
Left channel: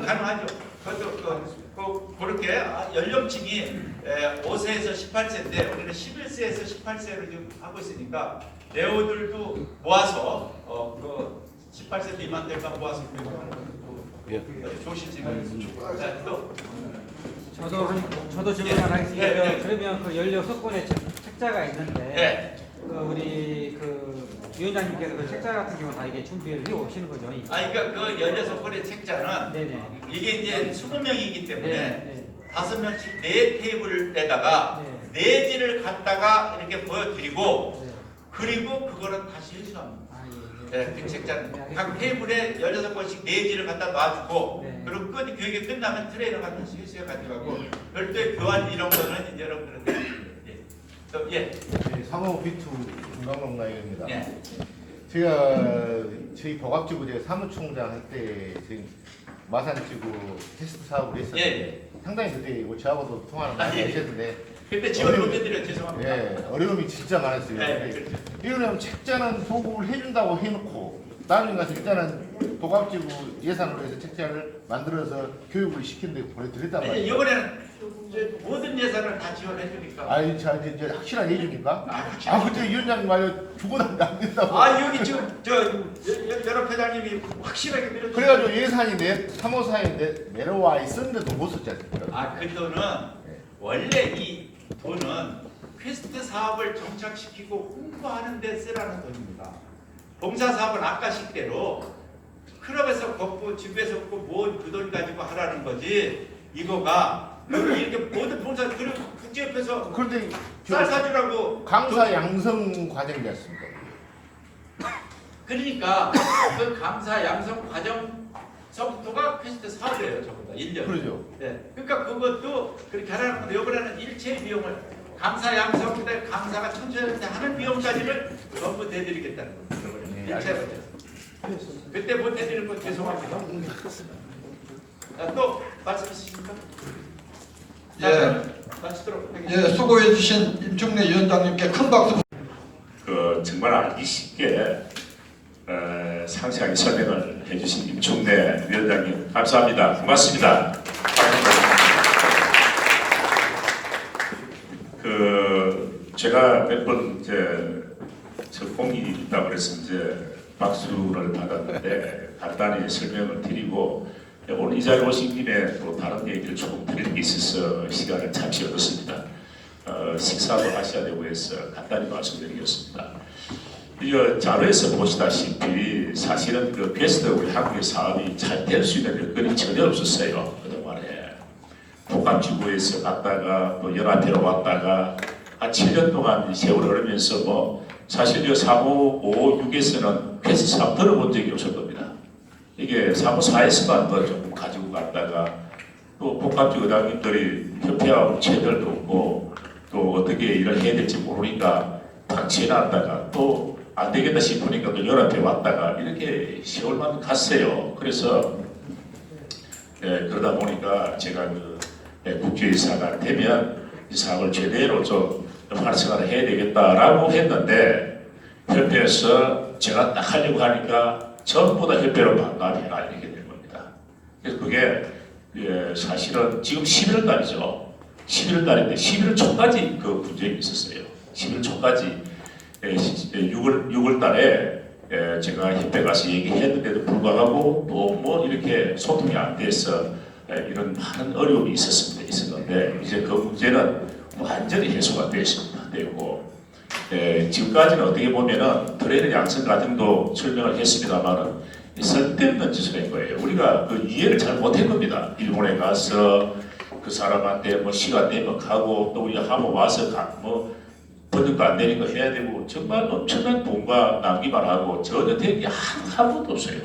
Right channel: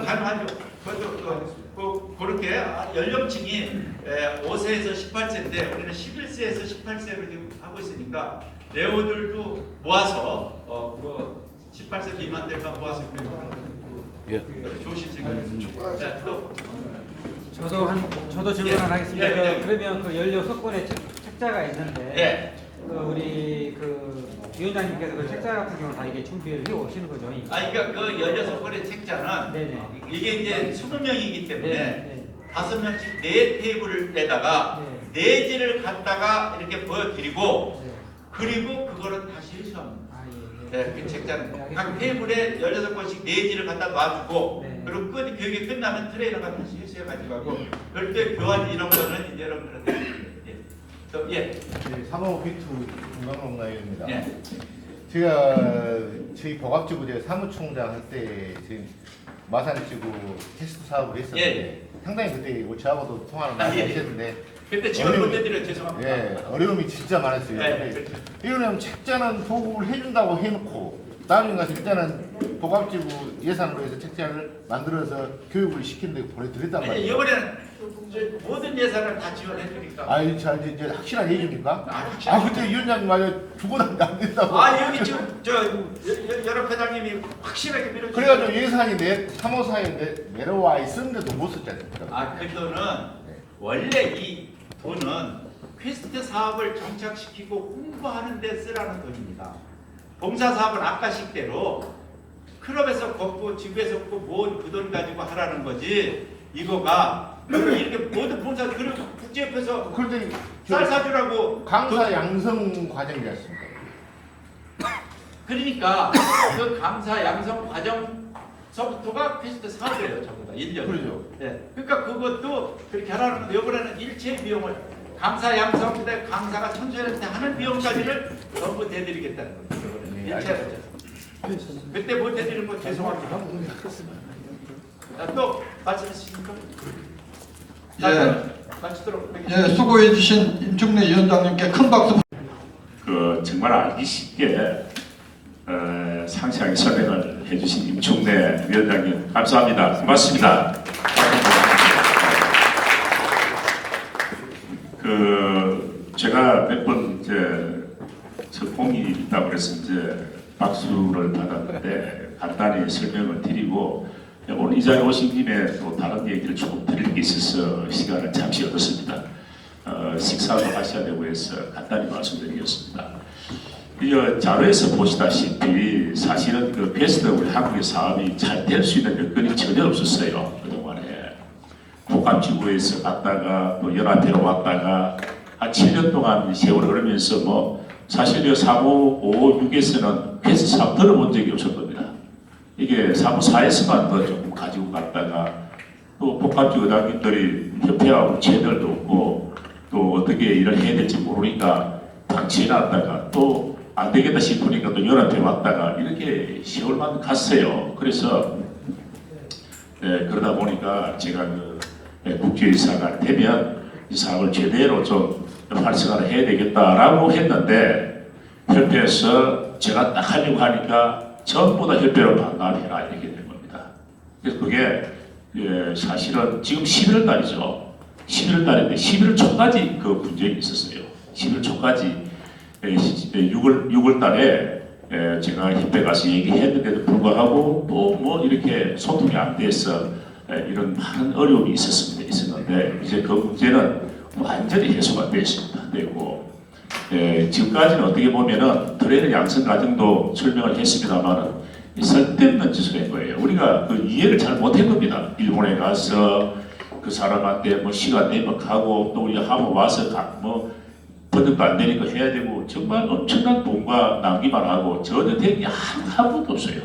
가능하죠. 그것도 그렇게 연령층이 5세에서 18세인데 우리는 11세에서 18세를 지금 하고 있으니까 레오들도 모아서 그 18세 미만들만 모아서 좋으신 생각이 또 저도 질문 하나 하겠습니다. 예, 그러면 그 16권의 책자가 있는데 예. 그 우리 그 위원장님께서 그 책자 같은 경우는 다 이게 준비를 해 오시는 거죠? 그러니까 그 16권의 책자는 네네. 이게 이제 20명이기 때문에 네. 5명씩 4테이블에다가 내지를 갖다가 이렇게 보여드리고 그리고 그거를 다시 회수합니다. 그 책자는 각 테이블에 16권씩 내지를 갖다 놔주고 그리고 교육이 끝나면 트레이너가 다시 회수해 가지고 하고 별도의 교환 이런 거는 이제 여러분들은 예. 사모 비투 김광롱나입니다. 예. 제가 저희 복합지구 제가 사무총장 할 때 지금 마산지구 테스트 사업을 했었는데 상당히 그때 저하고도 통화를 많이 하셨는데 그때 지원 못 해드려 죄송합니다. 예, 어려움이 진짜 많았어요. 이거는 책자는 보급을 해준다고 해놓고 나중에 가서 일단은 복합지구 예산으로 해서 책자를 만들어서 교육을 시키는데 보내드렸단 말이에요. 이번에는 모든 예산을 다 지원해 주니까. 자 이제 확실하게 해줍니까? 그때 위원장님 말이야 죽어나면 안 된다고. 여기 지금 여러 회장님이 확실하게 밀어주고. 그래가지고 예산이 사모사에 내려와 있었는데도 못 썼지 않습니까? 그 돈은 원래 이 돈은 퀘스트 사업을 정착시키고 홍보하는 데 쓰라는 돈입니다. 봉사 사업은 아까식대로 클럽에서 걷고 지구에서 걷고 모은 그 돈 가지고 하라는 거지. 이거가 이렇게 모든 봉사 그리고 국제협회에서 그런데 쌀 사주라고 강사 양성 과정이지 않습니까? 그러니까 그 강사 양성 과정서부터가 퀘스트 사업이에요, 전부 다 1년. 그렇죠. 네. 그러니까 그것도 그렇게 하라는 건데 이번에는 일체 비용을 강사 양성 그다음에 강사가 청소년한테 하는 비용까지를 전부 대드리겠다는 겁니다. 이번에는 일체로. 그때 못 해드리는 건 죄송합니다. 또 말씀하십니까? 마치도록 하겠습니다. 예, 수고해 주신 임충래 위원장님께 큰 박수. 정말 알기 쉽게 상세하게 설명을 해주신 임충래 위원장님 감사합니다. 고맙습니다. 제가 몇 번 저 공이 있다고 그래서 박수를 받았는데 간단히 설명을 드리고 오늘 이 자리에 오신 김에 또 다른 얘기를 조금 드릴 게 있어서 시간을 잠시 얻었습니다. 식사도 하셔야 되고 해서 간단히 말씀드리겠습니다. 이 자료에서 보시다시피 사실은 그 베스트 우리 한국의 사업이 잘 될 수 있는 여건이 전혀 없었어요. 그동안에 복합지구에서 갔다가 또 연합회로 왔다가 한 7년 동안 세월을 흐르면서 뭐 사실 이 사무 5, 6에서는 베스트 사업 들어본 적이 없을 겁니다. 이게 사무 4에서만 더 조금 가지고 갔다가 또 복합지구 의장님들이 협회하고 체들도 없고 또 어떻게 일을 해야 될지 모르니까 방치해 놨다가 또 안 되겠다 싶으니까 또 연합회 왔다가 이렇게 세월만 갔어요. 그래서 그러다 보니까 제가 국회의사가 되면 이 사업을 제대로 좀 활성화를 해야 되겠다라고 했는데 협회에서 제가 딱 하려고 하니까 전부 다 협회로 반납해라 이렇게 된 겁니다. 그래서 그게 사실은 지금 11월 달이죠. 11월 달인데 11월 초까지 그 분쟁이 있었어요. 11월 초까지 6월 달에 제가 협회 가서 얘기했는데도 불구하고 또 뭐 이렇게 소통이 안 돼서 이런 많은 어려움이 있었는데 이제 그 문제는 완전히 해소가 됐고 지금까지는 어떻게 보면은 트레이너 양성 과정도 설명을 했습니다만은 쓸데없는 짓을 한 거예요. 우리가 그 이해를 잘 못한 겁니다. 일본에 가서 그 사람한테 뭐 시간 내면 가고 또 우리 한번 와서 뭐 번역도 안 되니까 해야 되고 정말 엄청난 돈과 낭비만 하고 전혀 된 게 하나도 없어요.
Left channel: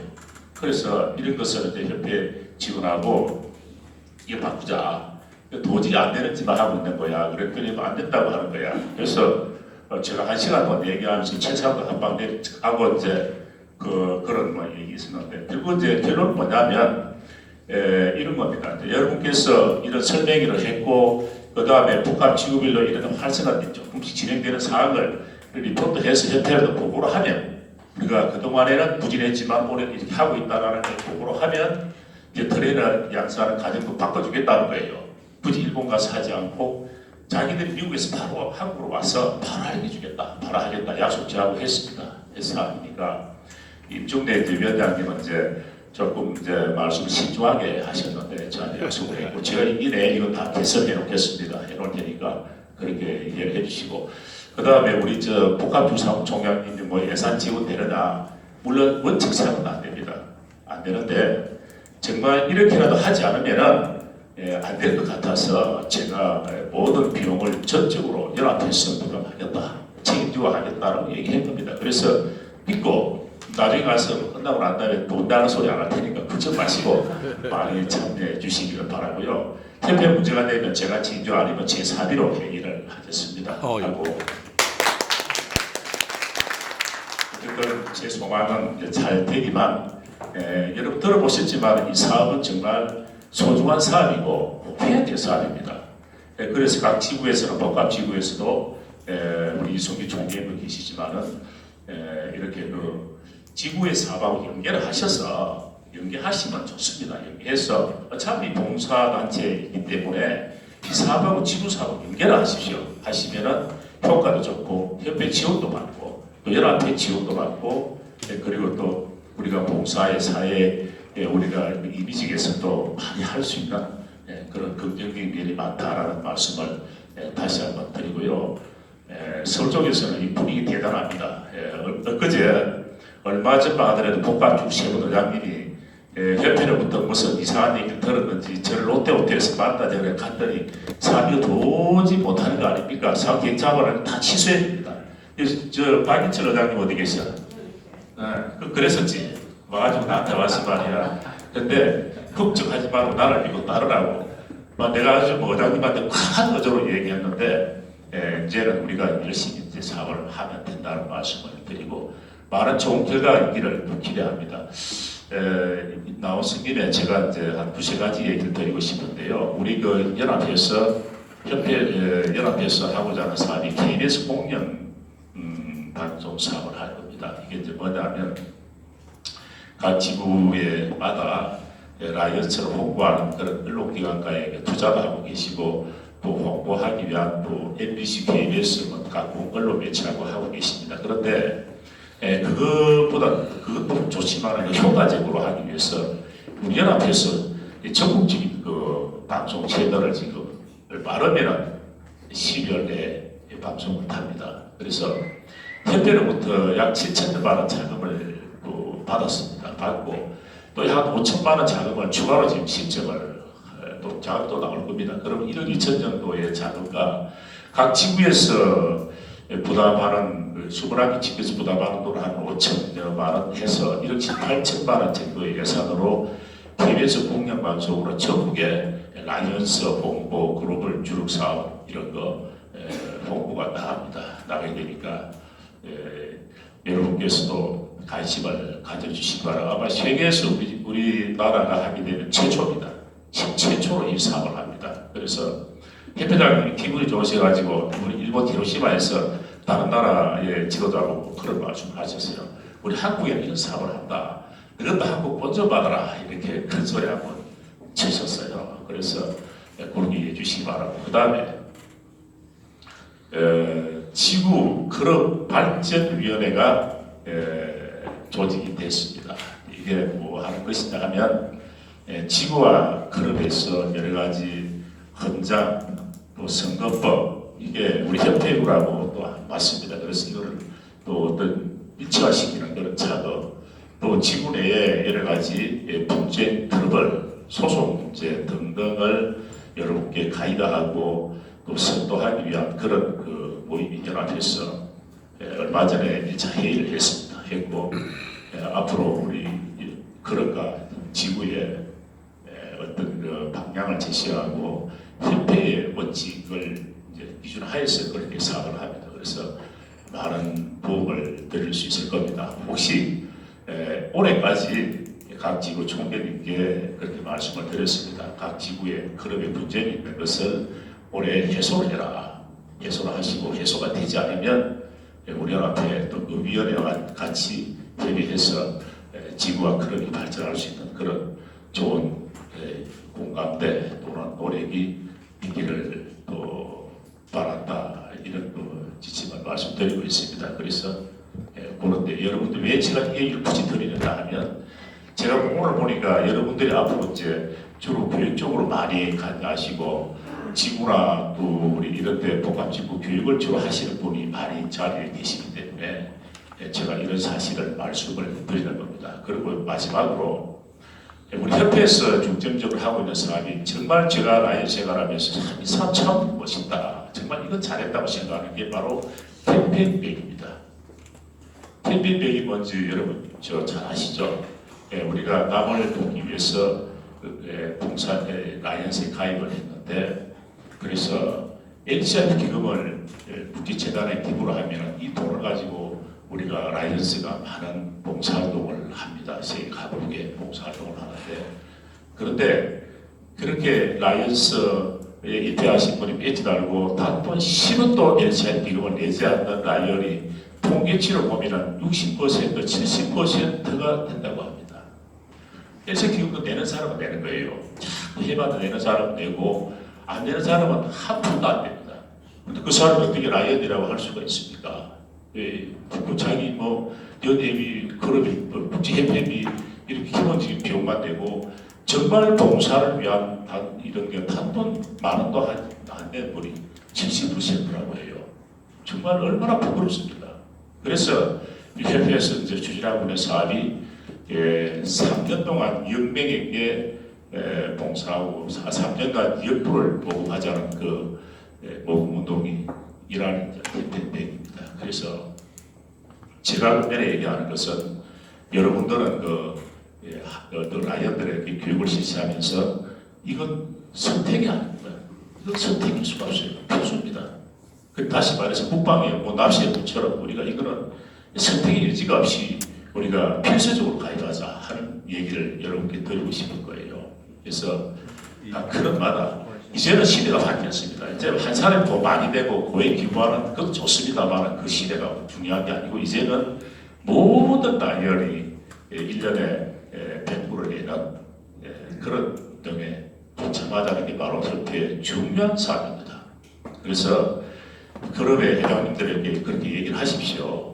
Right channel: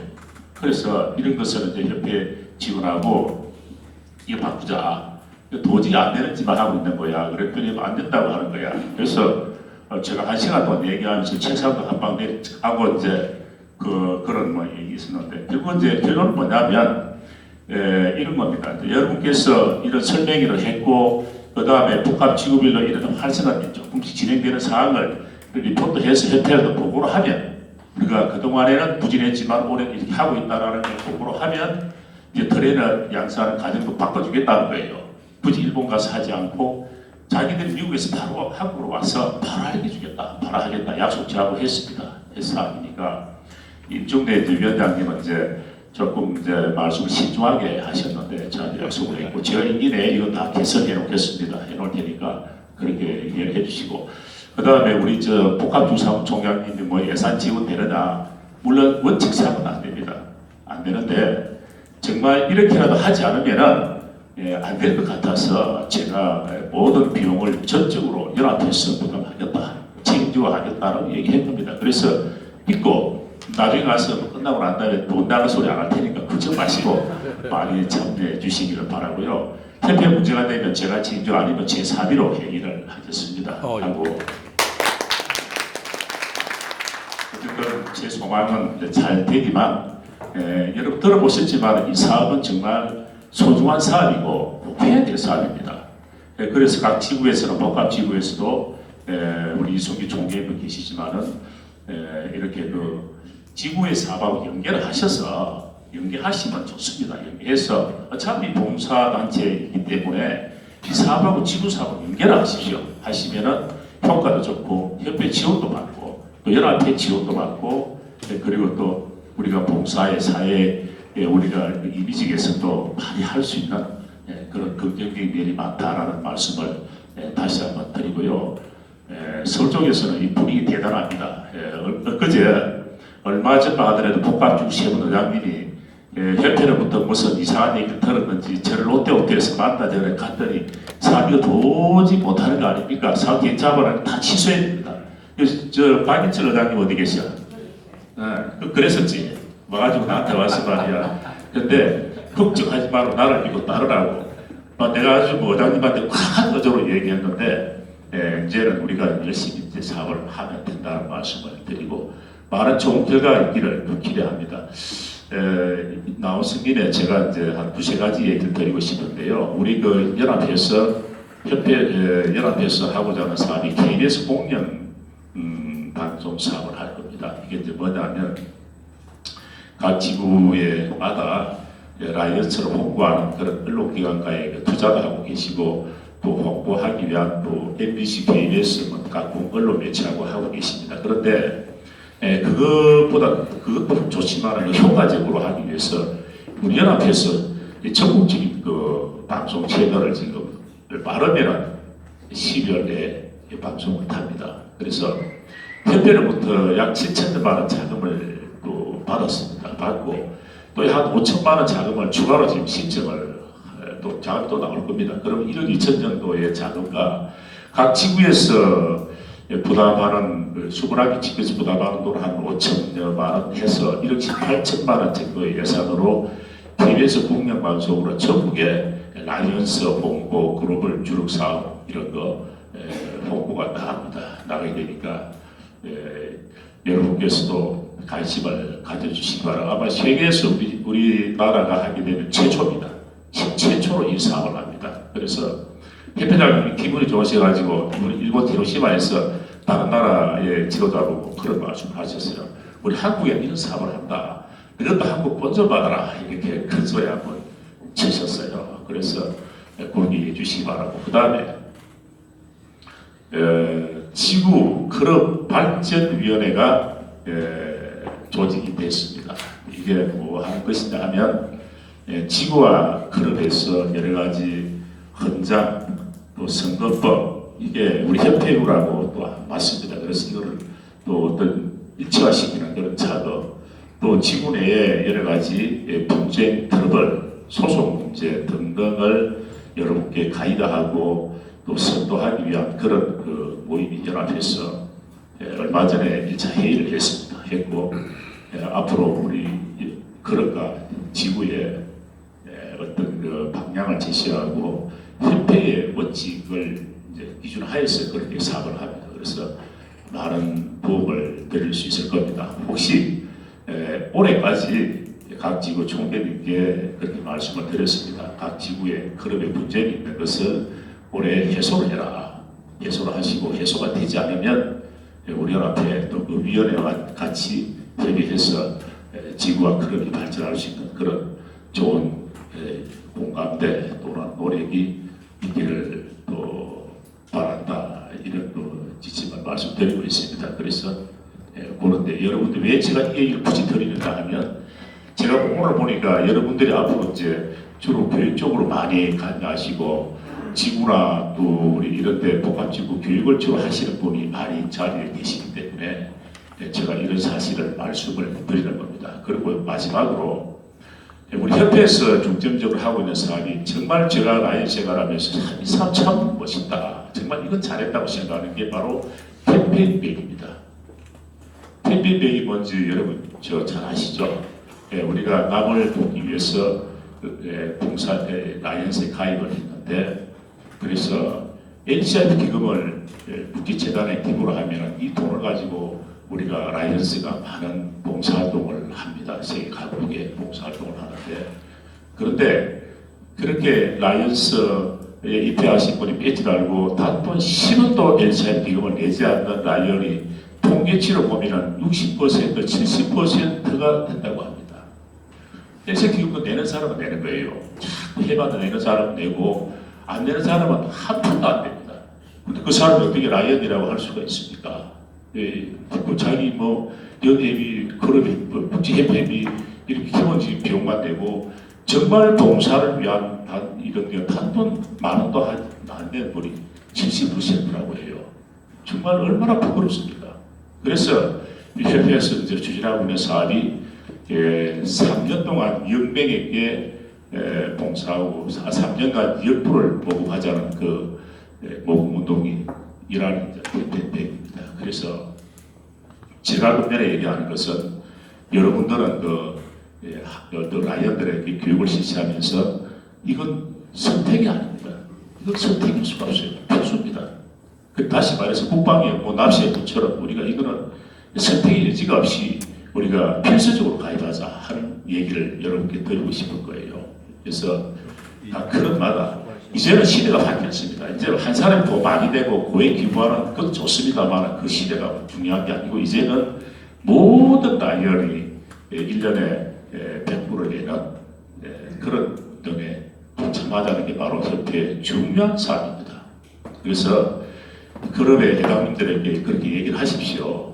그래서 이런 것을 이제 협회 직원하고 이거 바꾸자. 도저히 안 되는 짓만 하고 있는 거야. 그랬더니 안 된다고 하는 거야. 그래서 제가 1시간 동안 얘기하면서 최소한 한방 내하고 이제 그런 뭐 얘기 있었는데 결국 이제 결론은 뭐냐면 이런 겁니다. 여러분께서 이런 설명회를 했고 그 다음에 복합지구별로 이런 활성화가 조금씩 진행되는 사항을 리포트해서 협회에도 보고를 하면 우리가 그동안에는 부진했지만 올해 이렇게 하고 있다는 걸 보고를 하면 이제 트레이너 양성하는 과정도 바꿔주겠다는 거예요. 굳이 일본 가서 하지 않고 자기들이 미국에서 바로 한국으로 와서 바로 알려주겠다, 바로 하겠다 약속 저하고 했습니다. 했으니까 임종대 위원장님은 이제 조금 이제 말씀을 신중하게 하셨는데 저한테 약속을 했고 제가 이 내에 이거 다 개설해 놓겠습니다. 해놓을 테니까 그렇게 얘기를 해주시고 그 다음에 우리 저 복합주사총장님이 뭐 예산 지원되느냐 물론 원칙상은 안 됩니다. 안 되는데 정말 이렇게라도 하지 않으면은 안 될 것 같아서 제가 모든 비용을 전적으로 연합해서 부담하겠다, 책임지고 하겠다라고 얘기했습니다. 그래서 믿고 나중에 가서 끝나고 난 다음에 돈 다는 소리 안 할 테니까 걱정 마시고 많이 참여해 주시기를 바라고요. 협회 문제가 되면 제가 책임져 아니면 제 사비로 회의를 하겠습니다. 하고 어쨌든 제 소망은 잘 되기만 여러분 들어보셨지만 이 사업은 정말 소중한 사업이고 해야 될 사업입니다. 그래서 각 지구에서는 복합지구에서도 우리 이승기 총재님도 계시지만은 이렇게 그 지구의 사업하고 연계를 하셔서 연계하시면 좋습니다. 연계해서 어차피 봉사단체이기 때문에 이 사업하고 지구 사업을 연계를 하십시오. 하시면은 효과도 좋고 협회 지원도 받고 또 연합회 지원도 받고 그리고 또 우리가 봉사의 사회에 우리가 이미지 개선도 많이 할 수 있는 그런 긍정적인 면이 많다라는 말씀을 다시 한번 드리고요. 서울 쪽에서는 이 분위기 대단합니다. 엊그제 얼마 전만 하더라도 복합주구 세분의장님이 협회로부터 무슨 이상한 얘기를 들었는지 저를 롯데호텔에서 만나서 갔더니 사업이 도저히 못하는 거 아닙니까? 사업 괜찮으면 다 취소해야 됩니다. 저 박인철 의장님 어디 계셔? 그랬었지. 와가지고 나한테 와서 말이야. 근데 걱정하지 말고 나를 믿고 따르라고. 내가 아주 뭐 의장님한테 큰 어조로 얘기했는데 이제는 우리가 열심히 이제 사업을 하면 된다는 말씀을 드리고 많은 좋은 결과가 있기를 기대합니다. 나오신 김에 제가 이제 한 두세 가지 얘기를 드리고 싶은데요. 우리 그 연합회에서 연합회에서 하고자 하는 사업이 KBS 공연 방송 사업을 할 겁니다. 이게 이제 뭐냐면 각 지구에마다 라이언스를 홍보하는 그런 언론기관과의 투자도 하고 계시고 또 홍보하기 위한 또 MBC, KBS 각 언론 매체하고 하고 계십니다. 그런데 그것도 좋지만 효과적으로 하기 위해서 우리 연합에서 적극적인 그 방송 채널을 지금 빠르면 12월 내에 방송을 합니다. 그래서 협회로부터 약 7천만 원 자금을 또 받았습니다. 받고 또 한 5천만 원 자금을 추가로 지금 신청을 또 자금도 나올 겁니다. 그럼 1억 2천 정도의 자금과 각 지구에서 부담하는 21개 지구에서 부담하는 돈을 한 5천여만 원 해서 1억 8천만 원 정도의 예산으로 KBS 공영방송으로 전국에 라이언스 홍보, 글로벌 주력 사업 이런 거 홍보가 나가게 되니까 여러분께서도 관심을 가져주시기 바랍니다. 아마 세계에서 우리나라가 하게 되면 최초입니다. 최초로 이 사업을 합니다. 그래서 협회장님이 기분이 좋으셔가지고 우리 일본 히로시마에서 다른 나라의 지도자로 그런 말씀하셨어요. 우리 한국에 이런 사업을 한다. 이것도 한국 본전받아라. 이렇게 큰 소리 한번 치셨어요. 그래서 공유해 주시기 바라고. 그 다음에 지구 클럽 발전위원회가 조직이 됐습니다. 이게 뭐 하는 것이냐 하면 지구와 클럽에서 여러 가지 헌장 또 선거법 이게 우리 협회라고 또 맞습니다. 그래서 이거를 또 어떤 일치화시키는 그런 작업 또 지구 내에 여러 가지 분쟁 트러블 소송 문제 등등을 여러분께 가이드하고 또 선도하기 위한 그런 그 모임이 연합해서 얼마 전에 1차 회의를 했고 앞으로 우리 클럽과 지구의 어떤 그 방향을 제시하고 협회의 원칙을 이제 기준하에서 그렇게 사업을 합니다. 그래서 많은 도움을 드릴 수 있을 겁니다. 혹시 올해까지 각 지구 총재님께 그렇게 말씀을 드렸습니다. 각 지구의 클럽의 분쟁이 있는 것을 올해 해소를 해라. 해소를 하시고 해소가 되지 않으면 우리 연합회 또 그 위원회와 같이 협의해서 지구와 클럽이 발전할 수 있는 그런 좋은 공감대 또는 노력이 있기를 또 바란다. 이런 또 지침을 말씀드리고 있습니다. 그래서 그런데 여러분들 왜 제가 이 얘기를 굳이 드리는가 하면 제가 오늘 보니까 여러분들이 앞으로 이제 주로 교육 쪽으로 많이 관여하시고 지구나 또 우리 이런 데 복합지구 교육을 주로 하시는 분이 많이 자리에 계시기 때문에 제가 이런 사실을 말씀을 드리는 겁니다. 그리고 마지막으로 우리 협회에서 중점적으로 하고 있는 사람이 정말 제가 나이 생활하면서 이 사람 참 멋있다. 정말 이건 잘했다고 생각하는 게 바로 캠페인백입니다. 캠페인백이 뭔지 여러분 잘 아시죠? 우리가 남을 돕기 위해서 봉사 라이언스에 가입을 했는데 그래서 LCR 기금을 국기재단에 기부를 하면 이 돈을 가지고 우리가 라이언스가 많은 봉사활동을 합니다. 세계 각국에 봉사활동을 하는데 그런데 그렇게 라이언스에 입회하신 분이 배지 달고 단돈 10원도 LCR 기금을 내지 않는 라이언이 통계치로 보면 60% 70%가 된다고 합니다. LCR 기금도 내는 사람은 내는 거예요. 자꾸 해봐도 내는 사람은 내고 안 내는 사람은 한 푼도 안 됩니다. 근데 그 사람을 어떻게 라이언이라고 할 수가 있습니까? 자기 연예비, 클럽이, 국제협회비 이렇게 기본적인 비용만 되고 정말 봉사를 위한 이런 게 단돈 만 원도 안 되는 분이 70%라고 해요. 정말 얼마나 부끄럽습니까? 그래서 협회에서 이제 추진하고 있는 사업이 3년 동안 2억 명에게 봉사하고 3년간 2억 불을 모금하자는 그 모금운동이 일하는 캠페인입니다. 그래서 제가 끝내에 얘기하는 것은 여러분들은 그 라이언들에게 교육을 실시하면서 이건 선택이 아닙니다. 이건 선택일 수가 없어요. 필수입니다. 다시 말해서 국방의 납시의 것처럼 우리가 이거는 선택의 여지가 없이 우리가 필수적으로 가입하자 하는 얘기를 여러분께 드리고 싶은 거예요. 그래서 그런 마다 이제는 시대가 바뀌었습니다. 이제 한 사람이 더 많이 되고 고에 기부하는 것도 좋습니다만 그 시대가 중요한 게 아니고 이제는 모든 라이언이 1년에 100불을 내는 그런 등에 동참하자는 게 바로 협회의 중요한 사항입니다. 그래서 클럽의 회장님들에게 그렇게 얘기를 하십시오.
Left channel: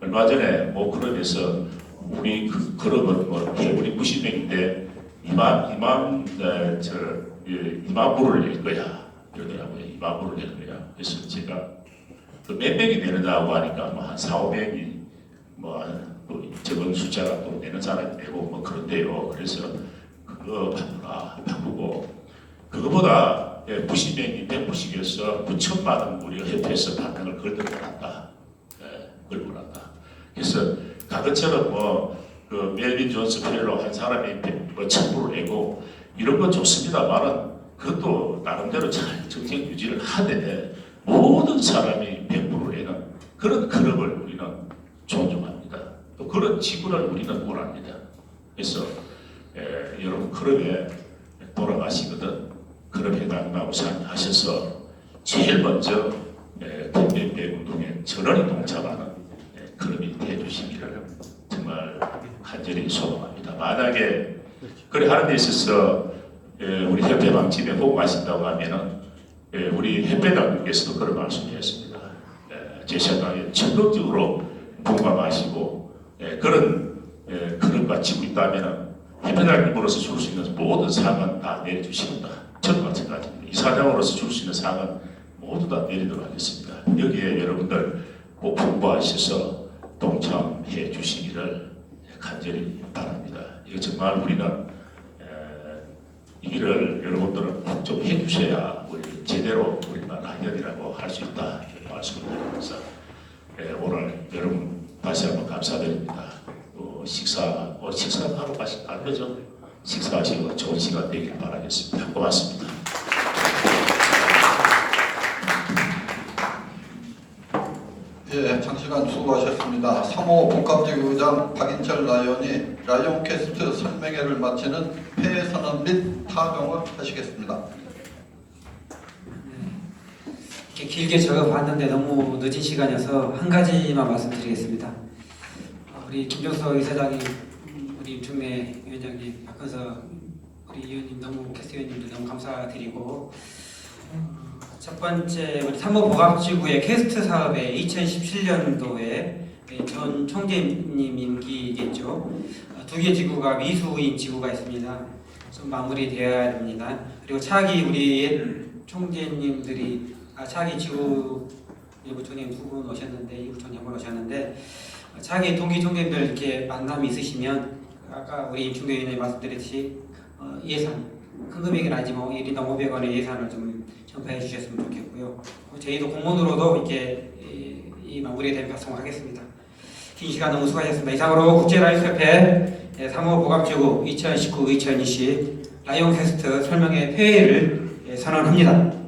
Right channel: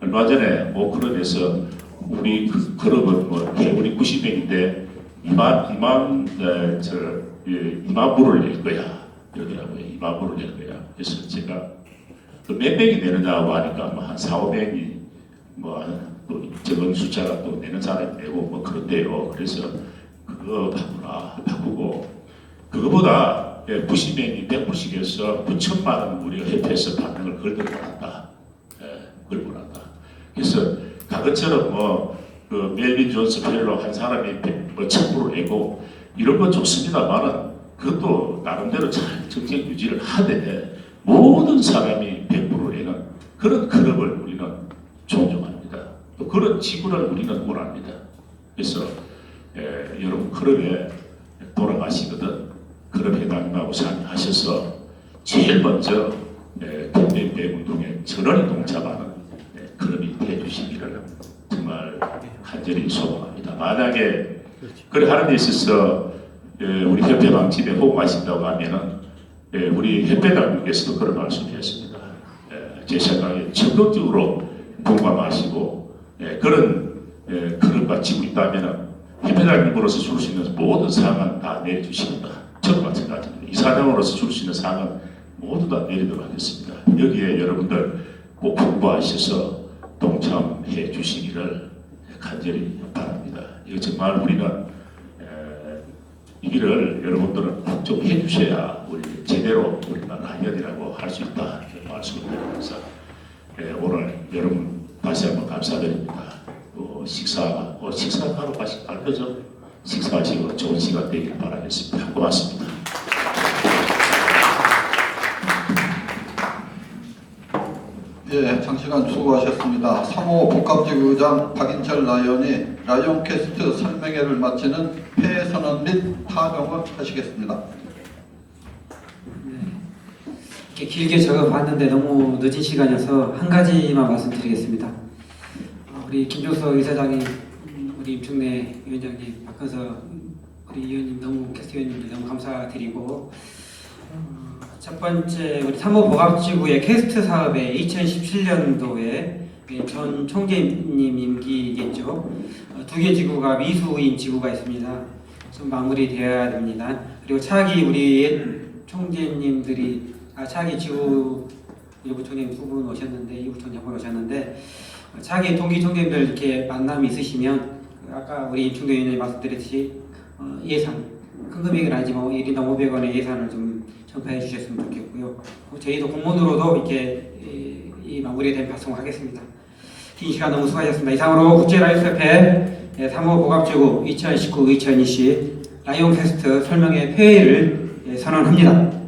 얼마 전에 클럽에서 우리 클럽은 개분이 90명인데 2만 불을 낼 거야. 그러더라고요. 2만 불을 낼 거야. 그래서 제가 몇 명이 내느냐고 하니까 뭐 한 4, 5명이 또 적은 숫자가 또 내는 사람이 되고 뭐 그런데요. 그래서 그거 바꾸고 그거보다 90명이 100%씩에서 9천만 원 우리가 협회에서 반응을 걸고 나왔다. 걸고 나왔다. 그래서 과거처럼 그 멜빈 존스 펠로 한 사람이 1,000%를 내고 이런 건 좋습니다만은 그것도 나름대로 잘 정책 유지를 하되 모든 사람이 100% 내는 그런 클럽을 우리는 존중합니다. 또 그런 지구를 우리는 원합니다. 그래서 여러분 클럽에 돌아가시거든 클럽 회장님하고 참여하셔서 제일 먼저 캠페인 운동에 전원을 동참하는 클럽이 되어주시기를 정말 간절히 소망합니다. 만약에 그래 하는 데 있어서 우리 협회장집에 호응하신다고 하면은 우리 협회장님께서도 그런 말씀하셨습니다. 제 생각에 적극적으로 동감하시고 그런 클럽과 지고 있다면은 협회장님으로서 줄 수 있는 모든 사항은 다 내려주십니다. 저도 마찬가지입니다. 이사장으로서 줄 수 있는 사항은 모두 다 내리도록 하겠습니다. 여기에 여러분들 꼭 공부하셔서 동참해 주시기를 간절히 바랍니다. 이거 정말 우리는 이 길을 여러분들은 꼭 좀 해주셔야 우리 제대로 우리가 라이언이라고 할 수 있다 말씀을 드리면서 오늘 여러분 다시 한번 감사드립니다. 또 식사하러 가실까요? 그죠? 식사하시고 좋은 시간 되길 바라겠습니다. 고맙습니다. 예, 장시간 수고하셨습니다. 3호 복합지구의장 박인철 라이언이 라이온캐스트 설명회를 마치는 폐해 선언 및 타명을 하시겠습니다. 이렇게 길게 적어봤는데 너무 늦은 시간이어서 한 가지만 말씀드리겠습니다. 우리 김종석 이사장님, 우리 임충래 위원장님, 박헌서 우리 의원님 너무 캐스트 의원님들 너무 감사드리고 첫 번째 우리 3호 복합지구의 캐스트 사업에 2017년도에 전 총재님 임기겠죠. 2개 지구가 미수인 지구가 있습니다. 좀 마무리되어야 됩니다. 그리고 차기 우리 총재님들이 차기 지구 일부총님 두 분 오셨는데 이부총님 한 분 오셨는데 차기 동기 총재님들 이렇게 만남이 있으시면 아까 우리 임충대 의원님 말씀드렸듯이 예산 큰 금액은 아니지만 1인당 500원의 예산을 좀 전파해 주셨으면 좋겠고요. 저희도 공문으로도 이렇게 이 마무리된 발송하겠습니다. 긴 시간 너무 수고하셨습니다. 이상으로 국제라이언스협회 3호 복합지구 2019-2020 라이온캐스트 설명회 폐회를 선언합니다.